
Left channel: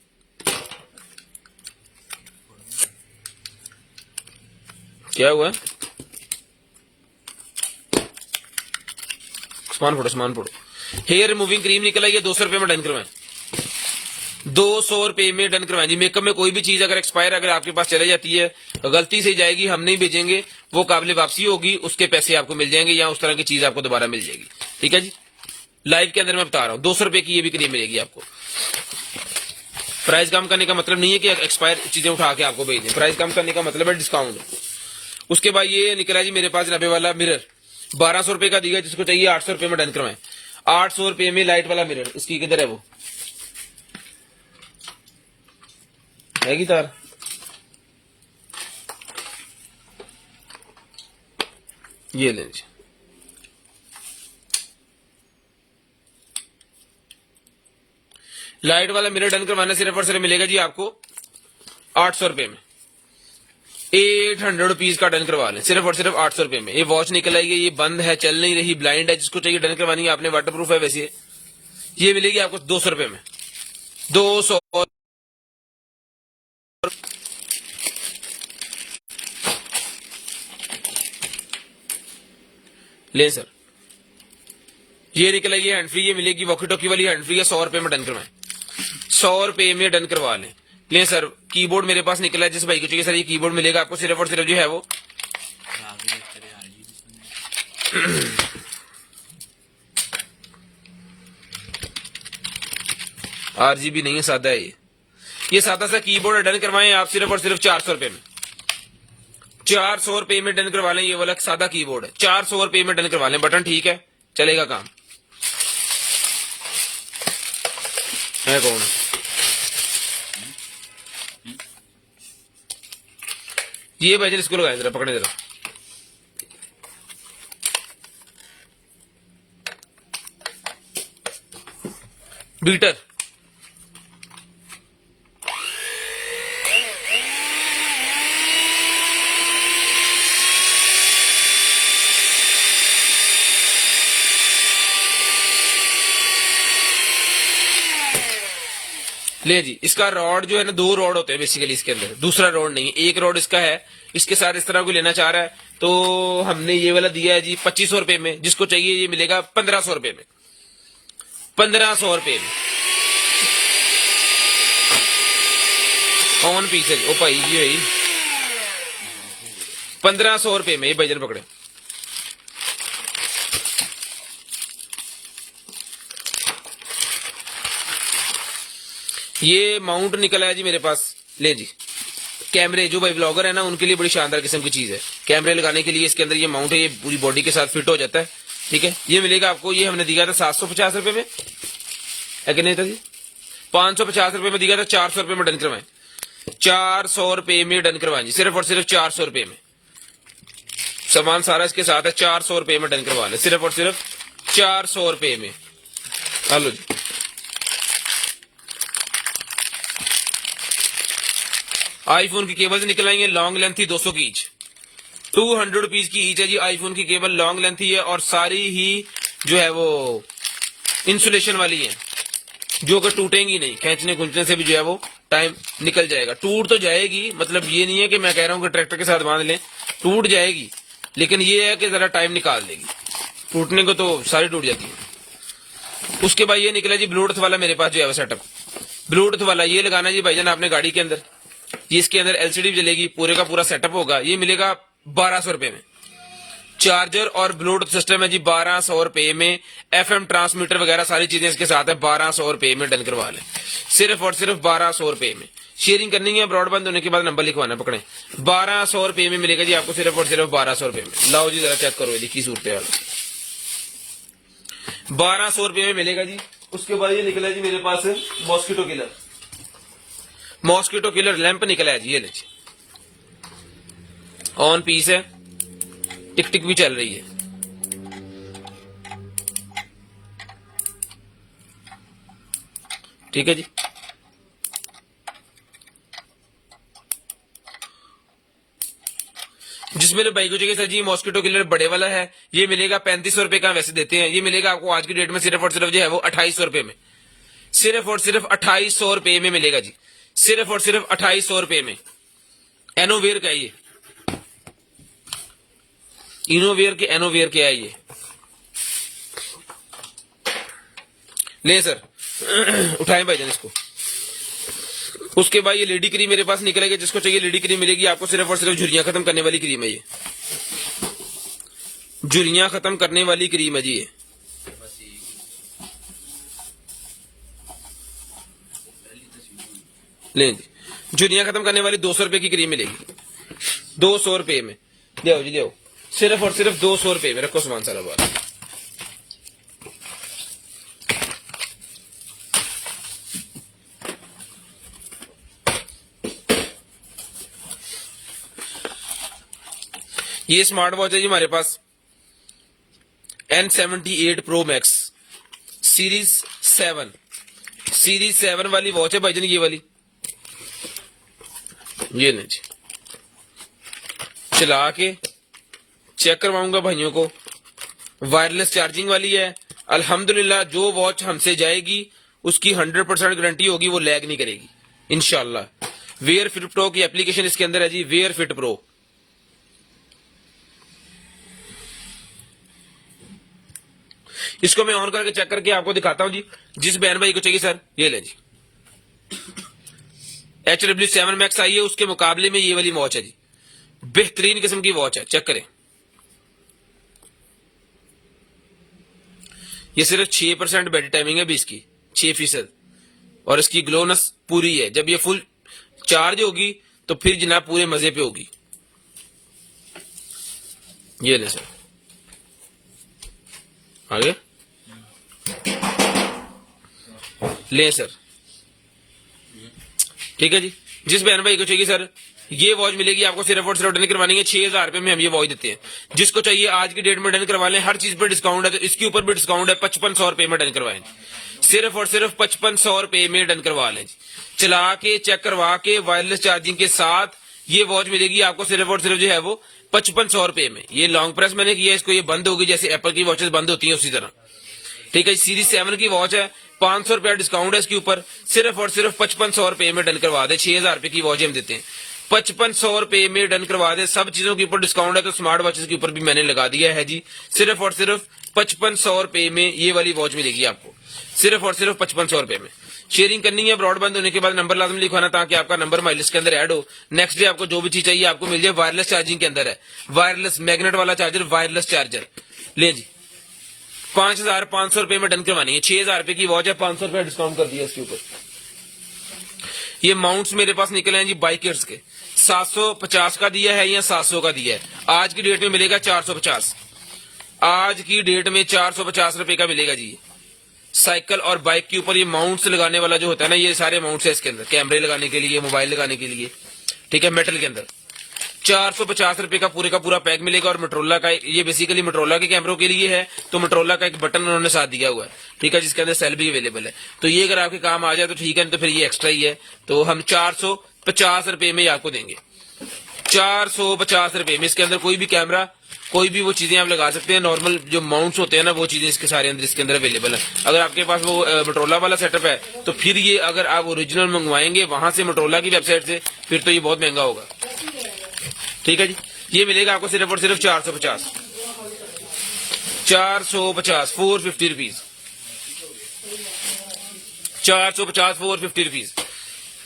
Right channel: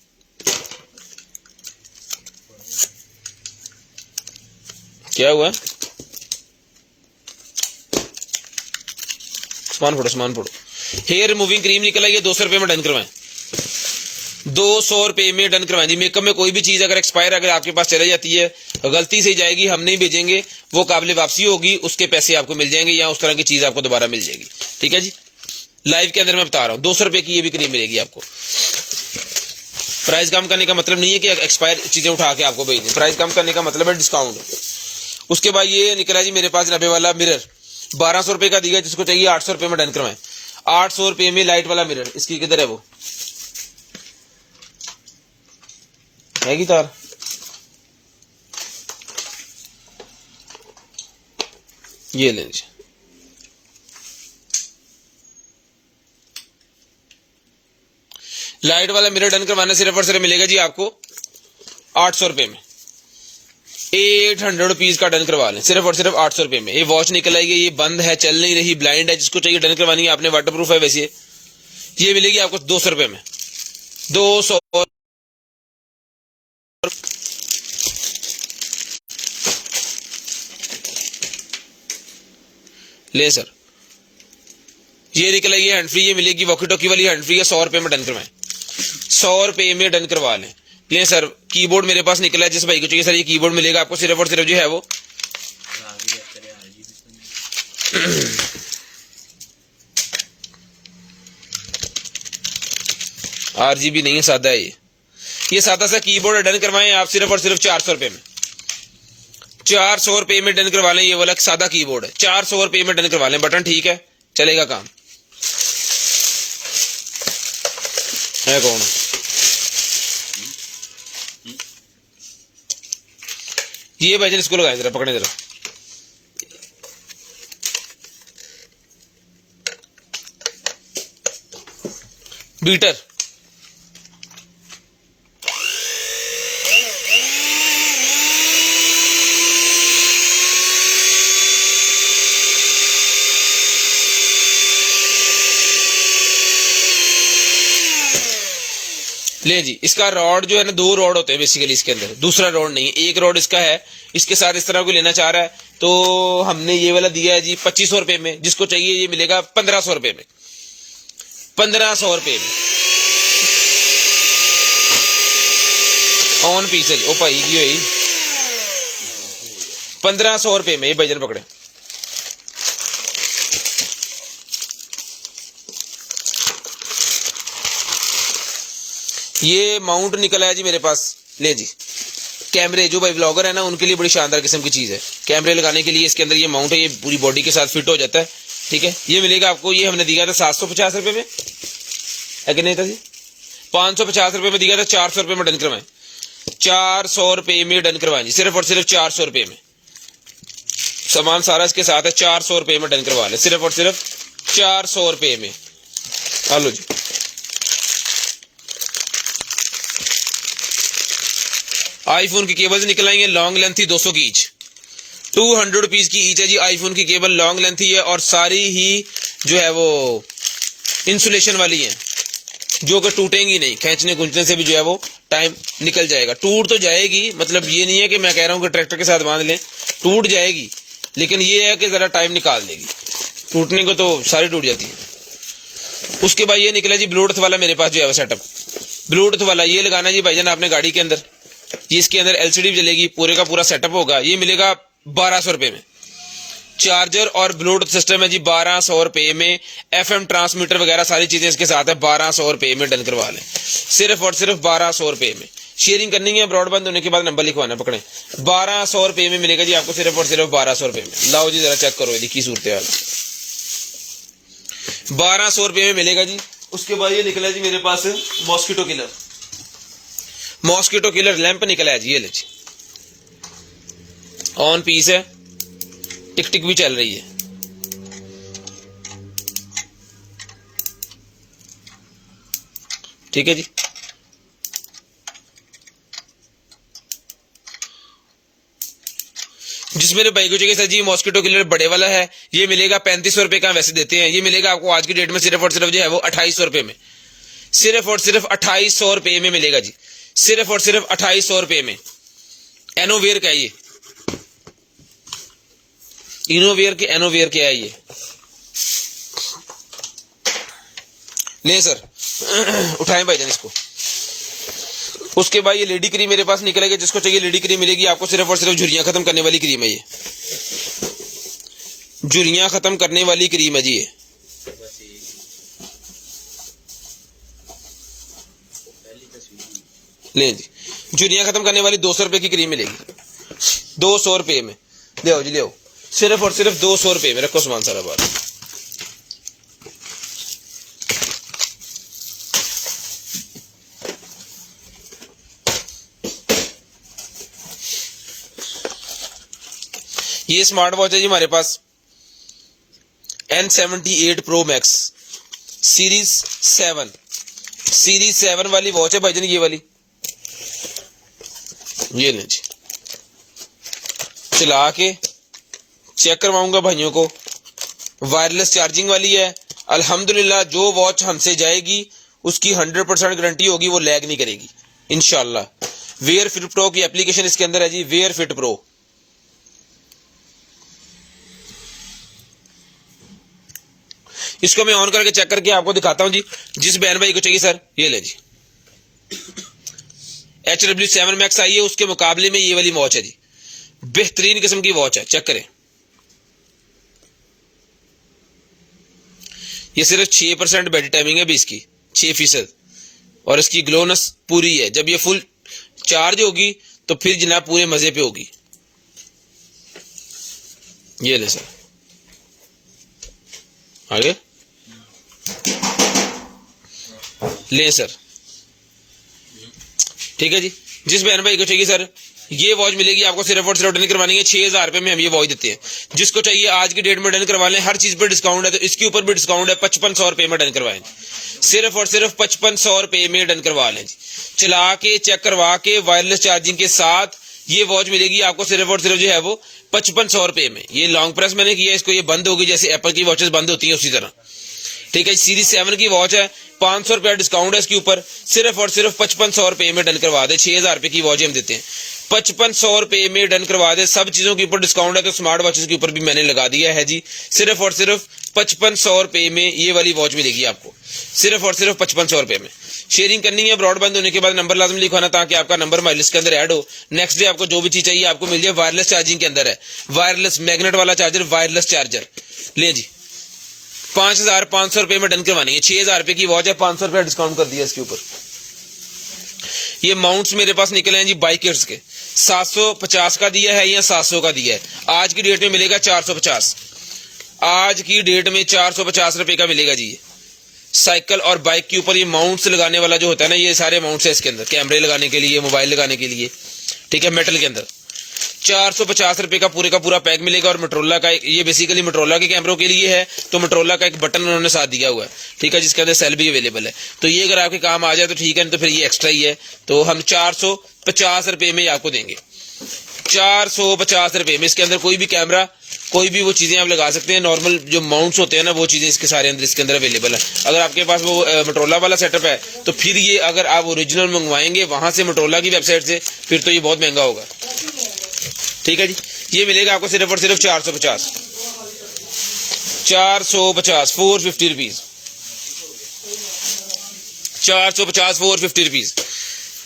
क्या हुआ? सामान फोड़ो। हेयर रिमूविंग क्रीम निकला, ये 200 रुपए में डन करवाएं, 200 रुपए में डन करवाएं जी। मेकअप में कोई भी चीज अगर एक्सपायर अगर आपके पास चले जाती है, गलती से जाएगी, हम नहीं भेजेंगे, वो काबिल वापसी होगी, उसके पैसे आपको मिल जाएंगे, या उस तरह की चीज आपको दोबारा मिल जाएगी। ठीक है जी, लाइव के अंदर मैं बता रहा हूँ, 200 रुपए की ये भी क्रीम मिलेगी आपको। प्राइस कम करने का मतलब नहीं है कि एक्सपायर चीजें उठा के आपको भेज दें, प्राइस कम करने का मतलब है डिस्काउंट। उसके बाद ये निकला जी मेरे पास 90 वाला मिरर, 1200 रुपए का दिया, जिसको चाहिए 800 रुपए में डन करवाएं, 800 रुपए में लाइट वाला मिरर। इसकी किधर है, वो है तार, ये ले लीजिए। लाइट वाला मिरर डन करवाना सिर्फ और सिर्फ मिलेगा जी आपको 800 रुपए में, 800 रुपीज का डन करवा लें, सिर्फ और सिर्फ 800 रुपए में। ये वॉच निकल आएगी, ये बंद है, चल नहीं रही, ब्लाइंड है, जिसको चाहिए डन करवानी है आपने, वाटरप्रूफ है वैसे, ये मिलेगी आपको 200 रुपए में, 200। ले सर, ये निकल आएगी हैंड फ्री, ये मिलेगी वॉकी टॉकी वाली हैंड फ्री है, 100 रुपए में डन करवाएं, 100 रुपए में डन करवा लें। ले सर, कीबोर्ड मेरे पास निकला है, जिस भाई को चाहिए सर ये कीबोर्ड मिलेगा आपको सिर्फ और सिर्फ जो है वो RGB नहीं है, सादा है ये सादा सा कीबोर्ड डन करवाएं आप सिर्फ और सिर्फ 400 रुपए में, 400 रुपए में डन करवा लें। ये वाला एक सादा कीबोर्ड है, 400 रुपए में डन करवा लें, बटन ठीक है, चलेगा काम है। कौन ये भाई, इसको लगाए जरा, पकड़े जरा। बीटर, ले जी, इसका रॉड जो है ना, 2 रॉड होते हैं बेसिकली इसके अंदर, दूसरा रॉड नहीं है, एक रॉड इसका है। इसके साथ इस तरह को लेना चाह रहा है तो हमने ये वाला दिया है जी 2500 रुपए में, जिसको चाहिए ये मिलेगा 1500 रुपए में, 1500 रुपए में ऑन पीस है। ओ भाई जी भाई, 1500 रुपए में ये भाईजान पकड़े। ये माउंट निकला है जी मेरे पास, ले जी, कैमरे, जो भाई व्लॉगर है ना उनके लिए बड़ी शानदार किस्म की चीज है, कैमरे लगाने के लिए इसके अंदर ये माउंट है, ये पूरी बॉडी के साथ फिट हो जाता है। ठीक है, ये मिलेगा आपको, ये हमने दिया था 750 रुपए में, है कि नहीं था जी, 550 रुपए में दिया था, 400 रुपए में डन करवाएं, 400 रुपए में डन करवाएं जी, सिर्फ और सिर्फ 400 रुपए में। सामान सारा इसके साथ है, 400 रुपए में डन करवा लें, सिर्फ और सिर्फ 400 रुपए में। हेलो जी, आईफोन की केबल्स निकल आएंगे, लॉन्ग लेंथ ही 200 की ईच, 200 रुपीज की ईच है जी आईफोन की केबल, लॉन्ग लेंथ ही है, और सारी ही जो है वो इंसुलेशन वाली है, जो कि टूटेंगी नहीं, खींचने गुंजने से भी जो है वो टाइम निकल जाएगा। टूट तो जाएगी, मतलब ये नहीं है कि मैं कह रहा हूँ कि ट्रैक्टर के साथ बांध लें, टूट जाएगी, लेकिन ये है कि जरा टाइम निकाल देगी, टूटने को तो सारी टूट जाती है। उसके बाद ये निकला जी ब्लूटूथ वाला मेरे पास जो है सेटअप, ब्लूटूथ वाला ये लगाना जी भाईजान आपने गाड़ी के अंदर, ये इसके अंदर LCD भी जलेगी, पूरे का पूरा सेटअप होगा, ये मिलेगा 1200 रुपए में। चार्जर और ब्लूटूथ सिस्टम है जी 1200 रुपए में, FM ट्रांसमीटर वगैरह सारी चीजें इसके साथ है, 1200 रुपए में डन करवा लें, सिर्फ और सिर्फ 1200 रुपए में। शेयरिंग करनी है, ब्रॉडबैंड होने के बाद नंबर लिखवाना, पकड़े, 1200 रुपए में मिलेगा जी आपको, सिर्फ और सिर्फ 1200 रुपए में। लाओ जी जरा चेक करो की सूरत हाल, 1200 रुपए में मिलेगा जी। उसके बाद ये निकला जी मेरे पास mosquito killer, mosquito killer lamp निकला है जी, ये ले जी, ऑन पीस है, टिक टिक भी चल रही है। ठीक है जी। जिस मेरे भाई को चाहिए सर जी मॉस्किटो किलर बड़े वाला है, ये मिलेगा 3500 रुपए का, वैसे देते हैं, ये मिलेगा आपको आज की डेट में सिर्फ और सिर्फ जो है वो 2800 रुपए में, सिर्फ और सिर्फ 2800 रुपए में मिलेगा जी, सिर्फ और सिर्फ 2800 रुपए में। एनोवेयर का ये, इनोवेयर के एनोवेयर के है ये, ले सर उठाएं भाईजान इसको। उसके बाद ये लेडी क्रीम मेरे पास निकलेगी, जिसको चाहिए लेडी क्रीम मिलेगी आपको, सिर्फ और सिर्फ झुर्रियां खत्म करने वाली क्रीम है ये, झुर्रियां खत्म करने वाली क्रीम है जी ये। ले जी, झुर्रियां खत्म करने वाली 200 रुपए की क्रीम मिलेगी, 200 रुपए में, ले आओ जी ले आओ, सिर्फ और सिर्फ 200 रुपए में। रखो सामान सारा बात। ये स्मार्ट वॉच है जी हमारे पास, N78 Pro Max सीरीज 7 वाली वॉच है भाईजान, ये वाली, ये नहीं जी, चला के चेक करवाऊंगा भाइयों को, वायरलेस चार्जिंग वाली है। अल्हम्दुलिल्लाह जो वॉच हमसे जाएगी उसकी 100% गारंटी होगी, वो लैग नहीं करेगी इंशाल्लाह। वेयर फिट प्रो की एप्लीकेशन इसके अंदर है जी, वेयर फिट प्रो। इसको मैं ऑन करके चेक करके आपको दिखाता हूं जी, जिस बहन भाई को चाहिए सर ये ले जी। HW7 Max आई है, उसके मुकाबले में ये वाली वॉच है जी, बेहतरीन किस्म की वॉच है, चेक करें। ये सिर्फ 6% बैटरी टाइमिंग है भी इसकी, 6%, और इसकी ग्लोनेस पूरी है। जब ये फुल चार्ज होगी तो फिर जनाब पूरे मजे पे होगी। ये ले सर आगे ले सर, ठीक है जी। जिस बहन भाई को चाहिए सर ये वॉच मिलेगी आपको, सिर्फ और सिर्फ डन करवानी है 6000 रुपए में हम ये वॉच देते हैं। जिसको चाहिए आज की डेट में डन करवा लें, हर चीज पर डिस्काउंट है, तो इसके ऊपर भी डिस्काउंट है, 5500 रुपए में डन करवाएं, सिर्फ और सिर्फ 5500 रुपए में डन करवा लें जी। चला के चेक करवा के वायरलेस चार्जिंग के साथ ये वॉच मिलेगी आपको, सिर्फ और सिर्फ जो है वो 5500 रुपए में। ये लॉन्ग प्रेस मैंने किया, इसको ये बंद होगी जैसे एप्पल की वॉचेस बंद होती है उसी तरह, ठीक है। सीरीज 7 की वॉच है, 500 रुपया डिस्काउंट है इसके ऊपर, सिर्फ और सिर्फ 5500 रुपए में डन करवा दे। 6000 रुपए की वॉच हम देते हैं, 5500 रुपए में डन करवा दे। सब चीजों के ऊपर डिस्काउंट है, तो स्मार्ट वॉचेस के ऊपर भी मैंने लगा दिया है जी। सिर्फ और सिर्फ 5500 रुपए में ये वाली वॉच मिलेगी आपको, सिर्फ और सिर्फ 5500 रुपए में। शेयरिंग करनी है, ब्रॉडबैंड होने के बाद नंबर लाजम लिखवाना ताकि आपका नंबर हमारी लिस्ट के अंदर ऐड हो। नेक्स्ट डे आपको जो भी चीज चाहिए आपको मिल जाए। वायरलेस चार्जिंग के अंदर है, वायरलेस मैग्नेट वाला चार्जर, वायरलेस चार्जर ले जी। 5500 रुपए में डन करवानी है। 6000 रुपए की वॉच है, 500 रुपया डिस्काउंट कर दिया इसके ऊपर। ये माउंट्स मेरे पास निकले हैं जी बाइकर्स के, 750 का दिया है या 700 का दिया है। आज की डेट में मिलेगा 450, आज की डेट में 450 रुपए का मिलेगा जी। साइकिल और बाइक के ऊपर ये माउंट्स लगाने वाला जो होता है ना, ये सारे माउंट्स है इसके अंदर, कैमरे लगाने के लिए, मोबाइल लगाने के लिए, ठीक है, मेटल के अंदर। 450 रुपए का पूरा पैक मिलेगा। और मोटरोला का, ये बेसिकली मोटरोला के कैमरों के लिए है, तो मोटरोला का एक बटन उन्होंने साथ दिया हुआ है, ठीक है, जिसके अंदर सेल भी अवेलेबल है। तो ये अगर आपके काम आ जाए तो ठीक है, तो फिर ये एक्स्ट्रा ही है। तो हम 450 रुपए में आपको देंगे, 450 रुपए में। इसके अंदर कोई भी कैमरा, कोई भी वो चीजें आप लगा सकते हैं। नॉर्मल जो माउंट्स होते हैं ना, वो चीजें इसके सारे अंदर इसके अंदर अवेलेबल है। अगर आपके पास वो मोटरोला वाला सेटअप है तो फिर ये अगर आप ओरिजिनल मंगवाएंगे वहां से मोटरोला की वेबसाइट से, फिर तो ये बहुत महंगा होगा, ठीक है जी। ये मिलेगा आपको सिर्फ और सिर्फ 450, 450 रुपीज, 450 450 रुपीज,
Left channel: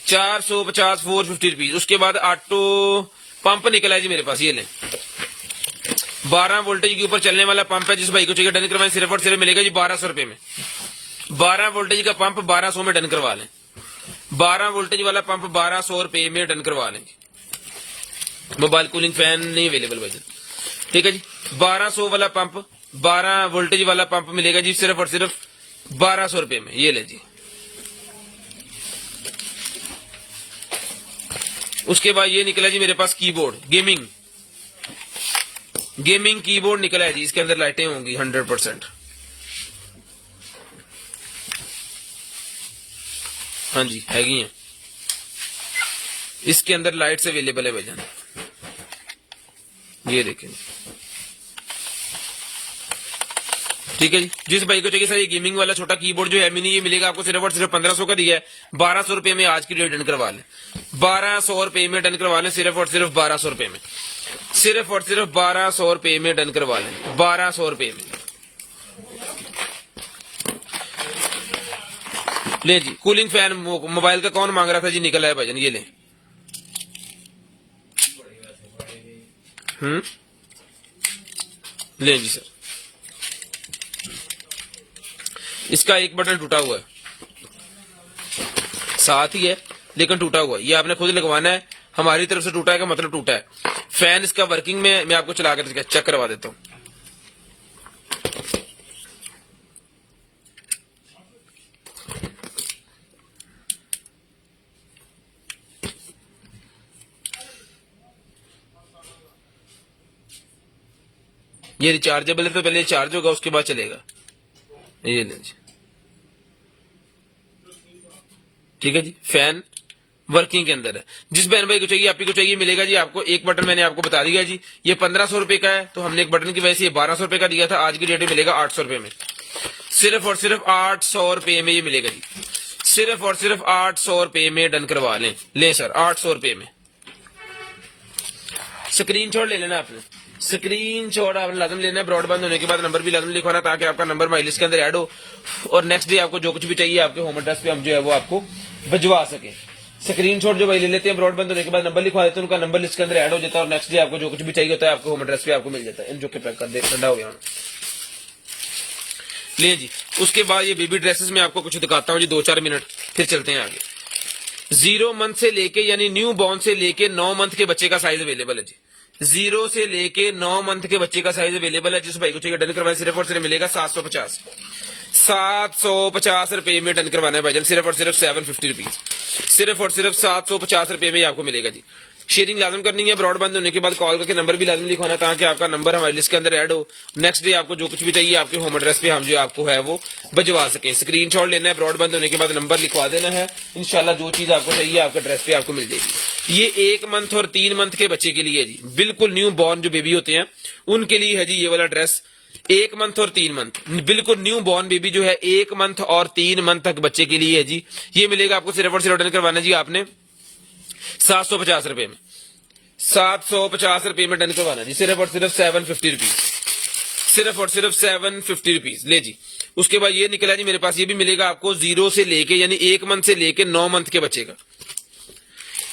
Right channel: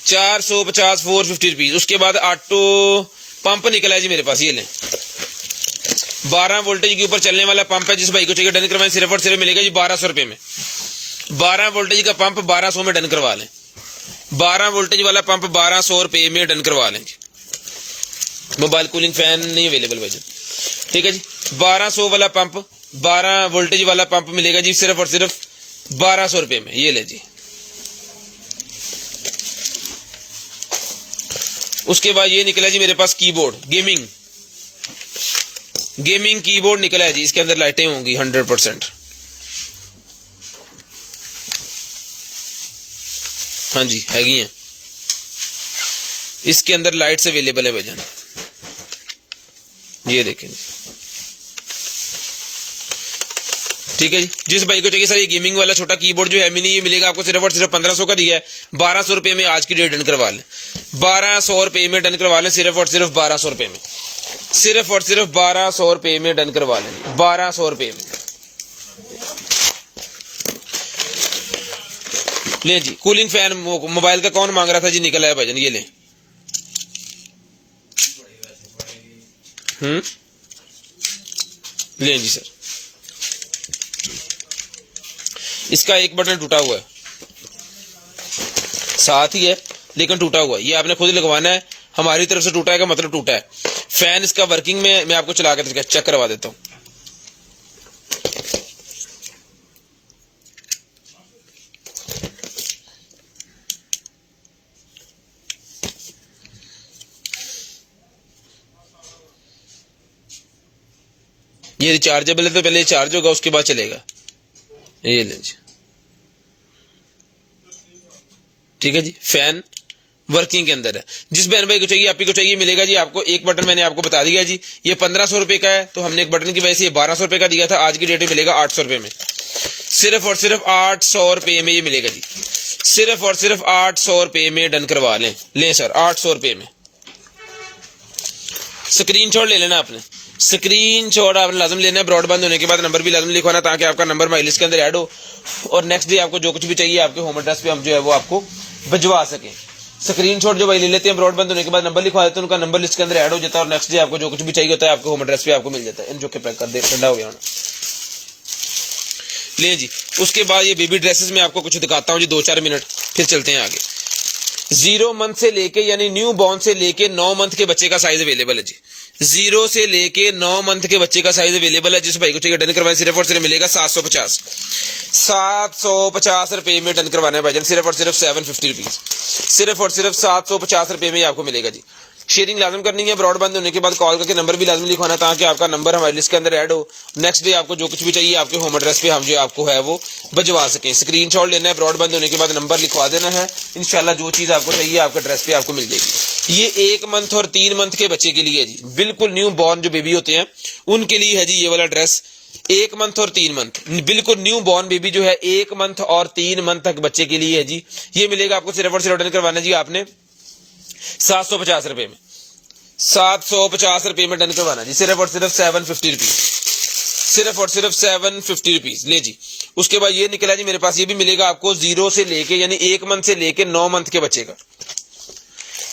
450 450 रुपीज। उसके बाद ऑटो पंप निकला है जी मेरे पास, ये लें, 12 वोल्टेज के ऊपर चलने वाला पंप है। जिस भाई को ठीक है डन करवाएं, सिर्फ और सिर्फ मिलेगा जी 1200 रुपए में। 12 वोल्टेज का पंप 1200 में डन करवा लें, 12 वोल्टेज वाला पंप 1200 रुपए में डन करवा लें जी। मोबाइल कूलिंग फैन नहीं अवेलेबल भाई, ठीक है जी। 1200 वाला पंप, 12 वोल्टेज वाला पंप मिलेगा जी सिर्फ और सिर्फ 1200 रुपए में। ये ले जी, उसके बाद ये निकला जी मेरे पास कीबोर्ड, गेमिंग कीबोर्ड निकला है जी। इसके अंदर लाइटें होंगी 100%। हाँ जी हैगी हैं, इसके अंदर लाइट्स अवेलेबल है भाईजान, ये देखेंगे। ठीक है जी। जिस भाई को चाहिए सर ये गेमिंग वाला छोटा कीबोर्ड जो है मिनी, ये मिलेगा आपको सिर्फ और सिर्फ 1500 का दिया है। 1200 रुपए में आज की डेट डन करवा लें, 1200 रुपए में डन करवा लें, सिर्फ और सिर्फ 1200 रुपए में, सिर्फ और सिर्फ 1200 रुपए में डन करवा लें, 1200 रुपए में। ले जी कूलिंग फैन मोबाइल का कौन मांग रहा था जी, निकला है भाईजान, ये ले। ले जी सर, इसका एक बटन टूटा हुआ है, साथ ही है लेकिन टूटा हुआ है, ये आपने खुद लगवाना है। हमारी तरफ से टूटा है का मतलब टूटा है। फैन इसका वर्किंग में, मैं आपको चला के चेक करवा देता हूं। ये रिचार्जेबल है तो पहले चार्ज होगा उसके बाद चलेगा। ये ले जी, ठीक है जी। फैन वर्किंग के अंदर है। जिस बहन भाई को चाहिए, आप ही को चाहिए, मिलेगा जी आपको। एक बटन मैंने आपको बता दिया जी, ये 1500 रुपए का है, तो हमने एक बटन की वजह से ये 1200 रुपए का दिया था। आज की डेट में मिलेगा 800 रुपए में, सिर्फ और सिर्फ 800 रुपए में ये मिलेगा जी, सिर्फ और सिर्फ 800 रुपए में डन करवा लें। ले सर 800 रुपए में। स्क्रीनशॉट ले लेना आपने, स्क्रीनशॉट आपने लाजम लेना है। ब्रॉडबैंड होने के बाद नंबर भी लाजम लिखवाना ताकि आपका नंबर माई लिस्ट के अंदर ऐड हो, और नेक्स्ट डे आपको जो कुछ भी चाहिए आपके होम एड्रेस पे हम जो है वो आपको भिजवा सकें। स्क्रीनशॉट जो भाई ले लेते हैं, ब्रॉडबैंड होने के बाद नंबर लिखवा देते हैं, उनका नंबर लिस्ट के अंदर ऐड हो जाता है, और नेक्स्ट डे आपको जो कुछ भी चाहिए होता है आपके होम एड्रेस पे आपको मिल जाता है। इन जो के पैक कर दे, ठंडा हो गया ले जी। उसके बाद ये बेबी ड्रेसेस में आपको कुछ दिखाता हूँ जी, 2-4 मिनट, फिर चलते हैं आगे। 0 मंथ से लेके यानी न्यू बॉर्न से लेके 9 मंथ के बच्चे का साइज अवेलेबल है जी। 0 से लेके 9 मंथ के बच्चे का साइज अवेलेबल है। जिस भाई को चाहिए डन करवाएं, सिर्फ और सिर्फ मिलेगा 750 रुपए में डन करवाना है भाईजान, सिर्फ और सिर्फ 750 रुपीज, सिर्फ और सिर्फ 750 रुपए में आपको मिलेगा जी। शेयरिंग लाजम करनी है। ब्रॉडबैंड होने के बाद कॉल करके नंबर भी लाजम लिखवाना है ताकि आपका नंबर हमारी लिस्ट के अंदर ऐड हो। नेक्स्ट डे आपको जो कुछ भी चाहिए आपके होम एड्रेस पे हम जो आपको है वो भिजवा सकें। स्क्रीनशॉट लेना है, ब्रॉडबैंड होने के बाद नंबर लिखवा देना है, इंशाल्लाह जो चीज आपको चाहिए आपके एड्रेस पे आपको मिल जाएगी। ये 1 मंथ और 3 मंथ के बच्चे के लिए है जी, बिल्कुल न्यू बॉर्न जो बेबी होते हैं उनके लिए है जी ये वाला ड्रेस। 1 मंथ और 3 मंथ, बिल्कुल न्यू बॉर्न बेबी जो है 1 मंथ और 3 मंथ तक बच्चे के लिए है जी। ये मिलेगा आपको सिर्फ और सिर्फ डन करवाना जी आपने 750 रुपए में, 750 रुपए में डन करवाना जी, सिर्फ और सिर्फ 750 रुपीज, सिर्फ और सिर्फ 750 रुपीज। ले जी। उसके बाद ये निकला जी मेरे पास, ये भी मिलेगा आपको 0 से लेके यानी 1 मंथ से लेके 9 मंथ के बच्चे का,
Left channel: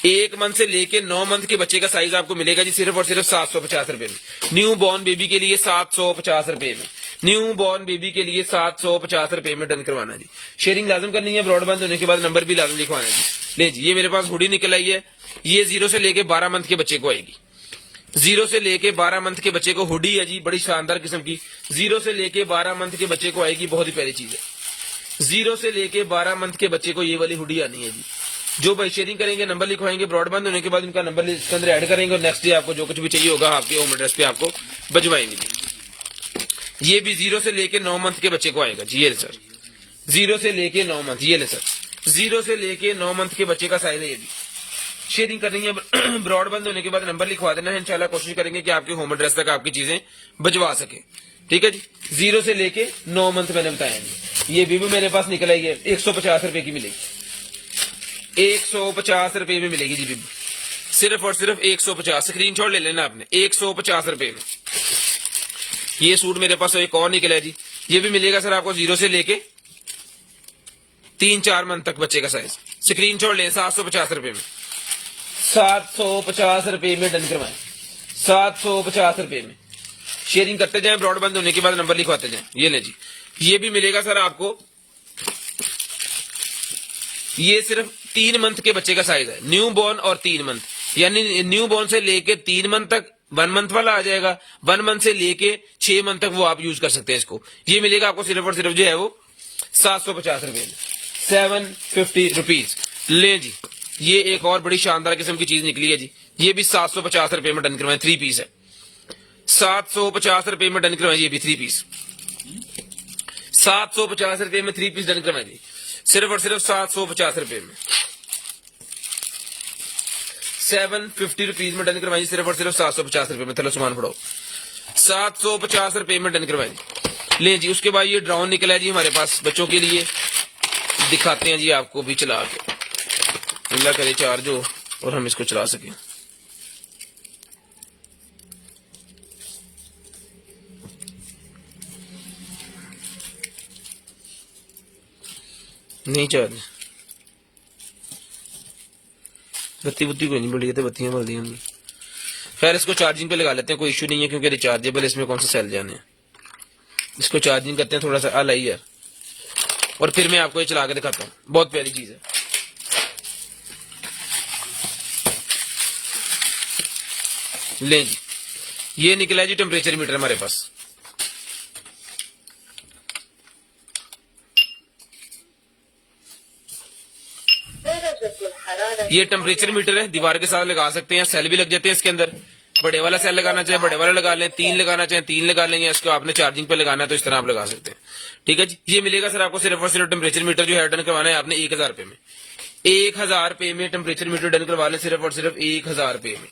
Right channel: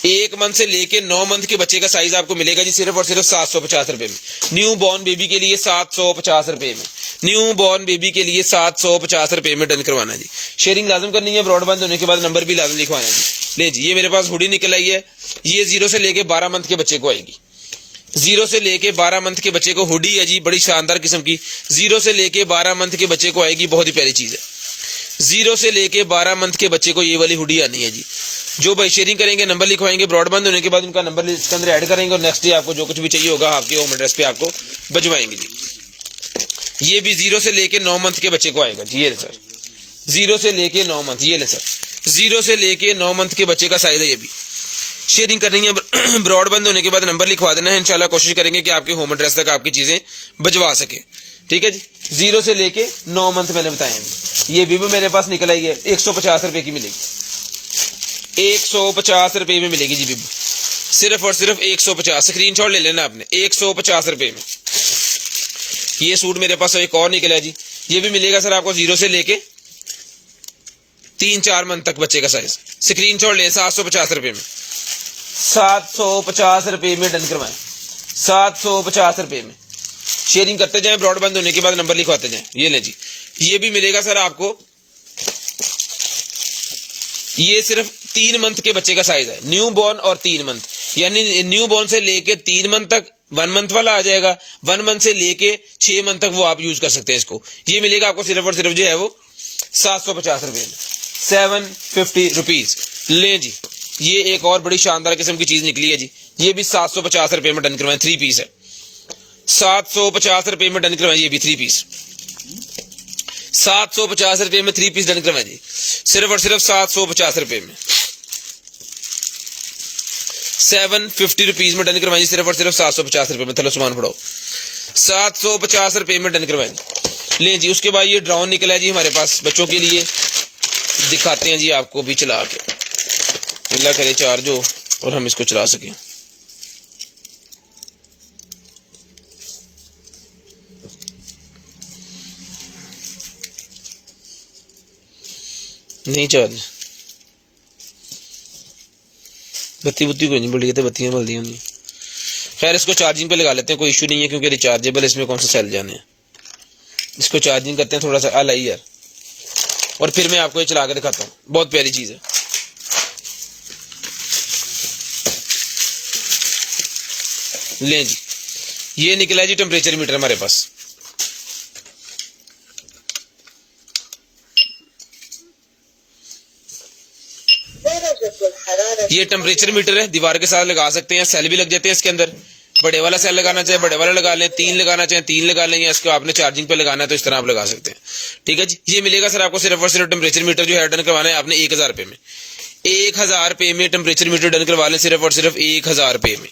1 मंथ से लेके 9 मंथ के बच्चे का साइज आपको मिलेगा जी सिर्फ और सिर्फ 750 रुपए में। न्यू बॉर्न बेबी के लिए 750 रुपए में, न्यू बॉर्न बेबी के लिए 750 रुपए में डन करवाना जी। शेयरिंग लाजम करनी है, ब्रॉडबैंड होने के बाद नंबर भी लाजम लिखवाना जी। ले जी, ये मेरे पास हुडी निकल आई है, ये 0 से लेके 12 मंथ के बच्चे को आएगी। 0 से लेके 12 मंथ के बच्चे को हुडी है जी, बड़ी शानदार किस्म की। 0 से लेके 12 मंथ के बच्चे को आएगी, बहुत ही प्यारी चीज है। 0 से लेके 12 मंथ के बच्चे को ये वाली हुडी आनी है जी। जो भाई शेयरिंग करेंगे, नंबर लिखवाएंगे, ब्रॉडबैंड होने के बाद उनका नंबर इसके अंदर ऐड करेंगे, और नेक्स्ट डे आपको जो कुछ भी चाहिए होगा आपके होम एड्रेस पे आपको भिजवाएंगे जी। ये भी 0 से लेके 9 मंथ के बच्चे को आएगा जी। ये सर 0 से लेके 9 मंथ, ये ले सर 0 से लेके 9 मंथ के बच्चे का साइज है। ये भी शेयरिंग करनी है, ब्रॉडबैंड होने के बाद नंबर लिखवा देना है, इंशाल्लाह कोशिश करेंगे कि आपके होम एड्रेस तक आपकी चीजें भिजवा सके। ठीक है जी। 0 से लेके 9 मंथ मैंने बताएंगे। ये भी मेरे पास निकल आई है, 150 रुपए की मिलेगी, 150 रुपए में मिलेगी जी बिब्बू, सिर्फ और सिर्फ 150। स्क्रीनशॉट ले लेना आपने, 150 रुपए में। ये सूट मेरे पास एक और निकला है जी, ये भी मिलेगा सर आपको 0 से लेके 3-4 मंथ तक बच्चे का साइज। स्क्रीनशॉट ले, 750 रुपए में, 750 रुपए में डन करवाएं, 750 रुपए में। शेयरिंग करते जाएं, ब्रॉडबैंड होने के बाद नंबर लिखवाते जाएं। ये ले जी, ये भी मिलेगा सर आपको, ये सिर्फ 3 मंथ के बच्चे का साइज है, न्यू बॉर्न और 3 मंथ, यानी न्यू बॉर्न से लेके 3 मंथ तक 1 मंथ वाला आ जाएगा, 1 मंथ से लेके 6 मंथ तक वो आप यूज कर सकते हैं इसको। ये मिलेगा आपको सिर्फ और सिर्फ जो है वो 750 रुपए में, 750 रुपीज। ले जी, ये एक और बड़ी शानदार किस्म की चीज निकली है जी, ये भी 750 रुपए में डन करवाएं, 3 पीस है, 750 रुपए में डन करवाएं, ये भी 3 पीस, 750 रुपए में 3 पीस डन करवाएं जी, सिर्फ और सिर्फ 750 रुपए में, 750 रुपीज में डन करवाएं जी, सिर्फ और सिर्फ 750 रुपए में। थलो सामान पड़ो, 750 रुपए में डन करवाएं जी। ले जी, उसके बाद ये ड्रोन निकला है जी हमारे पास बच्चों के लिए, दिखाते हैं जी आपको भी चला के, अल्लाह करे चार्ज हो और हम इसको चला सकें। नहीं चार्ज, बत्ती बुत्ती कोई नहीं बढ़ी, तो बत्तियां बल्दी होंगी। खैर इसको चार्जिंग पे लगा लेते हैं, कोई इश्यू नहीं है, क्योंकि रिचार्जेबल इसमें कौन सा सेल जाने हैं। इसको चार्जिंग करते हैं थोड़ा सा अल यार, और फिर मैं आपको ये चला के दिखाता हूँ। बहुत प्यारी चीज है। ले जी, ये निकला है जी टेम्परेचर मीटर हमारे पास। ये टेम्परेचर मीटर है, दीवार के साथ लगा सकते हैं, सेल भी लग जाते हैं इसके अंदर। बड़े वाला सेल लगाना चाहे बड़े वाला लगा लें, 3 लगाना चाहे 3 लगा लेंगे। इसको आपने चार्जिंग पे लगाना है तो इस तरह आप लगा सकते हैं। ठीक है जी, ये मिलेगा सर आपको सिर्फ और सिर्फ टेम्परेचर मीटर जो है डन करवाना है आपने 1000 रुपए में। 1000 रुपए में टेम्परेचर मीटर डन करवा लें, सिर्फ और सिर्फ 1000 रुपए में,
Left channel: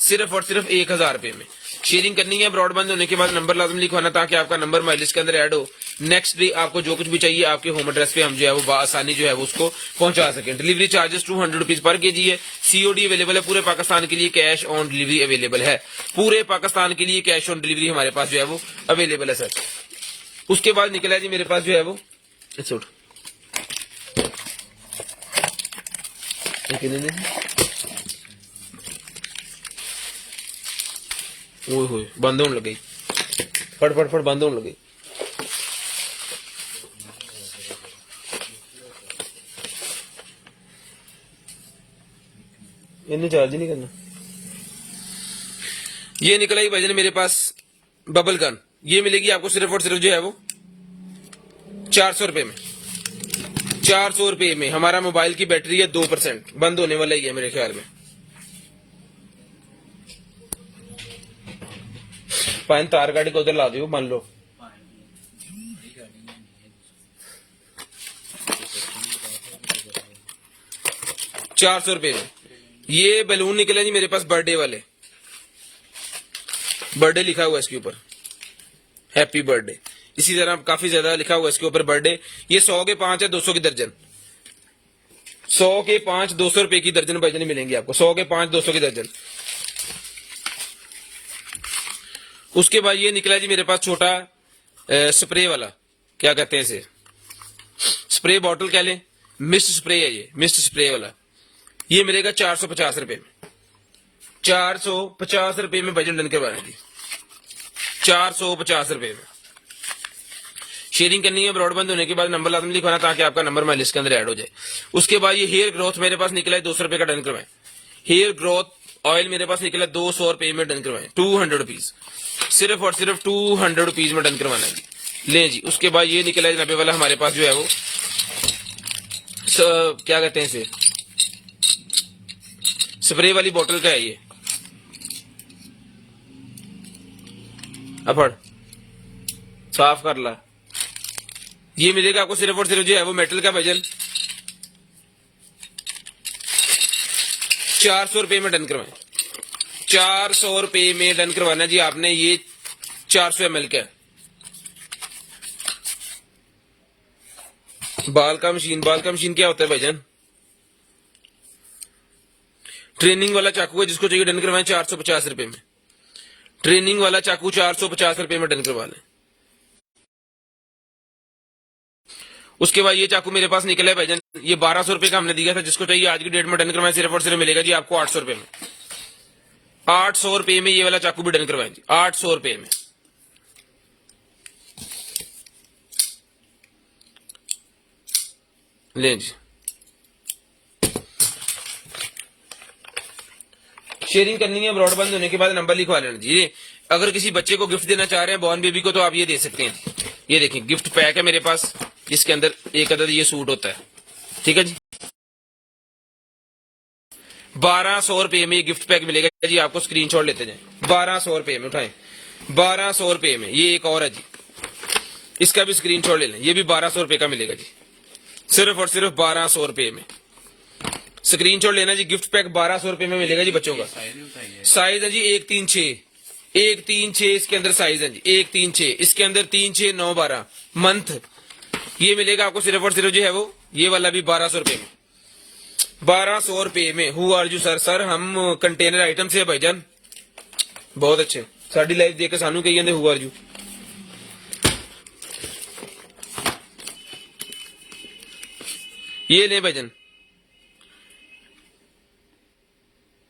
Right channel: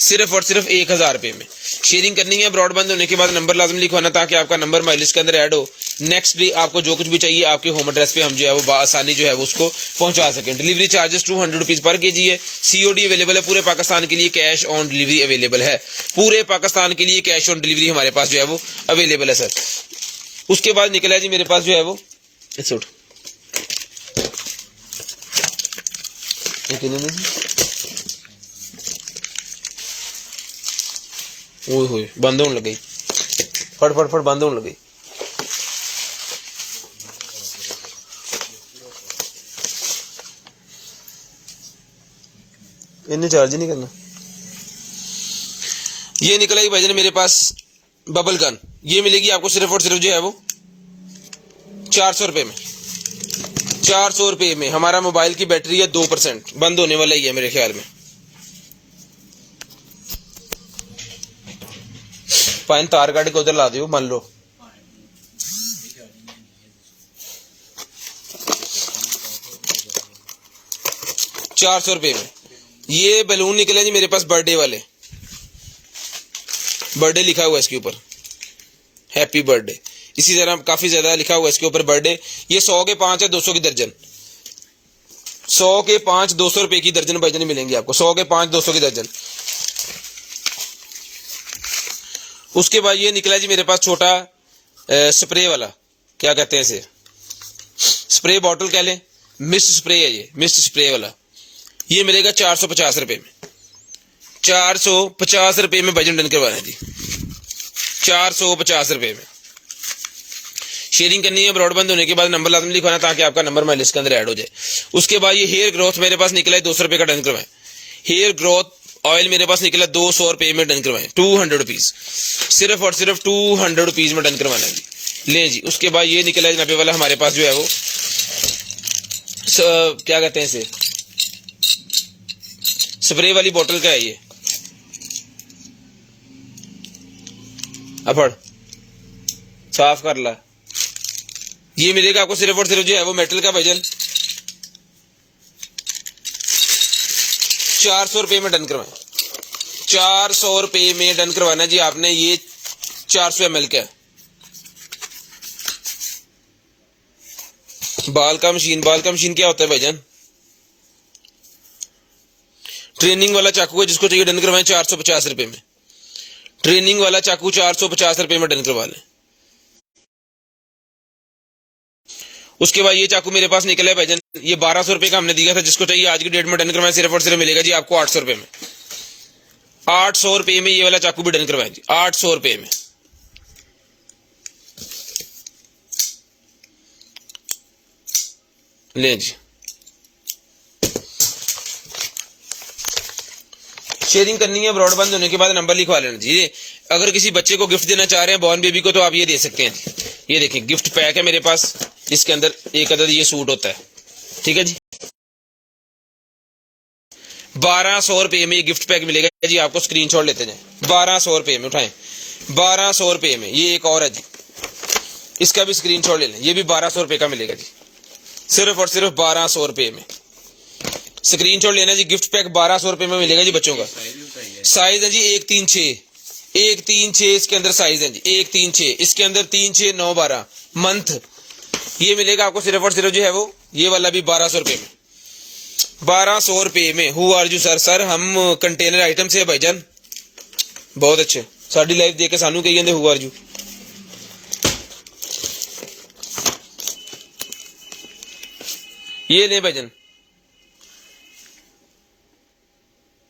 सिर्फ और सिर्फ 1000 रुपए में। शेयरिंग करनी है, ब्रॉडबैंड होने के बाद नंबर लाजम लिखवाना ताकि आपका नंबर माइलिस के अंदर ऐड हो। नेक्स्ट डे आपको जो कुछ भी चाहिए आपके होम एड्रेस पे हम जो है वो आसानी जो है वो उसको पहुंचा सकें। Delivery charges 200 rupees per KG है। सीओडी अवेलेबल है पूरे पाकिस्तान के लिए, कैश ऑन डिलीवरी अवेलेबल है पूरे पाकिस्तान के लिए, कैश ऑन डिलीवरी हमारे पास जो है वो अवेलेबल है सर। उसके बाद निकला है जी मेरे पास जो है वो बंद होने लग गई, फट फट फट बंद होने लग गई। इन्हें चार्ज ही नहीं करना। ये निकला ही भाईजान मेरे पास बबल गन, ये मिलेगी आपको सिर्फ और सिर्फ जो है वो 400 रुपए में। 400 रुपए में हमारा मोबाइल की बैटरी है 2%, बंद होने वाला ही है मेरे ख्याल में। पाइन तार गाड़ी को उधर ला दियो, मान लो। ₹400 में ये बैलून निकले जी मेरे पास बर्थडे वाले, बर्थडे लिखा हुआ है इसके ऊपर, हैप्पी बर्थडे। इसी तरह काफी ज्यादा लिखा हुआ है इसके ऊपर बर्थडे। ये 100 के 5 है, 200 की दर्जन। 100 के 5 200 रुपए की दर्जन भाईजान मिलेंगे आपको, 100 के 5 200 की दर्जन। उसके बाद ये निकला जी मेरे पास छोटा स्प्रे वाला, क्या कहते हैं इसे, स्प्रे बॉटल कह लें, मिस्ट स्प्रे है ये, मिस्ट स्प्रे वाला। ये मिलेगा 450 रुपए में। 450 रुपए में बजट डन करवाना जी, 450 रुपए में। शेयरिंग करनी है, ब्रॉडबैंड होने के बाद नंबर लाजम लिखवाना ताकि आपका नंबर मैं लिस्ट के अंदर ऐड हो जाए। उसके बाद ये हेयर ग्रोथ मेरे पास निकला है 200 रुपए का, डन करवाए। हेयर ग्रोथ ऑयल मेरे पास निकला 200 रुपए में, डन करवाए। 200 रुपीज, सिर्फ और सिर्फ 200 रुपीज में डन करवाना है जी। ले जी, उसके बाद ये निकला है 90 वाला हमारे पास जो है वो क्या कहते हैं इसे, स्प्रे वाली बोतल का है ये। अपड़ साफ कर ला। ये मिलेगा आपको सिर्फ और सिर्फ जो है वो मेटल का वजन 400 रुपए में डन करवाएं। 400 रुपए में डन करवाना जी आपने। ये 400 ml का है। बाल का मशीन क्या होता है भाईजान, ट्रेनिंग वाला चाकू है, जिसको चाहिए डन करवाएं 450 रुपए में। ट्रेनिंग वाला चाकू 450 रुपए में डन करवा लें। उसके बाद ये चाकू मेरे पास निकला है भाईजान, ये 1200 रुपए का हमने दिया था, जिसको चाहिए आज की डेट में डन करवाएं सिर्फ और सिर्फ मिलेगा जी आपको 800 रुपए में। 800 रुपए में ये वाला चाकू भी डन करवाएं जी, 800 रुपए में। ले जी, शेयरिंग करनी है, ब्रॉडबैंड होने के बाद नंबर लिखवा लेना जी। अगर किसी बच्चे को गिफ्ट देना चाह रहे हैं, बॉर्न बेबी को, तो आप ये दे सकते हैं। ये देखिए गिफ्ट पैक है मेरे पास, इसके अंदर एक अदद ये सूट होता है। ठीक है जी। 1200 रुपये में ये गिफ्ट पैक मिलेगा जी आपको, स्क्रीनशॉट लेते जाएं। 1200 रुपये में उठाएं, 1200 रुपये में। ये एक और है जी, इसका भी स्क्रीनशॉट ले लें, ये भी 1200 रुपये का मिलेगा जी, सिर्फ और सिर्फ 1200 रुपये में। स्क्रीनशॉट लेना जी, गिफ्ट पैक 1200 रुपये में मिलेगा जी बच्चों का। साइज है जी 136, 136 इसके अंदर साइज है जी, 136 इसके अंदर 3, 6, 9, 12 मंथ। ये मिलेगा आपको सिर्फ और सिर्फ जो है वो ये वाला भी 1200 रुपये में, 1200 रुपये में। Who are you sir? Sir हम कंटेनर आइटम से है भाईजान। बहुत अच्छे, साड़ी लाइफ देख के सानू कही जाते हु आर यू। ये ले भाईजान,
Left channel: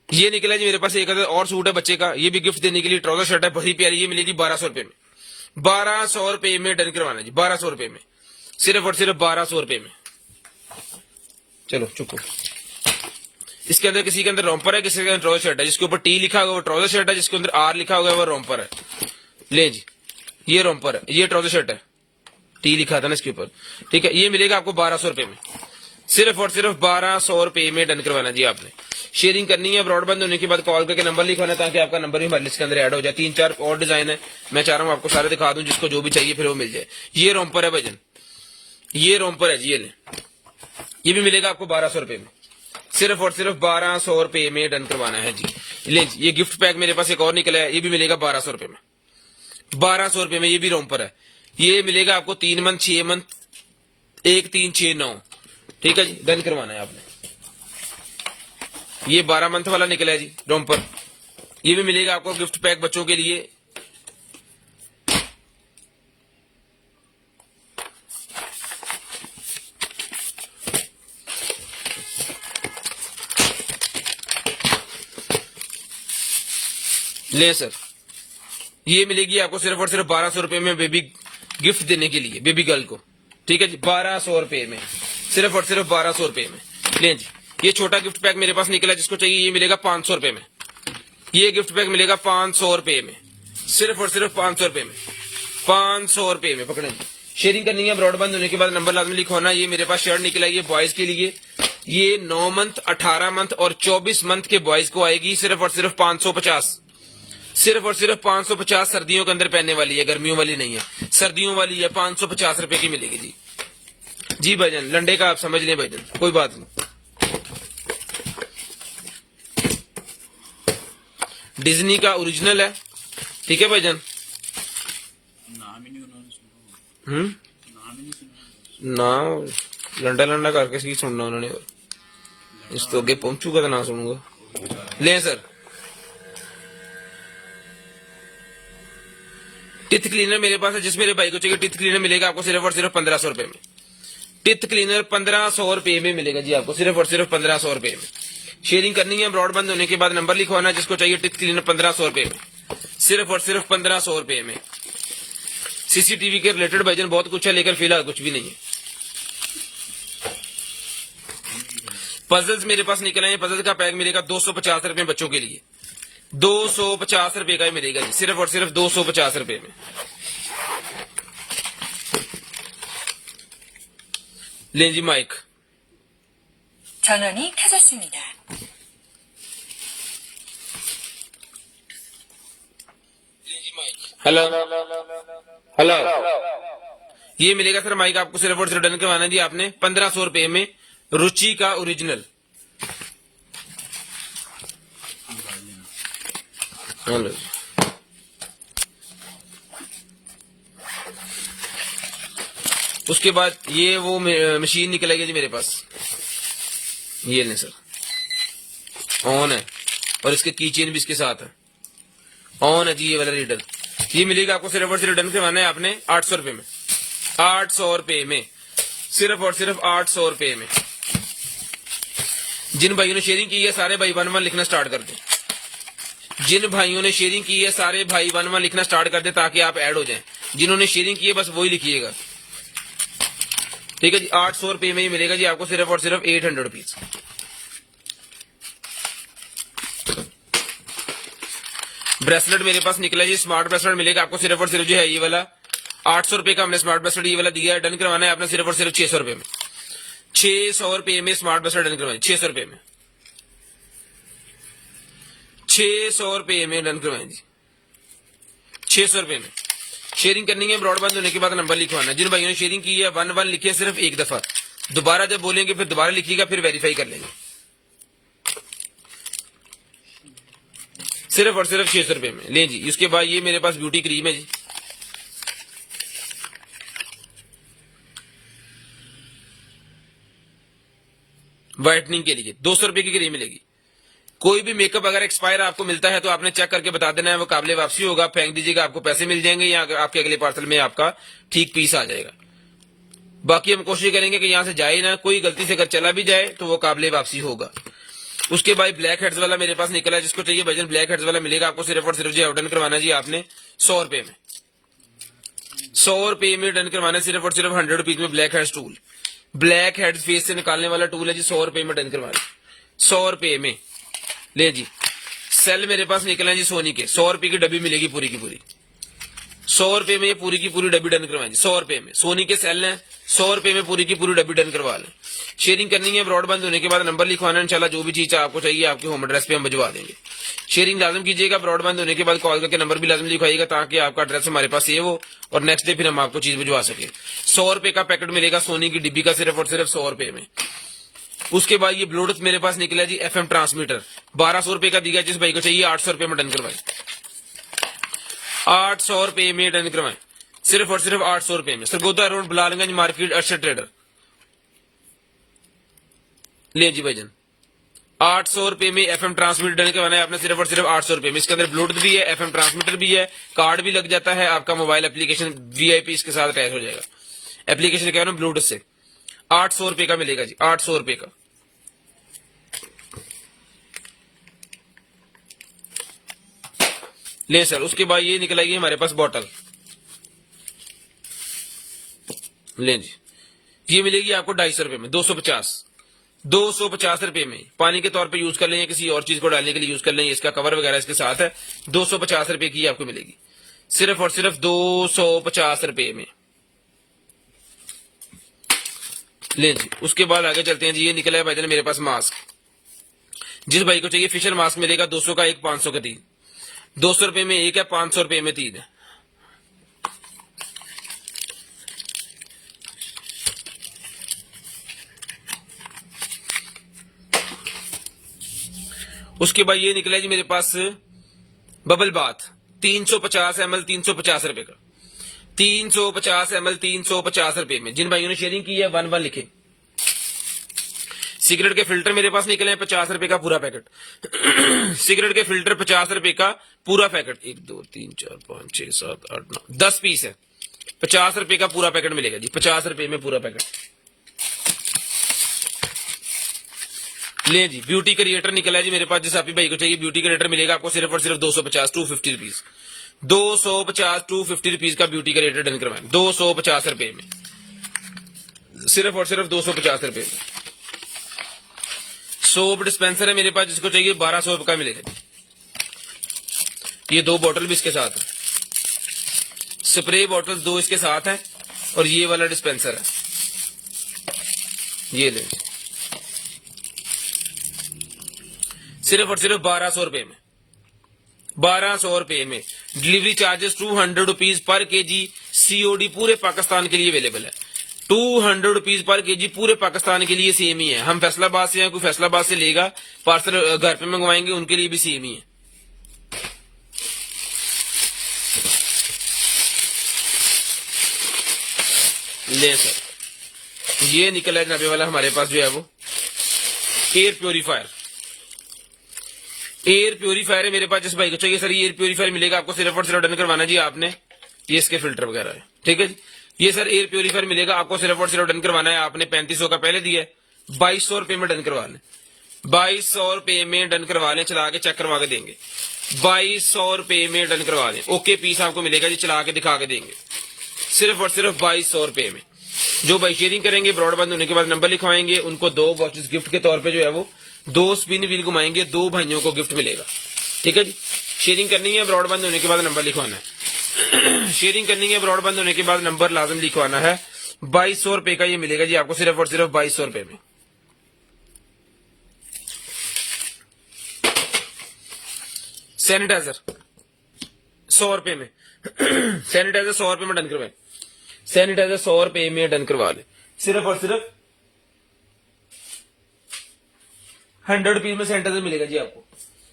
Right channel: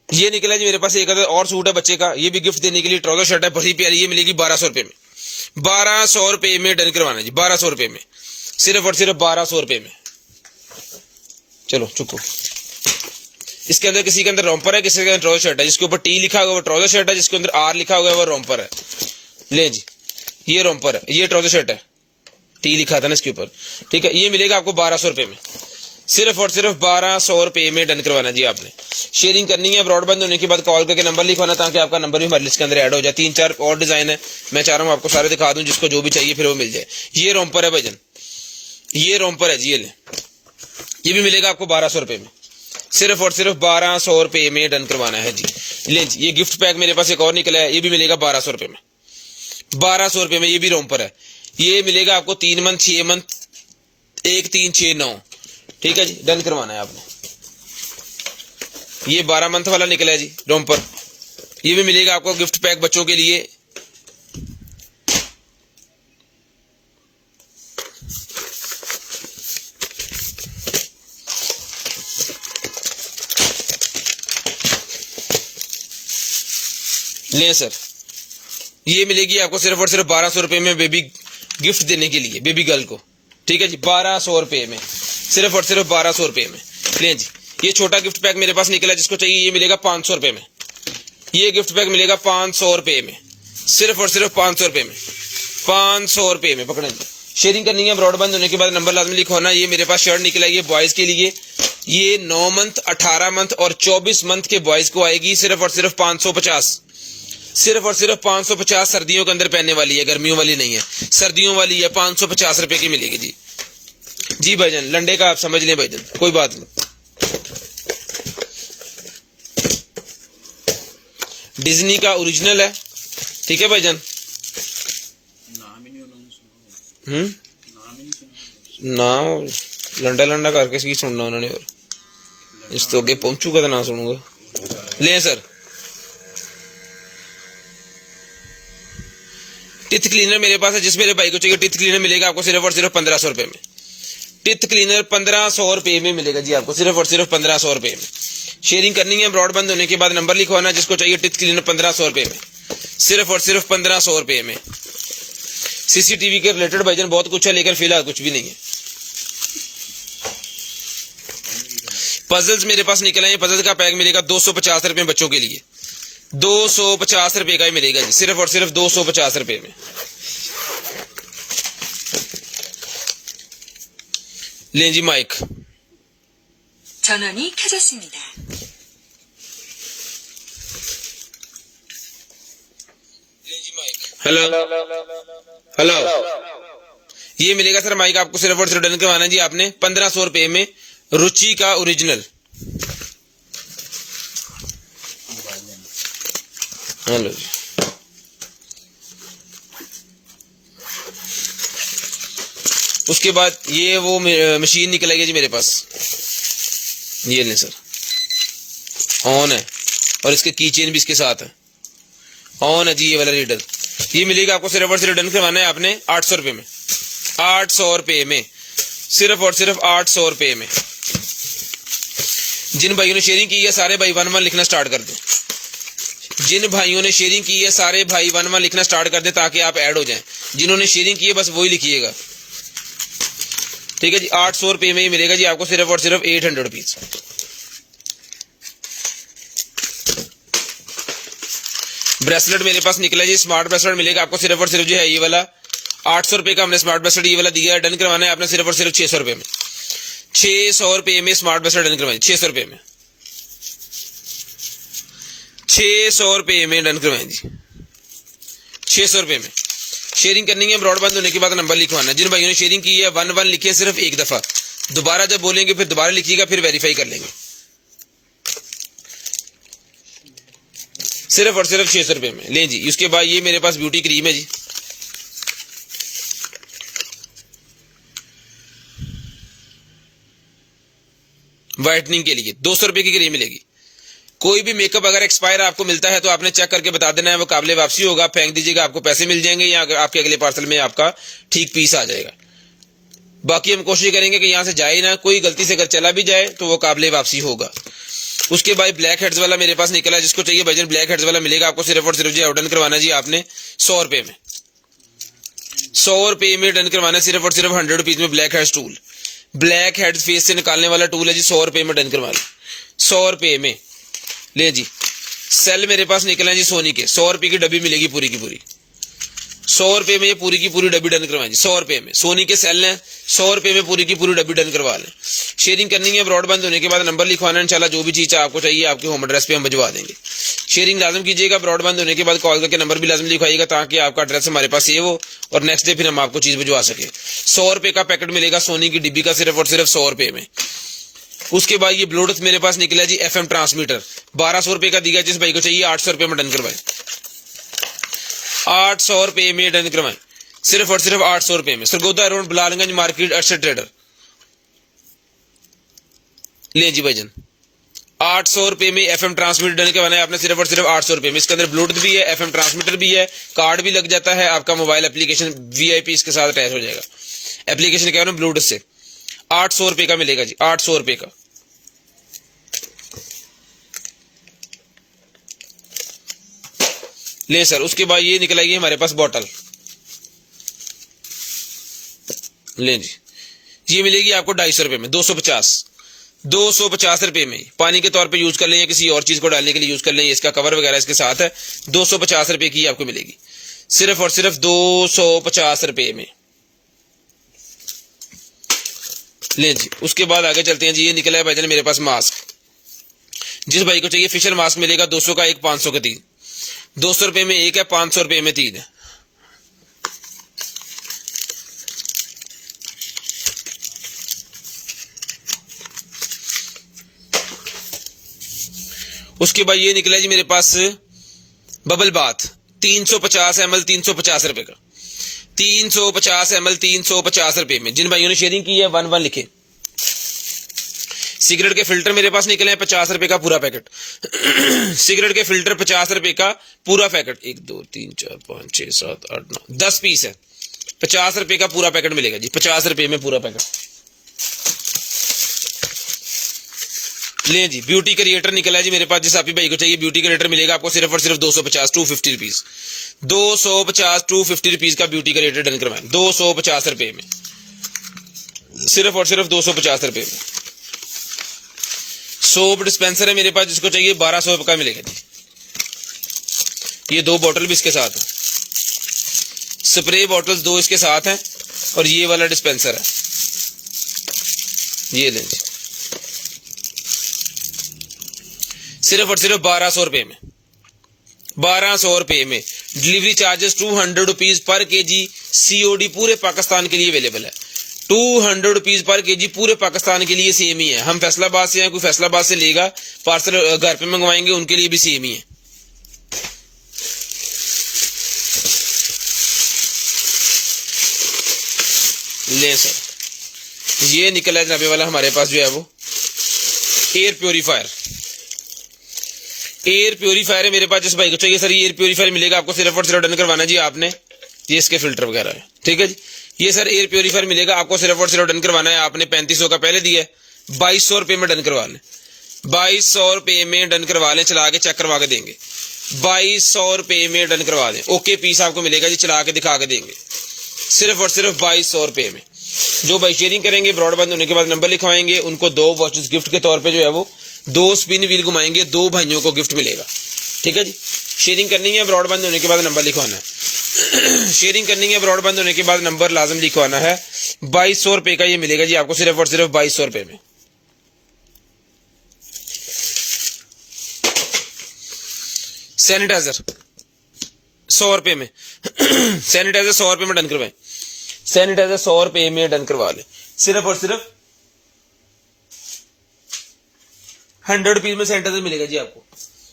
ये निकला जी मेरे पास एक और सूट है बच्चे का, ये भी गिफ्ट देने के लिए, ट्राउजर शर्ट है बड़ी प्यारी, ये मिलेगी 1200 रुपये में। 1200 रुपये में डन करवाना जी, 1200 रुपये में, सिर्फ और सिर्फ 1200 रुपये में। चलो चुको। इसके अंदर किसी के अंदर रॉम्पर है, किसी के अंदर ट्राउजर शर्ट है, जिसके ऊपर टी लिखा होगा वो ट्राउजर शर्ट है, जिसके अंदर आर लिखा होगा वो रॉम्पर है। ले जी, ये रॉम्पर है, ये ट्राउजर शर्ट है, टी लिखा था ना इसके ऊपर, ठीक है। ये मिलेगा आपको 1200 रुपये में, सिर्फ और सिर्फ 1200 रुपये में डन करवाना जी आपने। शेयरिंग करनी है, ब्रॉडबैंड होने के बाद कॉल करके नंबर लिखवाना, ताकि आपका नंबर भी हमारे लिस्ट के अंदर ऐड हो जाए। 3-4 और डिजाइन है, मैं चाह रहा हूँ आपको सारे दिखा दूं, जिसको जो भी चाहिए फिर वो मिल जाए। ये रॉम्पर है भाईजान, ये रॉम्पर है जी, ये ले, ये भी मिलेगा आपको 1200 रुपये में, सिर्फ और सिर्फ 1200 रुपये में डन करवाना है जी। ले जी, ये गिफ्ट पैक मेरे पास एक और निकला है, ये भी मिलेगा 1200 रुपये में, 1200 रुपये में। ये भी रॉम्पर है, ये मिलेगा आपको 3 मंथ, 6 मंथ, 1, 3, 6, 9, ठीक है जी, डन करवाना है आपने। ये 12 मंथ वाला निकला है जी रॉम्पर, ये भी मिलेगा आपको गिफ्ट पैक बच्चों के लिए। ले सर, ये मिलेगी आपको सिर्फ और सिर्फ 1200 रुपये में, बेबी गिफ्ट देने के लिए बेबी गर्ल को, ठीक है जी, 1200 रुपये में, सिर्फ और सिर्फ 1200 रुपये में। ले जी, ये छोटा गिफ्ट पैक मेरे पास निकला, जिसको चाहिए ये मिलेगा 500 रुपये में। ये गिफ्ट पैक मिलेगा 500 रुपये में, सिर्फ और सिर्फ 500 रुपये में, 500 रुपये में। पकड़े जी, शेयरिंग करनी है, ब्रॉडबैंड होने के बाद नंबर लाजमी लिखवाना। ये मेरे पास शर्ट निकला है, ये बॉयज के लिए, ये 9 मंथ, 18 मंथ और 24 मंथ के बॉयज को आएगी, सिर्फ और सिर्फ 550, सिर्फ और सिर्फ 550। सर्दियों के अंदर पहनने वाली है, गर्मियों वाली नहीं है, सर्दियों वाली है, 550 रुपये की मिलेगी जी। जी भाईजान, लंडे का आप समझ लें भाईजान, कोई बात नहीं। डिज्नी का ओरिजिनल है, ठीक है भाईजान। ना लंडा लंडा करके सी सुनना उन्होंने, और इस तो आगे पहुंचूगा तो ना सुनूंगा। ले सर, टिथ क्लीनर मेरे पास है, जिस मेरे भाई को चाहिए टिथ क्लीनर मिलेगा आपको सिर्फ और सिर्फ 1500 रुपये में। टिथ क्लीनर 1500 रुपये में मिलेगा जी आपको, सिर्फ और सिर्फ 1500 रुपये में। शेयरिंग करनी है, ब्रॉडबैंड होने के बाद नंबर लिखवाना, जिसको चाहिए टिथ क्लीनर 1500 रुपये में, सिर्फ और सिर्फ 1500 रुपये में। सीसीटीवी के रिलेटेड भाईजान बहुत कुछ है, लेकिन फिलहाल कुछ भी नहीं है। पजल्स मेरे पास निकले हैं, पजल का पैक मिलेगा 250 रुपये बच्चों के लिए, 250 रुपये का ही मिलेगा जी, सिर्फ और सिर्फ 250 रुपये में। ले जी माइक, 전원이 켜졌습니다. हेलो हेलो, ये मिलेगा सर माइक आपको सिर्फ और सिर्फ डन करवाना है जी आपने 1500 रुपये में, रुचि का ओरिजिनल। हेलो जी, उसके बाद ये वो मशीन निकलेगी जी मेरे पास, ये नहीं सर, ऑन है और इसके कीचेन भी इसके साथ है, ऑन है जी ये वाला रीडर। ये मिलेगा आपको सिर्फ और सिर्फ डन करवाना है आपने 800 रुपये में, 800 रुपये में, सिर्फ और सिर्फ 800 रुपये में। जिन भाइयों ने शेयरिंग की है सारे भाई 1-1 लिखना स्टार्ट कर दें, जिन भाइयों ने शेयरिंग की है सारे भाई 1-1 लिखना स्टार्ट कर दें, ताकि आप ऐड हो जाएं। जिन्होंने शेयरिंग की है बस वही लिखिएगा, ठीक है जी। 800 रुपये में ही मिलेगा जी आपको, सिर्फ और सिर्फ 800 रुपीज। ब्रेसलेट मेरे पास निकला जी, स्मार्ट ब्रेसलेट मिलेगा आपको सिर्फ और सिर्फ जो है ये वाला 800 रुपये का हमने स्मार्ट ब्रेसलेट ये वाला दिया है। डन करवाना है आपने सिर्फ और सिर्फ 600 रुपये में, 600 रुपये में स्मार्ट ब्रेसलेट डन करवाना है, 600 रुपये में। ₹600 में डन करवाएं जी, ₹600 में। शेयरिंग करनी है, ब्रॉडबैंड होने के बाद नंबर लिखवाना है। जिन भाइयों ने शेयरिंग की है 11 लिखिए सिर्फ एक दफा, दोबारा जब बोलेंगे फिर दोबारा लिखिएगा, फिर वेरीफाई कर लेंगे। सिर्फ और सिर्फ ₹600 में लें जी। उसके बाद ये मेरे पास ब्यूटी क्रीम है जी, व्हाइटनिंग के लिए ₹200 की क्रीम मिलेगी। कोई भी मेकअप अगर एक्सपायर आपको मिलता है तो आपने चेक करके बता देना है, वो काबिले वापसी होगा, फेंक दीजिएगा, आपको पैसे मिल जाएंगे या आपके अगले पार्सल में आपका ठीक पीस आ जाएगा। बाकी हम कोशिश करेंगे कि यहाँ से जाए ना, कोई गलती से अगर चला भी जाए तो वो काबिले वापसी होगा। उसके बाद ब्लैक हेड्स वाला मेरे पास निकला है, जिसको चाहिए भाईजान ब्लैक हेड्स वाला मिलेगा आपको सिर्फ और सिर्फ जी ऑर्डर करवाना जी आपने ₹100 में, ₹100 में डन करवाना, सिर्फ और सिर्फ ₹100 में black heads tool, black heads face से निकालने वाला टूल है जी, ₹100 में डन करवाना, ₹100 में ले जी। सेल मेरे पास निकला जी सोनी के, ₹100 की डब्बी मिलेगी पूरी की पूरी, ₹100 में ये पूरी की पूरी डब्बी डन करवाएं जी, ₹100 में। सोनी के सेल हैं, ₹100 में पूरी की पूरी डब्बी डन करवा लें। शेयरिंग करनी है, ब्रॉडबैंड होने के बाद नंबर लिखवाना है, इंशाल्लाह जो भी चीज आपको चाहिए आपके होम एड्रेस पे हम भिजवा देंगे। शेयरिंग लाजम कीजिएगा, ब्रॉडबैंड होने के बाद कॉल करके नंबर भी लाजम लिखवाइएगा ताकि आपका एड्रेस हमारे पास सेव हो और नेक्स्ट डे फिर हम आपको चीज भिजवा सकें। ₹100 का पैकेट मिलेगा सोनी की डिब्बी का सिर्फ और सिर्फ ₹100 में। उसके बाद ये ब्लूटूथ मेरे पास निकला जी FM ट्रांसमीटर, ₹1200 का दिया, जिस भाई को चाहिए ₹800 में डन करवाएं, ₹800 में डन करवाएं, सिर्फ और सिर्फ ₹800 में। सरगोदा रोड बिलालगंज मार्केट एक्सेट ट्रेडर ले जी भाईजान, ₹800 में FM ट्रांसमीटर डन करवाना है आपने सिर्फ और सिर्फ ₹800 में। इसके अंदर ब्लूटूथ भी है, FM ट्रांसमीटर भी है, कार्ड भी लग जाता है, आपका मोबाइल एप्लीकेशन VIP इसके साथ अटैच हो जाएगा। एप्लीकेशन कह रहा हूँ ब्लूटूथ से, ₹800 का मिलेगा जी, ₹800 का। ले सर, उसके बाद ये निकलेगी हमारे पास बॉटल, ले जी, ये मिलेगी आपको ₹250 में, 250 रुपए में। पानी के तौर पे यूज कर लें या किसी और चीज को डालने के लिए यूज कर लें, इसका कवर वगैरह इसके साथ है, ₹250 की आपको मिलेगी, सिर्फ और सिर्फ ₹250 में ले जी। उसके बाद आगे चलते हैं जी, ये निकला है भाईजान मेरे पास मास्क, जिस भाई को चाहिए फिशर मास्क मिलेगा, 200 का एक, 500 का 3, ₹200 में एक है, ₹500 में 3 है। उसके बाद ये निकला जी मेरे पास बबल बाथ, 350 ml, ₹350 का, 350 ml, ₹350 में। जिन भाइयों ने शेयरिंग की है 11 लिखे। सिगरेट के फिल्टर मेरे पास निकले हैं ₹50 का पूरा पैकेट, सिगरेट के फिल्टर ₹50 का पूरा पैकेट, 1 2 3 4 5 6 7 8 9 10 पीस है, ₹50 का पूरा पैकेट मिलेगा जी, ₹50 में पूरा पैकेट ले जी। ब्यूटी क्रिएटर निकला जी मेरे पास, जिस आप भाई को चाहिए ब्यूटी क्रिएटर मिलेगा आपको सिर्फ और सिर्फ 250 रुपीज, 250 का ब्यूटी क्रिएटर डन करवाएं, ₹250 में, सिर्फ और सिर्फ ₹250 में। सोप डिस्पेंसर है मेरे पास, जिसको चाहिए ₹1200 का मिलेगा जी, ये 2 बॉटल भी इसके साथ है, स्प्रे बॉटल्स 2 इसके साथ हैं और ये वाला डिस्पेंसर है, ये लें सिर्फ और सिर्फ ₹1200 में, ₹1200 में। डिलीवरी चार्जेस ₹200 पर केजी, COD पूरे पाकिस्तान के लिए अवेलेबल है, ₹200 पर केजी पूरे पाकिस्तान के लिए सेम ही है। हम फैसलाबाद से हैं, कोई फैसलाबाद से लेगा पार्सल घर पे मंगवाएंगे, उनके लिए भी सेम ही है। ले सर, ये निकला जनाबे वाला हमारे पास जो है वो एयर प्योरीफायर, एयर प्योरीफायर है मेरे पास, जिस भाई को चाहिए सर ये एयर प्योरीफायर मिलेगा आपको सिर्फ और सिर्फ डन करवाना जी आपने, ये इसके फिल्टर वगैरह है, ठीक है जी। ये सर एयर प्योरीफायर मिलेगा आपको सिर्फ और सिर्फ डन करवाना है आपने, 3500 का पहले दिया है, ₹2200 में डन करवा लें, ₹2200 में डन करवा लें, चला के चेक करवा के देंगे, ₹2200 में डन करवा दें, ओके पीस आपको मिलेगा जी, चला के दिखा के देंगे, सिर्फ और सिर्फ ₹2200 में। जो भाई शेयरिंग करेंगे ब्रॉडबैंड होने के बाद नंबर लिखवाएंगे, उनको 2 वॉचेस गिफ्ट के तौर पे जो है वो 2 स्पिन व्हील घुमाएंगे, 2 भाइयों को गिफ्ट मिलेगा, ठीक है जी। शेयरिंग करनी है, ब्रॉडबैंड होने के बाद नंबर लिखवाना है, शेयरिंग करनी है, ब्रॉडबैंड होने के बाद नंबर लाजम लिखवाना है। ₹2200 का ये मिलेगा जी आपको सिर्फ और सिर्फ ₹2200 में। सैनिटाइजर 100 रुपए में सैनिटाइजर 100 रुपए में डन करवाएं, सैनिटाइजर 100 रुपए में डन करवा लें। सिर्फ और सिर्फ 100 रुपीज में सैनिटाइजर मिलेगा जी आपको।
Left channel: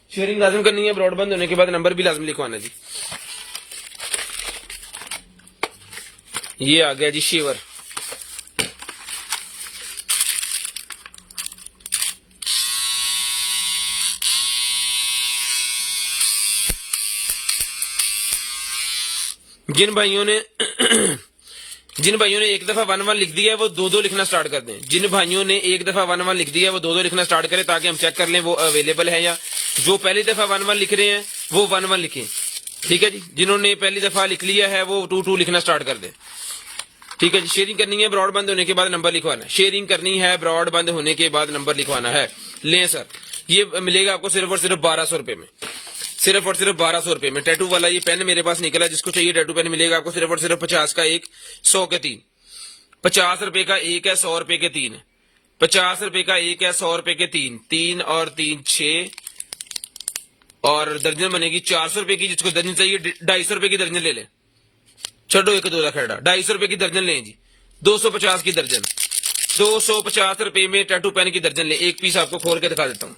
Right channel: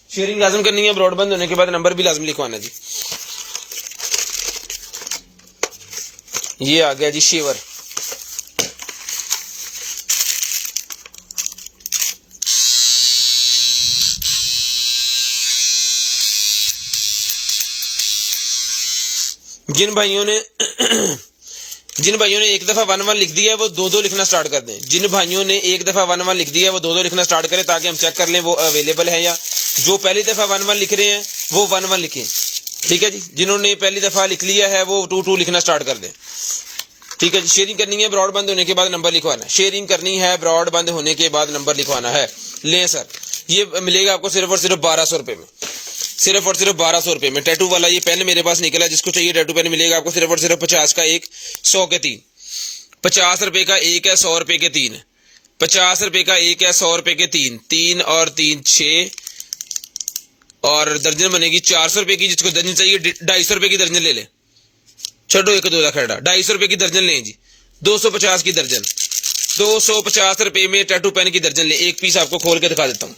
शेयरिंग लाजम करनी है, ब्रॉडबैंड होने के बाद नंबर भी लाजम लिखवाना जी। ये आ गया जी शेवर, जिन भाइयों ने एक दफा 1-1 लिख दिया है वो 2-2 लिखना स्टार्ट कर दें। जिन भाइयों ने एक दफा 1-1 लिख दिया है वो 2-2 लिखना स्टार्ट करें, ताकि हम चेक कर लें वो अवेलेबल है या। जो पहली दफा 1-1 लिख रहे हैं वो 1-1 लिखें, ठीक है जी। जिन्होंने पहली दफा लिख लिया है वो 2-2 लिखना स्टार्ट कर दें, ठीक है जी। शेयरिंग करनी है, ब्रॉड बंद होने के बाद नंबर लिखवाना है। शेयरिंग करनी है, ब्रॉड बंद होने के बाद नंबर लिखवाना है। लें सर, ये मिलेगा आपको सिर्फ और सिर्फ 1200 रुपए में, सिर्फ और सिर्फ 1200 रुपए में। टैटू वाला ये पेन मेरे पास निकला, जिसको चाहिए टैटू पेन मिलेगा आपको सिर्फ और सिर्फ 50 का एक, 100 के 3। 50 रुपए का एक है, 100 रुपए के 3 है। 50 रुपए का एक है, 100 रुपए के 3, 3 और 3 6, और दर्जन बनेगी 400 रुपए की। जिसको दर्जन चाहिए 250 रुपए की दर्जन ले ले, छोड़ो एक दो खड़ा, 250 रुपए की दर्जन लें जी। 250 की दर्जन, 250 रुपए में टैटू पेन की दर्जन ले। एक पीस आपको खोल के दिखा देता हूं।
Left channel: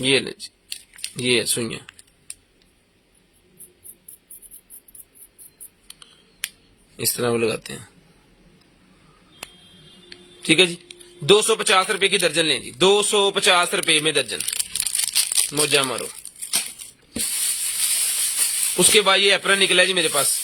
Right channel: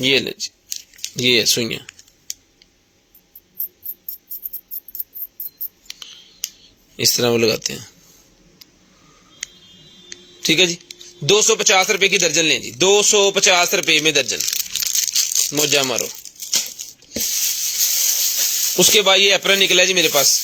ये ले जी, ये सुनिए, इस तरह वो लगाते हैं, ठीक है जी। 250 रुपए की दर्जन लें जी, 250 रुपए में दर्जन, मोजा मारो। उसके बाद ये एप्रन निकला जी मेरे पास,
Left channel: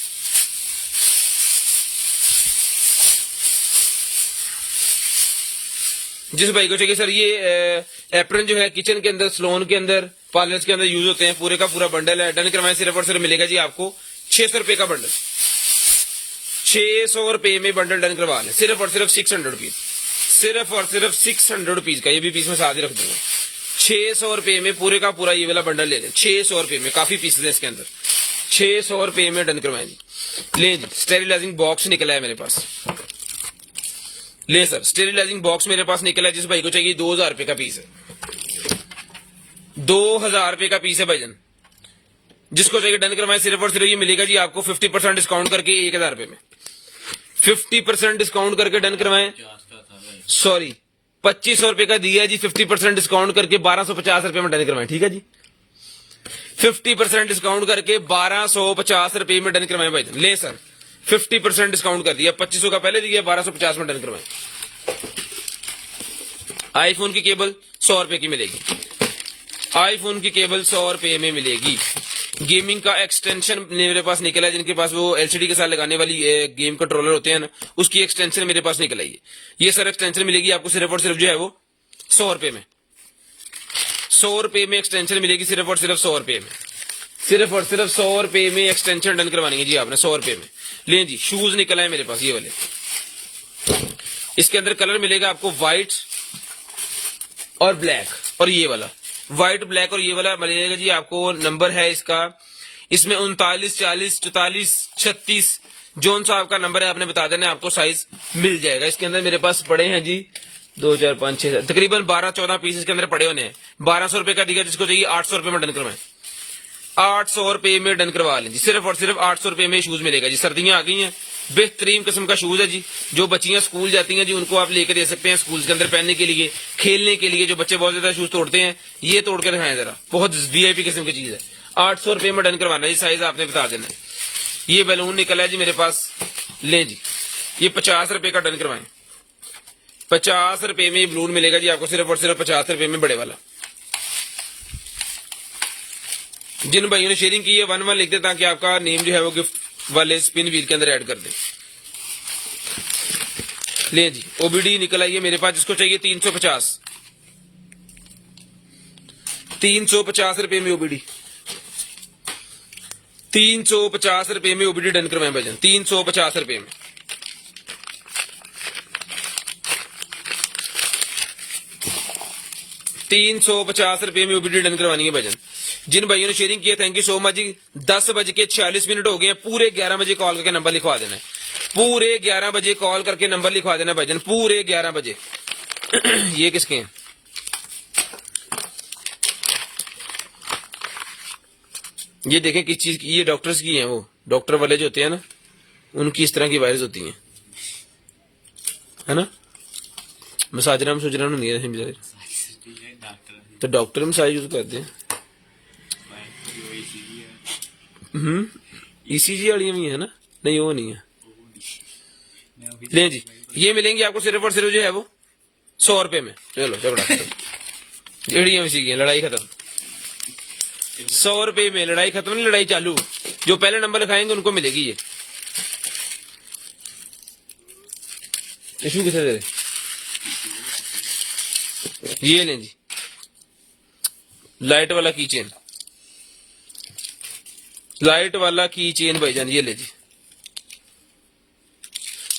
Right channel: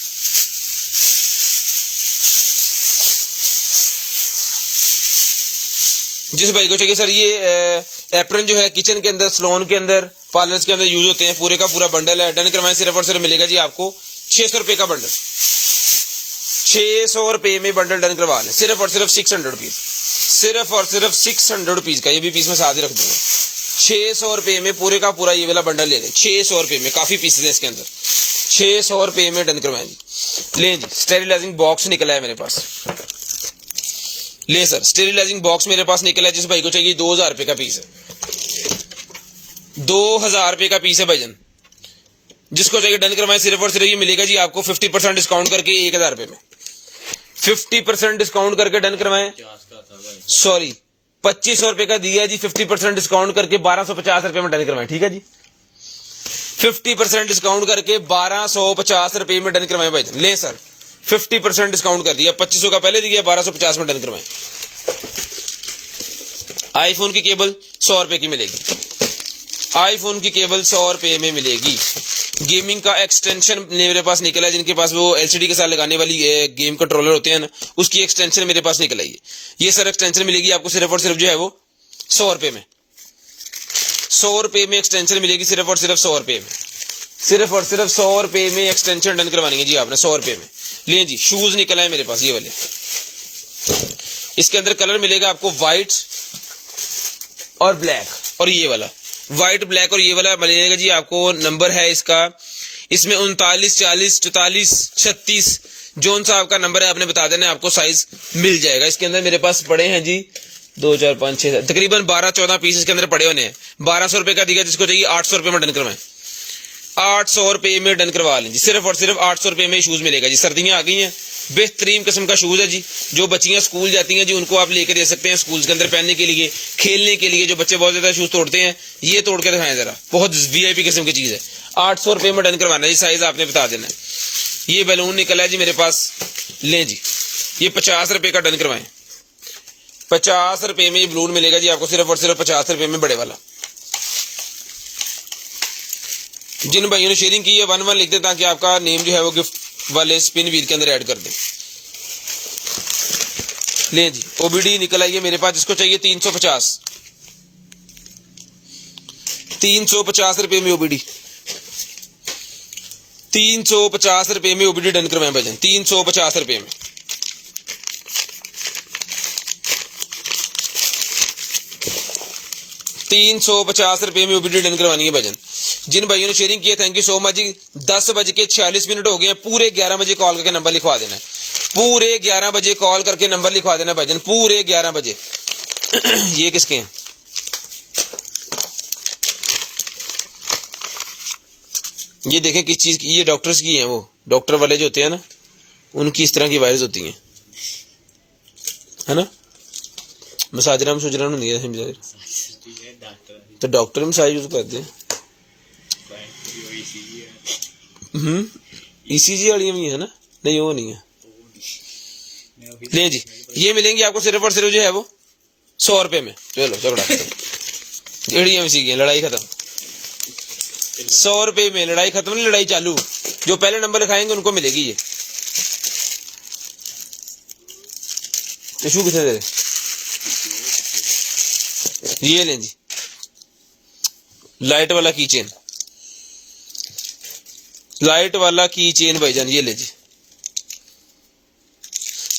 जिस भाई को चाहिए सर ये एप्रन जो है किचन के अंदर, सलोन के अंदर, पार्लर्स के अंदर यूज होते हैं, पूरे का पूरा बंडल है। डन करवाएं, सिर्फ और सिर्फ मिलेगा जी आपको 600 रुपए का बंडल, 600 रुपए में बंडल डन करवा लें। सिर्फ और सिर्फ 600 रुपीज, सिर्फ और सिर्फ 600 रुपीज का, ये भी पीस में साथ ही रख दूंगा। 600 रुपए में पूरे का पूरा ये वाला बंडल ले लें, 600 रुपए में। काफी पीसेस हैं इसके अंदर, 600 रुपए में डन करवाएं जी। लें जी, स्टेरिलाइजिंग बॉक्स निकला है मेरे पास, ले सर, स्टेरिलाइजिंग बॉक्स मेरे पास निकला है। जिस भाई को चाहिए 2000 रुपए का पीस है, 2000 रुपए का पीस है भजन। जिसको चाहिए डन करवाएं, सिर्फ और सिर्फ ये मिलेगा जी आपको 50% डिस्काउंट करके 1000 रुपए में, 50% डिस्काउंट करके डन करवाएं। सॉरी, 2500 रुपए का दिया है जी, 50% डिस्काउंट करके 1250 रुपए में डन करवाएं, ठीक है जी। 50% डिस्काउंट करके 1250 रुपए में डन करवाएं भाई। ले सर, 50% डिस्काउंट कर दिया, 2500 का पहले दिया, 1250 में डन करवाएं। आईफोन की केबल 100 रुपए की मिलेगी, आईफोन की केबल 100 रुपए में मिलेगी। गेमिंग का एक्सटेंशन मेरे पास निकला है, जिनके पास वो एलसीडी के साथ लगाने वाली गेम कंट्रोलर होते हैं ना, उसकी एक्सटेंशन मेरे पास निकल आई है। ये सर एक्सटेंशन मिलेगी आपको सिर्फ और सिर्फ जो है वो 100 रुपए में, 100 रुपए में एक्सटेंशन मिलेगी, सिर्फ और सिर्फ 100 रुपए में, सिर्फ और सिर्फ 100 रुपए में एक्सटेंशन डन करवानी है जी आपने, 100 रुपए में। ले जी, शूज निकला है मेरे पास ये वाले, इसके अंदर कलर मिलेगा आपको व्हाइट और ब्लैक, और ये वाला व्हाइट ब्लैक और ये वाला मिलेगा जी आपको। नंबर है इसका, इसमें 39 40 44 36, जोन सा आपका नंबर है आपने बता देना, आपको साइज मिल जाएगा। इसके अंदर मेरे पास पड़े हैं जी 2 4 5 6 तकरीबन 12-14 पीस इसके अंदर पड़े होने हैं। 1200 रुपए का दिया, जिसको चाहिए 800 रुपए में डन करवाएं, 800 रुपए में डन करवा लें जी। सिर्फ और सिर्फ 800 रुपए में शूज मिलेगा जी। सर्दियां आ गई हैं, बेहतरीन किस्म का शूज है जी। जो बच्चियां स्कूल जाती हैं जी, उनको आप लेकर दे सकते हैं स्कूल के अंदर पहनने के लिए, खेलने के लिए। जो बच्चे बहुत ज्यादा शूज तोड़ते हैं, ये तोड़ के दिखाएं जरा, बहुत वीआईपी किस्म की चीज है। 800 रुपए में डन करवाना है, साइज आपने बता देना है। ये बैलून निकला है जी मेरे पास, लें जी, ये 50 रुपए का डन करवाएं, 50 रुपए में ये बलून मिलेगा जी आपको, सिर्फ और सिर्फ 50 रुपए में बड़े वाला। जिन भाइयों ने शेयरिंग की है 1-1 लिख दे, ताकि आपका नेम जो है वो गिफ्ट वाले स्पिन व्हील के अंदर ऐड कर दे। ले जी, ओबीडी निकल आई है मेरे पास, जिसको चाहिए 350, 350 रुपए में ओबीडी, 350 रुपए में ओबीडी डन करवाएं भजन, 350 रुपए में। ₹350 में ओबीडी डन करवानी है भजन। जिन भाइयों ने शेयरिंग की है, थैंक यू सो मच जी। 10:46 हो गए हैं, पूरे 11 बजे कॉल करके नंबर लिखवा देना है, पूरे 11 बजे कॉल करके नंबर लिखवा देना भजन, पूरे 11 बजे ये किसके हैं? ये देखें किस चीज की, ये डॉक्टर्स की हैं, वो डॉक्टर वाले जो होते हैं ना, उनकी इस तरह की वायरस होती हैं, है ना। मसाजरा मसूजरा नहीं है, तो डॉक्टर मसाज यूज करते हैं। ईसीजी वाली भी है ना, नहीं वो नहीं है। नहीं जी, ये मिलेंगी आपको सिर्फ और सिर्फ जो है वो 100 रुपए में। चलो झगड़ा खत्म, एड़ियां सी गई, लड़ाई खत्म। 100 रुपए में लड़ाई खत्म नहीं, लड़ाई चालू। जो पहले नंबर लिखाएंगे उनको मिलेगी ये। टिशू कितने दे, ये लें जी, लाइट वाला की चेन, लाइट वाला की चेन भाईजान, ये ले जी।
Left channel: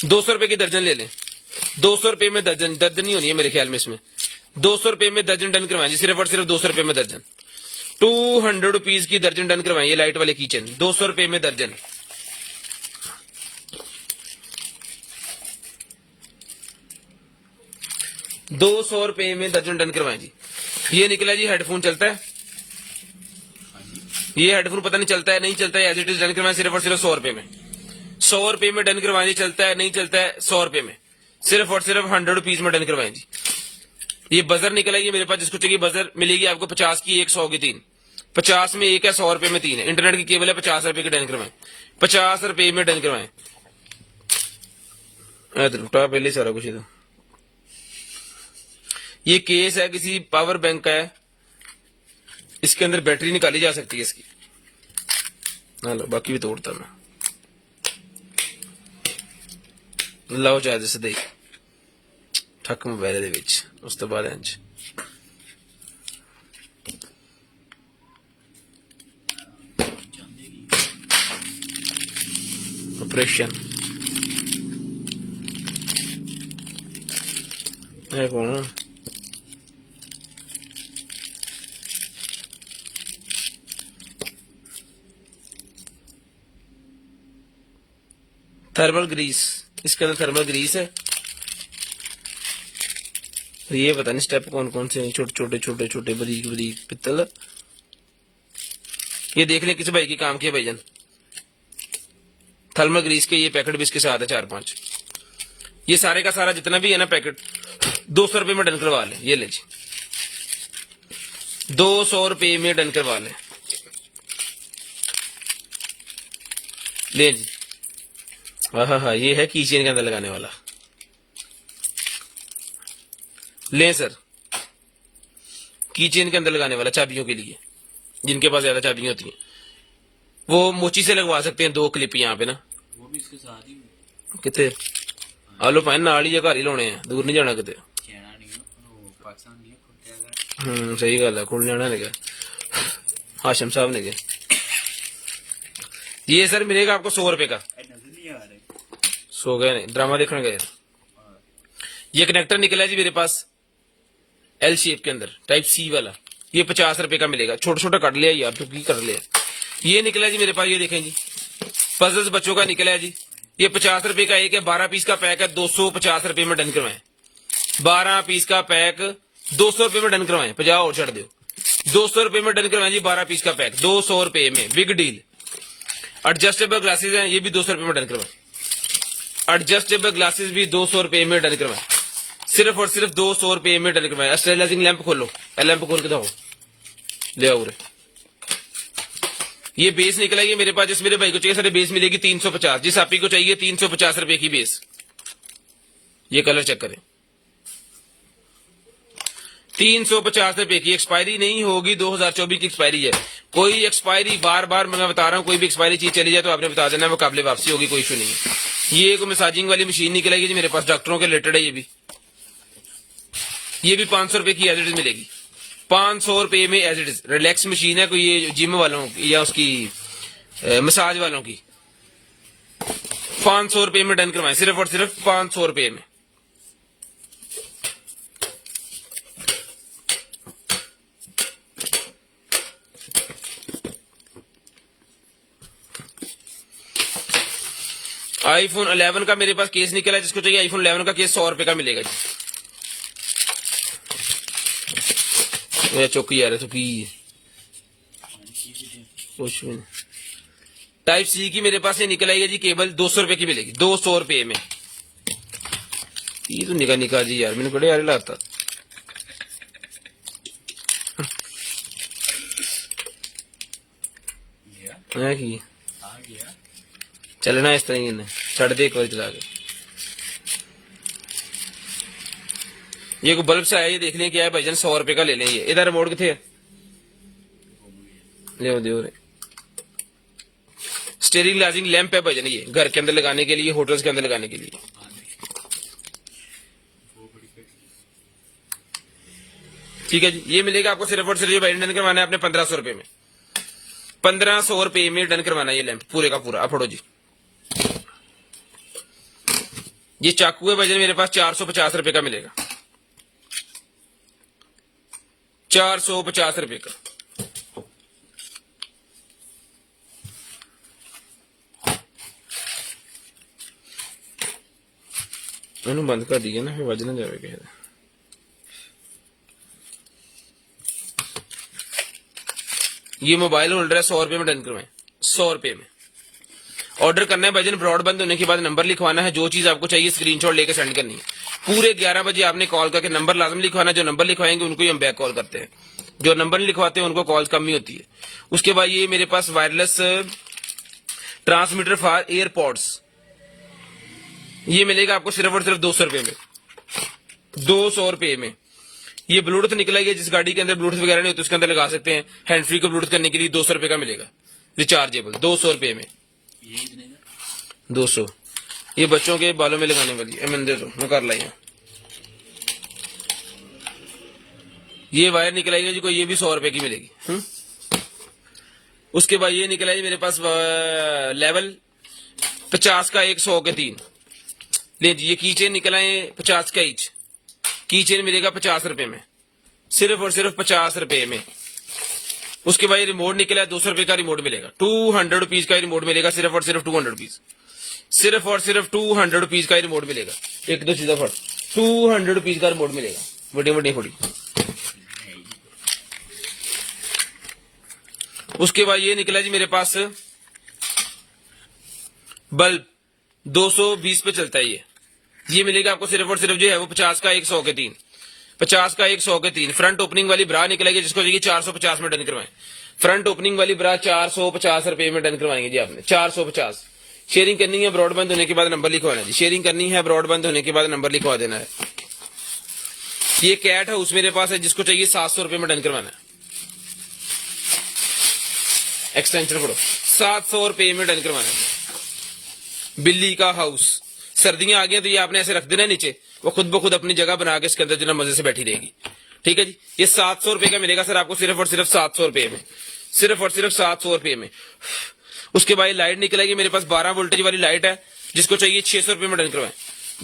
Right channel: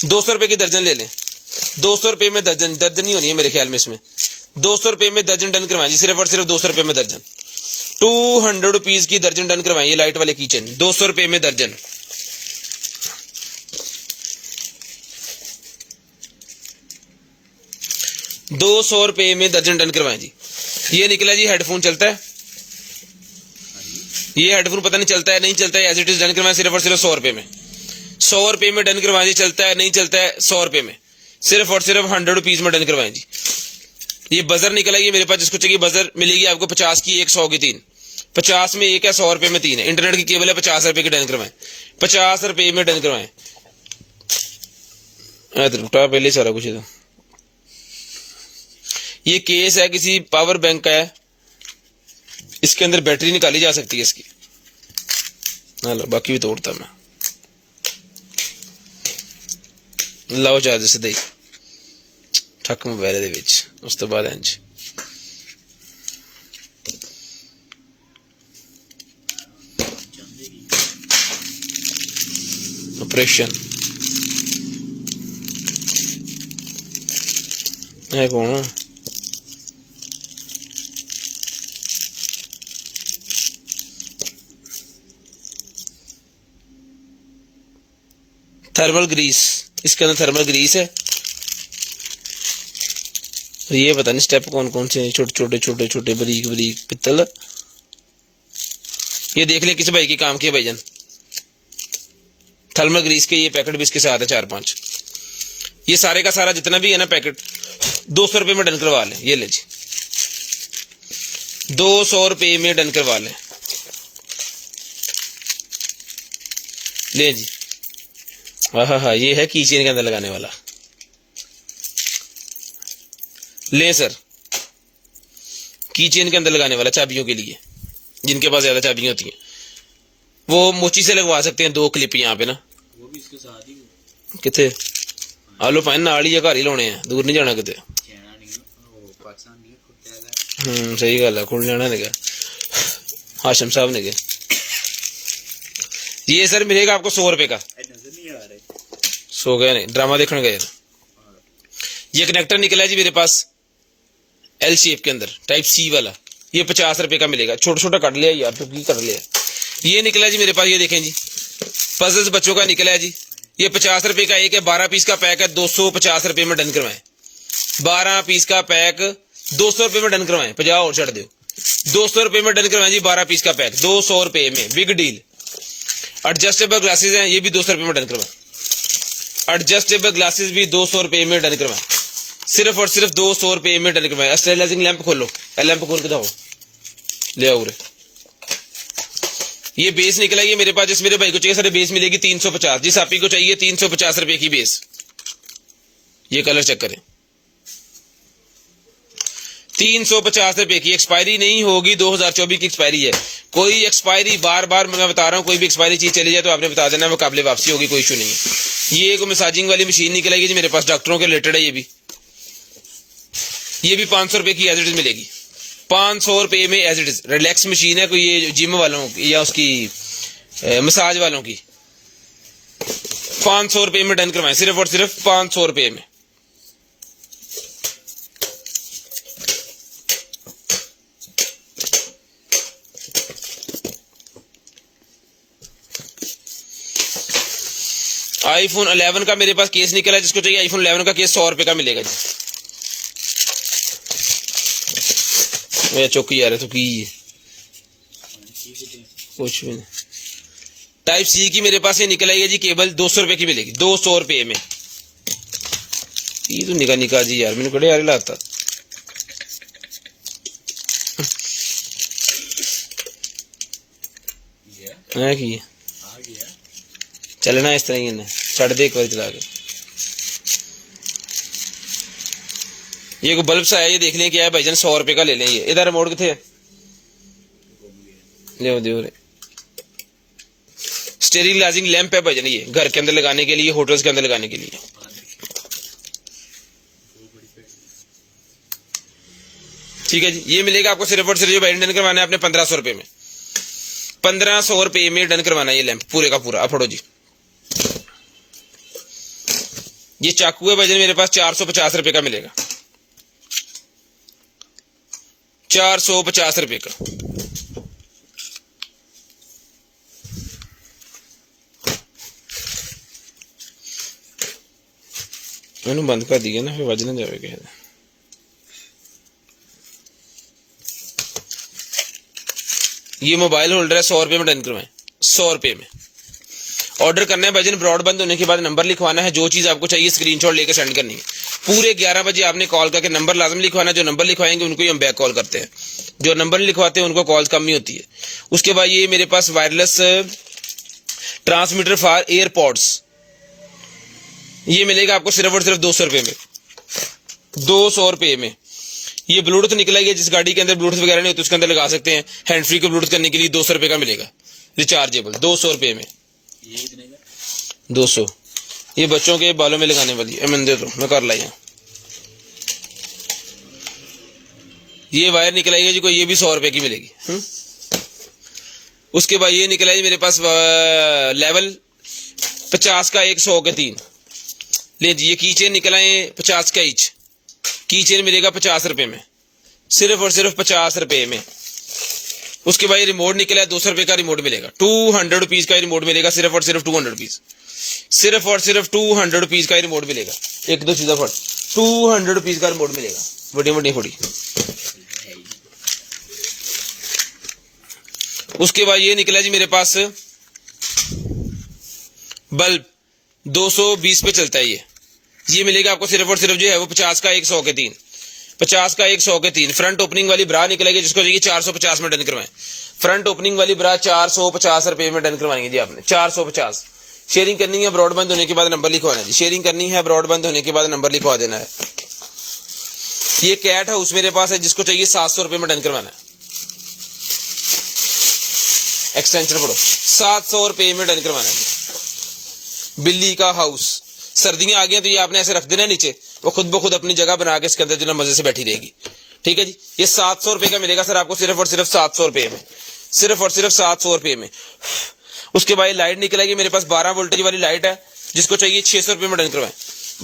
200 रुपए की दर्जन ले लें, 200 रुपए में दर्जन, दर्जन ही होनी है मेरे ख्याल में इसमें। 200 रुपए में दर्जन डन करवाएं जी, सिर्फ और सिर्फ 200 रुपए में दर्जन। 200 रुपीज की दर्जन डन करवाएं, ये लाइट वाले किचन 200 रुपए में दर्जन। ₹200 में दर्जन डन करवाएं जी। ये निकला जी हेडफोन, चलता है ये हेडफोन, पता नहीं चलता है नहीं चलता है, एज इट इज डन करवाएं सिर्फ और सिर्फ 100 रुपए में। 100 रुपए में डन करवाएं, चलता है नहीं चलता है 100 रुपए में, सिर्फ और सिर्फ 100 रुपीज में डन करवाएं जी। ये बजर निकलेगी मेरे पास, जिसको चाहिए बजर मिलेगी आपको 50 की 1, 100 की 3। 50 में 1 है, 100 रुपए में 3 है। इंटरनेट की केबल है, 50 रुपए की डन करवाएं, 50 रुपए में डन करवाएं। पहले सारा कुछ था। ये केस है किसी पावर बैंक का है, इसके अंदर बैटरी निकाली जा सकती है इसकी। लो बाकी भी तोड़ता मैं, लाओ चार्ज सीधे ही ठक मोबाइल दे विच, उस तो बाद इंज ऑपरेशन। ये कौन है? थर्मल ग्रीस, इसके अंदर थर्मल ग्रीस है। ये पता नहीं स्टेप कौन कौन से हैं, छोटे छोटे छोटे छोटे बरीक बरीक पित्तल। ये देख लें किस भाई के काम के भाईजान, थर्मल ग्रीस के ये पैकेट भी इसके साथ है 4-5। ये सारे का सारा जितना भी है ना पैकेट 200 रुपए में डन करवा लें। ये ले जी 200 रुपए में डन करवा लें, ले जी। हाँ, ये है कीचेन के अंदर लगाने वाला। ले सर, कीचेन के अंदर लगाने वाला चाबियों के लिए, जिनके पास ज्यादा चाबियां होती हैं वो मोची से लगवा सकते हैं 2 क्लिप यहाँ पे ना। वो भी इसके साथ ही किथे आलो पाए नाल ही घर ही लाने हैं, दूर नहीं जाना किते। सही गल है, खुल जाना ने हाशिम साहब ने। ये सर मिलेगा आपको 100 रुपए का। सो गए नहीं, ड्रामा देखने गए। ये कनेक्टर निकला जी मेरे पास एल शेप के अंदर, टाइप सी वाला। ये 50 रुपए का मिलेगा, छोटा छोटा कट लिया यार, तो की कर लिया। ये निकला जी मेरे पास, ये देखें जी पजल्स बच्चों का निकला है जी। ये 50 रुपए का एक है, 12 पीस का पैक है, 250 रुपए में डन करवाएं। 12 पीस का पैक 200 रुपए में डन करवाएं, 50 और छड़ दो। 200 रुपए में डन करवाएं जी, 12 पीस का पैक 200 रुपए में, बिग डील। एडजस्टेबल ग्लासेस हैं, ये भी 200 रुपए में डन करवाएं। एडजस्टेबल ग्लासेस भी 200 रुपए में डन करवाएं, सिर्फ और सिर्फ 200 रुपए में डन करवाएं। स्टेरिलाइजिंग लैंप खोलो, लैंप खोल के दो, ले आओ। ये बेस निकलेगी मेरे पास, जिस मेरे भाई को चाहिए सारे बेस मिलेगी 350, जिस आप ही को चाहिए 350 रुपए की बेस। ये कलर चेक करें, 350 रुपए की। एक्सपायरी नहीं होगी, 2024 की एक्सपायरी है। कोई एक्सपायरी बार बार मैं बता रहा हूँ, कोई भी एक्सपायरी चीज चली जाए तो आपने बता देना, वो काबिल वापसी होगी, कोई इशू नहीं है। ये एक मसाजिंग वाली मशीन निकलेगी जी मेरे पास, डॉक्टरों के रिलेटेड है। ये भी 500 रुपए की एज इट इज मिलेगी, 500 रुपए में as it is. Relax machine है, कोई ये जिम वालों या उसकी मसाज वालों की। 500 रुपए में डन करवाएं, सिर्फ और सिर्फ 500 रुपए में। iPhone 11 का मेरे पास केस निकला, जिसको चाहिए iPhone 11 का केस 100 रुपए का मिलेगा जी। मेरा चुक यार तू की कुछ भी नहीं। टाइप सी की मेरे पास ये निकल आई है जी केबल, 200 रुपए की मिलेगी, 200 रुपए में। ये तो निका निका जी यार, मैंने बड़े यार लाता। की चलना इस तरह ही है, छड़ दे एक बार चला के। ये कोई बल्ब से आया, ये देख लें क्या है भाईजान, 100 रुपए का ले लेंगे। इधर रिमोट किथे है, ले दे। स्टीयरिंग लाइजिंग लैंप है भाईजान, ये घर के अंदर लगाने के लिए, होटल्स के अंदर लगाने के लिए। ठीक है जी, ये मिलेगा आपको सिर्फ और सिर्फ जो डन करवाना है आपने 1500 रुपए में, 1500 रुपए में डन करवाना है ये लैंप पूरे का पूरा। अफड़ो जी, ये चाकू है भाईजान मेरे पास 450 रुपए का मिलेगा, 450 रुपए का। मैंने बंद कर दिया ना, फिर वजन जाएगा। ये मोबाइल होल्डर है, 100 रुपए में डन करवाएं, 100 रुपए में। ऑर्डर करना है भाईजान, ब्रॉडबैंड होने के बाद नंबर लिखवाना है, जो चीज आपको चाहिए स्क्रीनशॉट लेकर सेंड करनी है। पूरे 11 बजे आपने कॉल करके नंबर लाजम लिखवाना, जो नंबर लिखवाएंगे उनको ही हम बैक कॉल करते हैं, जो नंबर नहीं लिखवाते हैं उनको कॉल कम ही होती है। उसके बाद ये मेरे पास वायरलेस ट्रांसमीटर फॉर एयरपॉड्स, ये मिलेगा आपको सिर्फ और सिर्फ 200 रुपए में, 200 रुपए में। ये ब्लूटूथ निकला है, जिस गाड़ी के अंदर ब्लूटूथ वगैरह नहीं होती उसके अंदर लगा सकते हैं, हैंड फ्री को ब्लूटूथ करने के लिए 200 रुपए का मिलेगा, रिचार्जेबल, 200 रुपए में। 200। ये बच्चों के बालों में लगाने वाली है, मैंने दे दो, मैं कर लाया। ये वायर निकला है जी कोई, ये भी 100 रुपए की मिलेगी। उसके बाद ये निकला है मेरे पास लेवल 50 का 1, 100 के 3। ले जी, ये कीचेन निकला है 50 का ईच, कीचेन मिलेगा 50 रुपए में, सिर्फ और सिर्फ 50 रुपए में। उसके बाद रिमोट निकला है 200 रुपए का रिमोट मिलेगा, 200 रुपीज का रिमोट मिलेगा, सिर्फ और सिर्फ 200 रुपीज, सिर्फ और सिर्फ 200 रुपीज का रिमोट मिलेगा। एक दो चीजें फट, 200 रुपीज का रिमोट मिलेगा, बड़े बड़े थोड़ी। उसके बाद ये निकला जी मेरे पास बल्ब, 220 पे चलता है ये मिलेगा आपको सिर्फ और सिर्फ जो है वो 50 का 1, 100 के 3, 50 का 1, 100 के 3। फ्रंट ओपनिंग वाली ब्रा निकलेगी, जिसको चाहिए 450 में डन करवाएं। फ्रंट ओपनिंग वाली ब्रा 450 रुपए में डन करवाएंगे जी आपने, 450। शेयरिंग करनी है, ब्रॉडबैंड होने के बाद नंबर लिखवाना है जी, शेयरिंग करनी है, ब्रॉडबैंड होने के बाद नंबर लिखवा देना है। ये कैट हाउस मेरे पास है, जिसको चाहिए 700 रुपए में डन करवाना है, एक्सटेंशन पढ़ो, 700 रुपए में डन करवाना है। बिल्ली का हाउस, सर्दियां आ गई तो ये आपने ऐसे रख देना नीचे, वो खुद ब खुद अपनी जगह बना के इसके अंदर जो ना मजे से बैठी रहेगी। ठीक है जी, ये 700 रुपए का मिलेगा सर आपको, सिर्फ और सिर्फ 700 रुपए में, सिर्फ और सिर्फ 700 रुपए में। उसके बाद लाइट निकलेगी मेरे पास, 12 वोल्टेज वाली लाइट है, जिसको चाहिए 600 रुपए में डन करवाएं।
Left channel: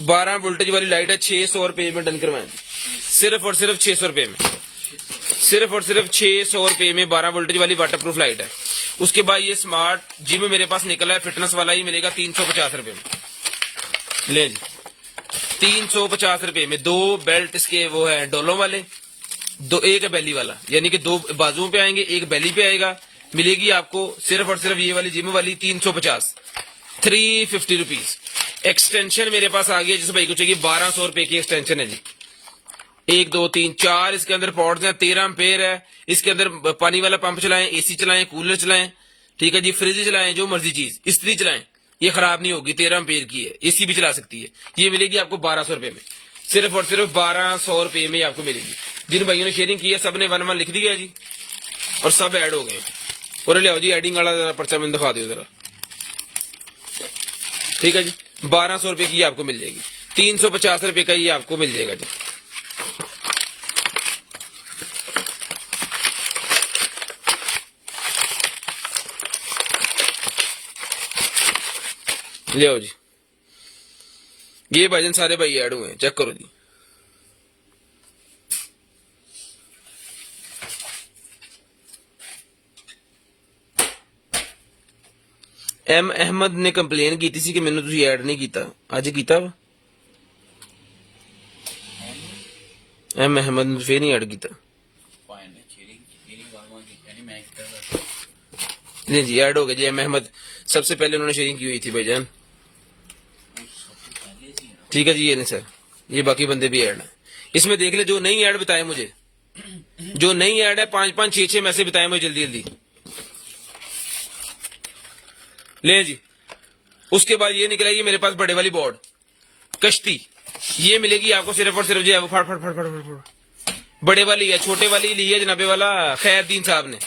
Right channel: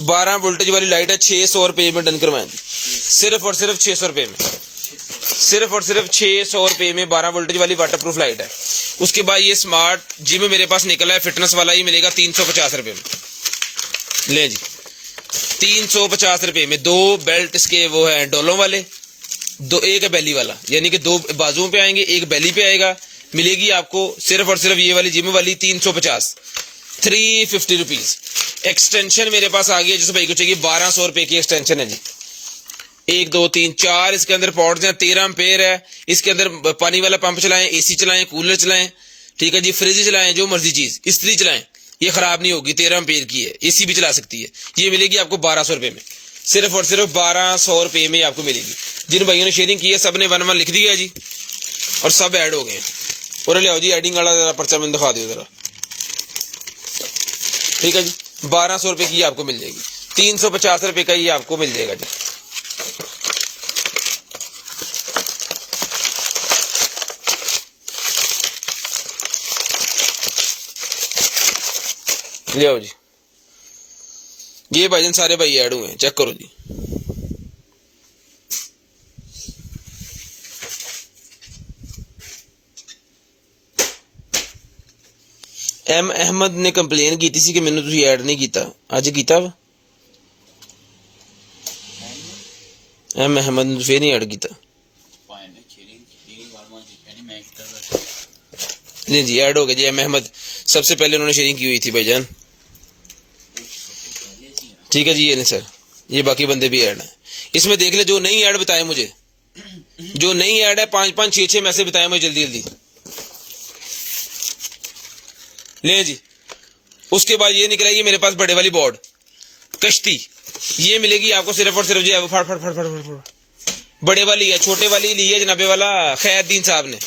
12 वोल्टेज वाली लाइट है, 600 रुपए में डन करवाएं, सिर्फ और सिर्फ 600 रुपए में, सिर्फ और सिर्फ 600 रुपए में 12 वोल्टेज वाली वाटरप्रूफ लाइट है। उसके बाद ये स्मार्ट जिम मेरे पास निकला है फिटनेस वाला, ये मिलेगा 350 रुपए में। ले जी, 350 रुपए में 2 बेल्ट इसके वो है डोलों वाले, दो एक बेली वाला, यानी कि 2 बाजुओं पे आएंगे, एक बेली पे आएगा, मिलेगी आपको सिर्फ और सिर्फ ये वाली जिम वाली 350, 350 रुपीज। एक्सटेंशन मेरे पास आ गया, जिसे भाई को चाहिए 1200 रुपए की एक्सटेंशन है जी। 1 2 3 4 इसके अंदर पॉट्स हैं, 13 एम्पेयर है। इसके अंदर पानी वाला पंप चलाएं, एसी चलाएं, कूलर चलाएं, ठीक है जी, फ्रिज चलाएं, जो मर्जी चीज, इस्त्री चलाएं, ये खराब नहीं होगी, 13 एम्पेयर की है, एसी भी चला सकती है। ये मिलेगी आपको 1200 रुपए में, सिर्फ और सिर्फ 1200 रुपए में आपको मिलेगी। जिन भाइयों ने शेयरिंग की है सब ने 1 लिख दिया है जी, और सब ऐड हो गए। और ले आओ जी, एडिंग वाला जरा पर्चा मैंने दिखा दो जरा। ठीक है जी, 1200 रुपए की आपको मिल जाएगी, 350 रुपए का ये आपको मिल जाएगा जी। ले आओ जी, ये भाईजान सारे भाई ऐड हुए हैं, चेक करो जी। एम अहमद ने कंप्लेन की थी कि मैंने तुसी ऐड नहीं किया, अज किया वा? एम अहमद ने फिर नहीं ऐड किया, नहीं जी ऐड हो गया जी। एम अहमद सबसे पहले उन्होंने शेयरिंग की हुई थी भाईजान। ठीक है जी। ये नहीं सर, ये बाकी बंदे भी ऐड है इसमें। देख ले जो नई ऐड बताए मुझे, जो नई ऐड है 5-5 6-6 मैसेज बताए मुझे जल्दी जल्दी। ले जी। उसके बाद ये निकला ये मेरे पास बड़े वाली बोर्ड कश्ती, ये मिलेगी आपको सिर्फ और सिर्फ जो है वो फट फट फट फट फट फट बड़े वाली है, छोटे वाली ली है जनाबे वाला खैरुद्दीन साहब ने।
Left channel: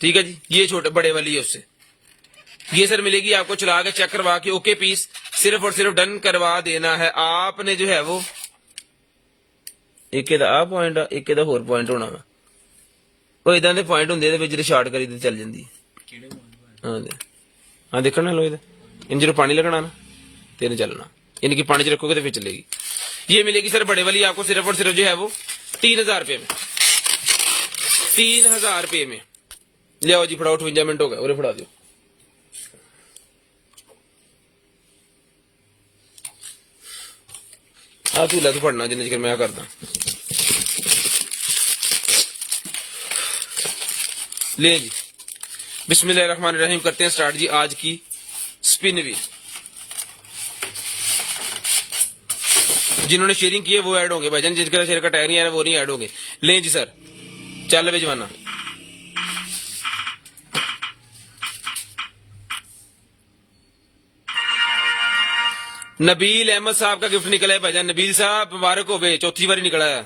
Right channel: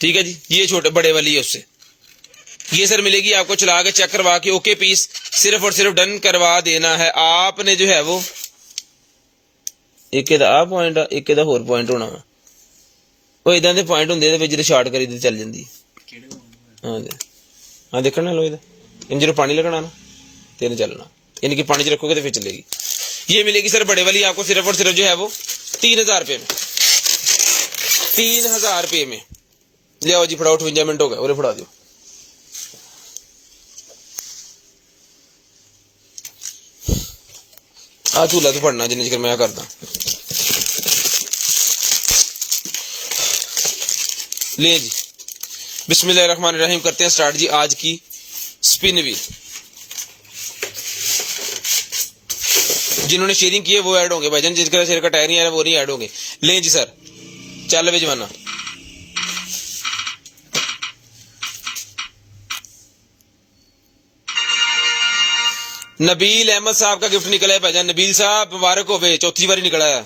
ठीक है जी। ये छोटे बड़े वाली है उससे। ये सर मिलेगी आपको चला के चेक करवा के ओके पीस, सिर्फ और सिर्फ डन करवा देना है आपने जो है वो। एक आ पॉइंट एक होर पॉइंट होना वा वो इदा के पॉइंट होंगे जो शार्ट करी चल जाती। हाँ जी हाँ देखना लो इन जो पानी लगना ना तेरे चलना, यानी कि पानी च रखोगे तो फिर चलेगी। ये मिलेगी सर बड़े वाली आपको सिर्फ और सिर्फ जो है वो 3000 रुपये में। 3000 रुपये में ले आओ जी। फटाओ 58 मिनट हो गए, फड़ा दो। आ झूला तू फड़ना जिन्हें चिर मैं करदा। ले जी बिस्मिल्लाहिर्रहमानिर्रहीम करते हैं स्टार्ट जी आज की स्पिन व्हील। जिन्होंने शेयरिंग की है वो ऐड होंगे भाईजान, जिसका शेयर का टायर नहीं आ रहा वो नहीं ऐड होंगे। ले जी सर चल वे जमाना। नबील अहमद साहब का गिफ्ट निकला है भाईजान। नबील साहब मुबारक हो गए, चौथी बारी निकला है।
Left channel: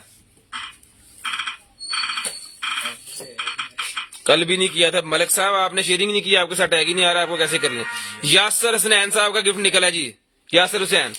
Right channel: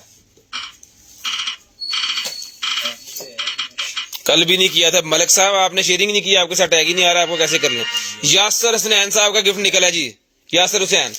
कल भी नहीं किया था मलिक साहब, आपने शेयरिंग नहीं किया, आपके साथ टैग ही नहीं आ रहा, आपको कैसे करना। यासर हसनैन साहब का गिफ्ट निकला है जी। यासर हुसैन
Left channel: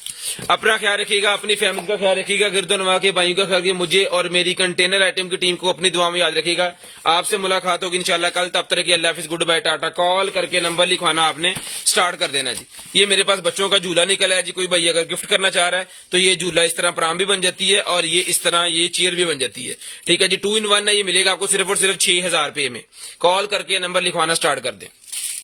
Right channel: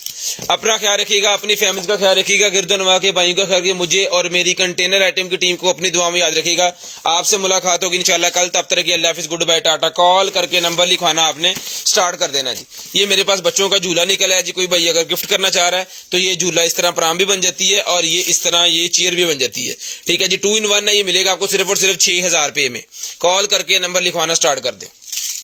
अपना ख्याल रखिएगा, अपनी फैमिली का ख्याल रखिएगा, गिरदनवा के भाइयों का ख्याल रखिएगा, मुझे और मेरी कंटेनर आइटम की टीम को अपनी दुआ में याद रखिएगा। आपसे मुलाकात होगी इंशाल्लाह कल, तब तक के अल्लाह हाफिज़, गुड बाय, टाटा। कॉल करके नंबर लिखवाना आपने स्टार्ट कर देना जी। ये मेरे पास बच्चों का झूला निकला है जी। कोई भाई अगर गिफ्ट करना चाह रहा है तो ये झूला इस तरह प्राम भी बन जाती है और ये इस तरह ये चेयर भी बन जाती है। ठीक है जी। 2 in 1 है, ये मिलेगा आपको सिर्फ और सिर्फ 6000 रुपये में। कॉल करके नंबर लिखवाना स्टार्ट कर दें।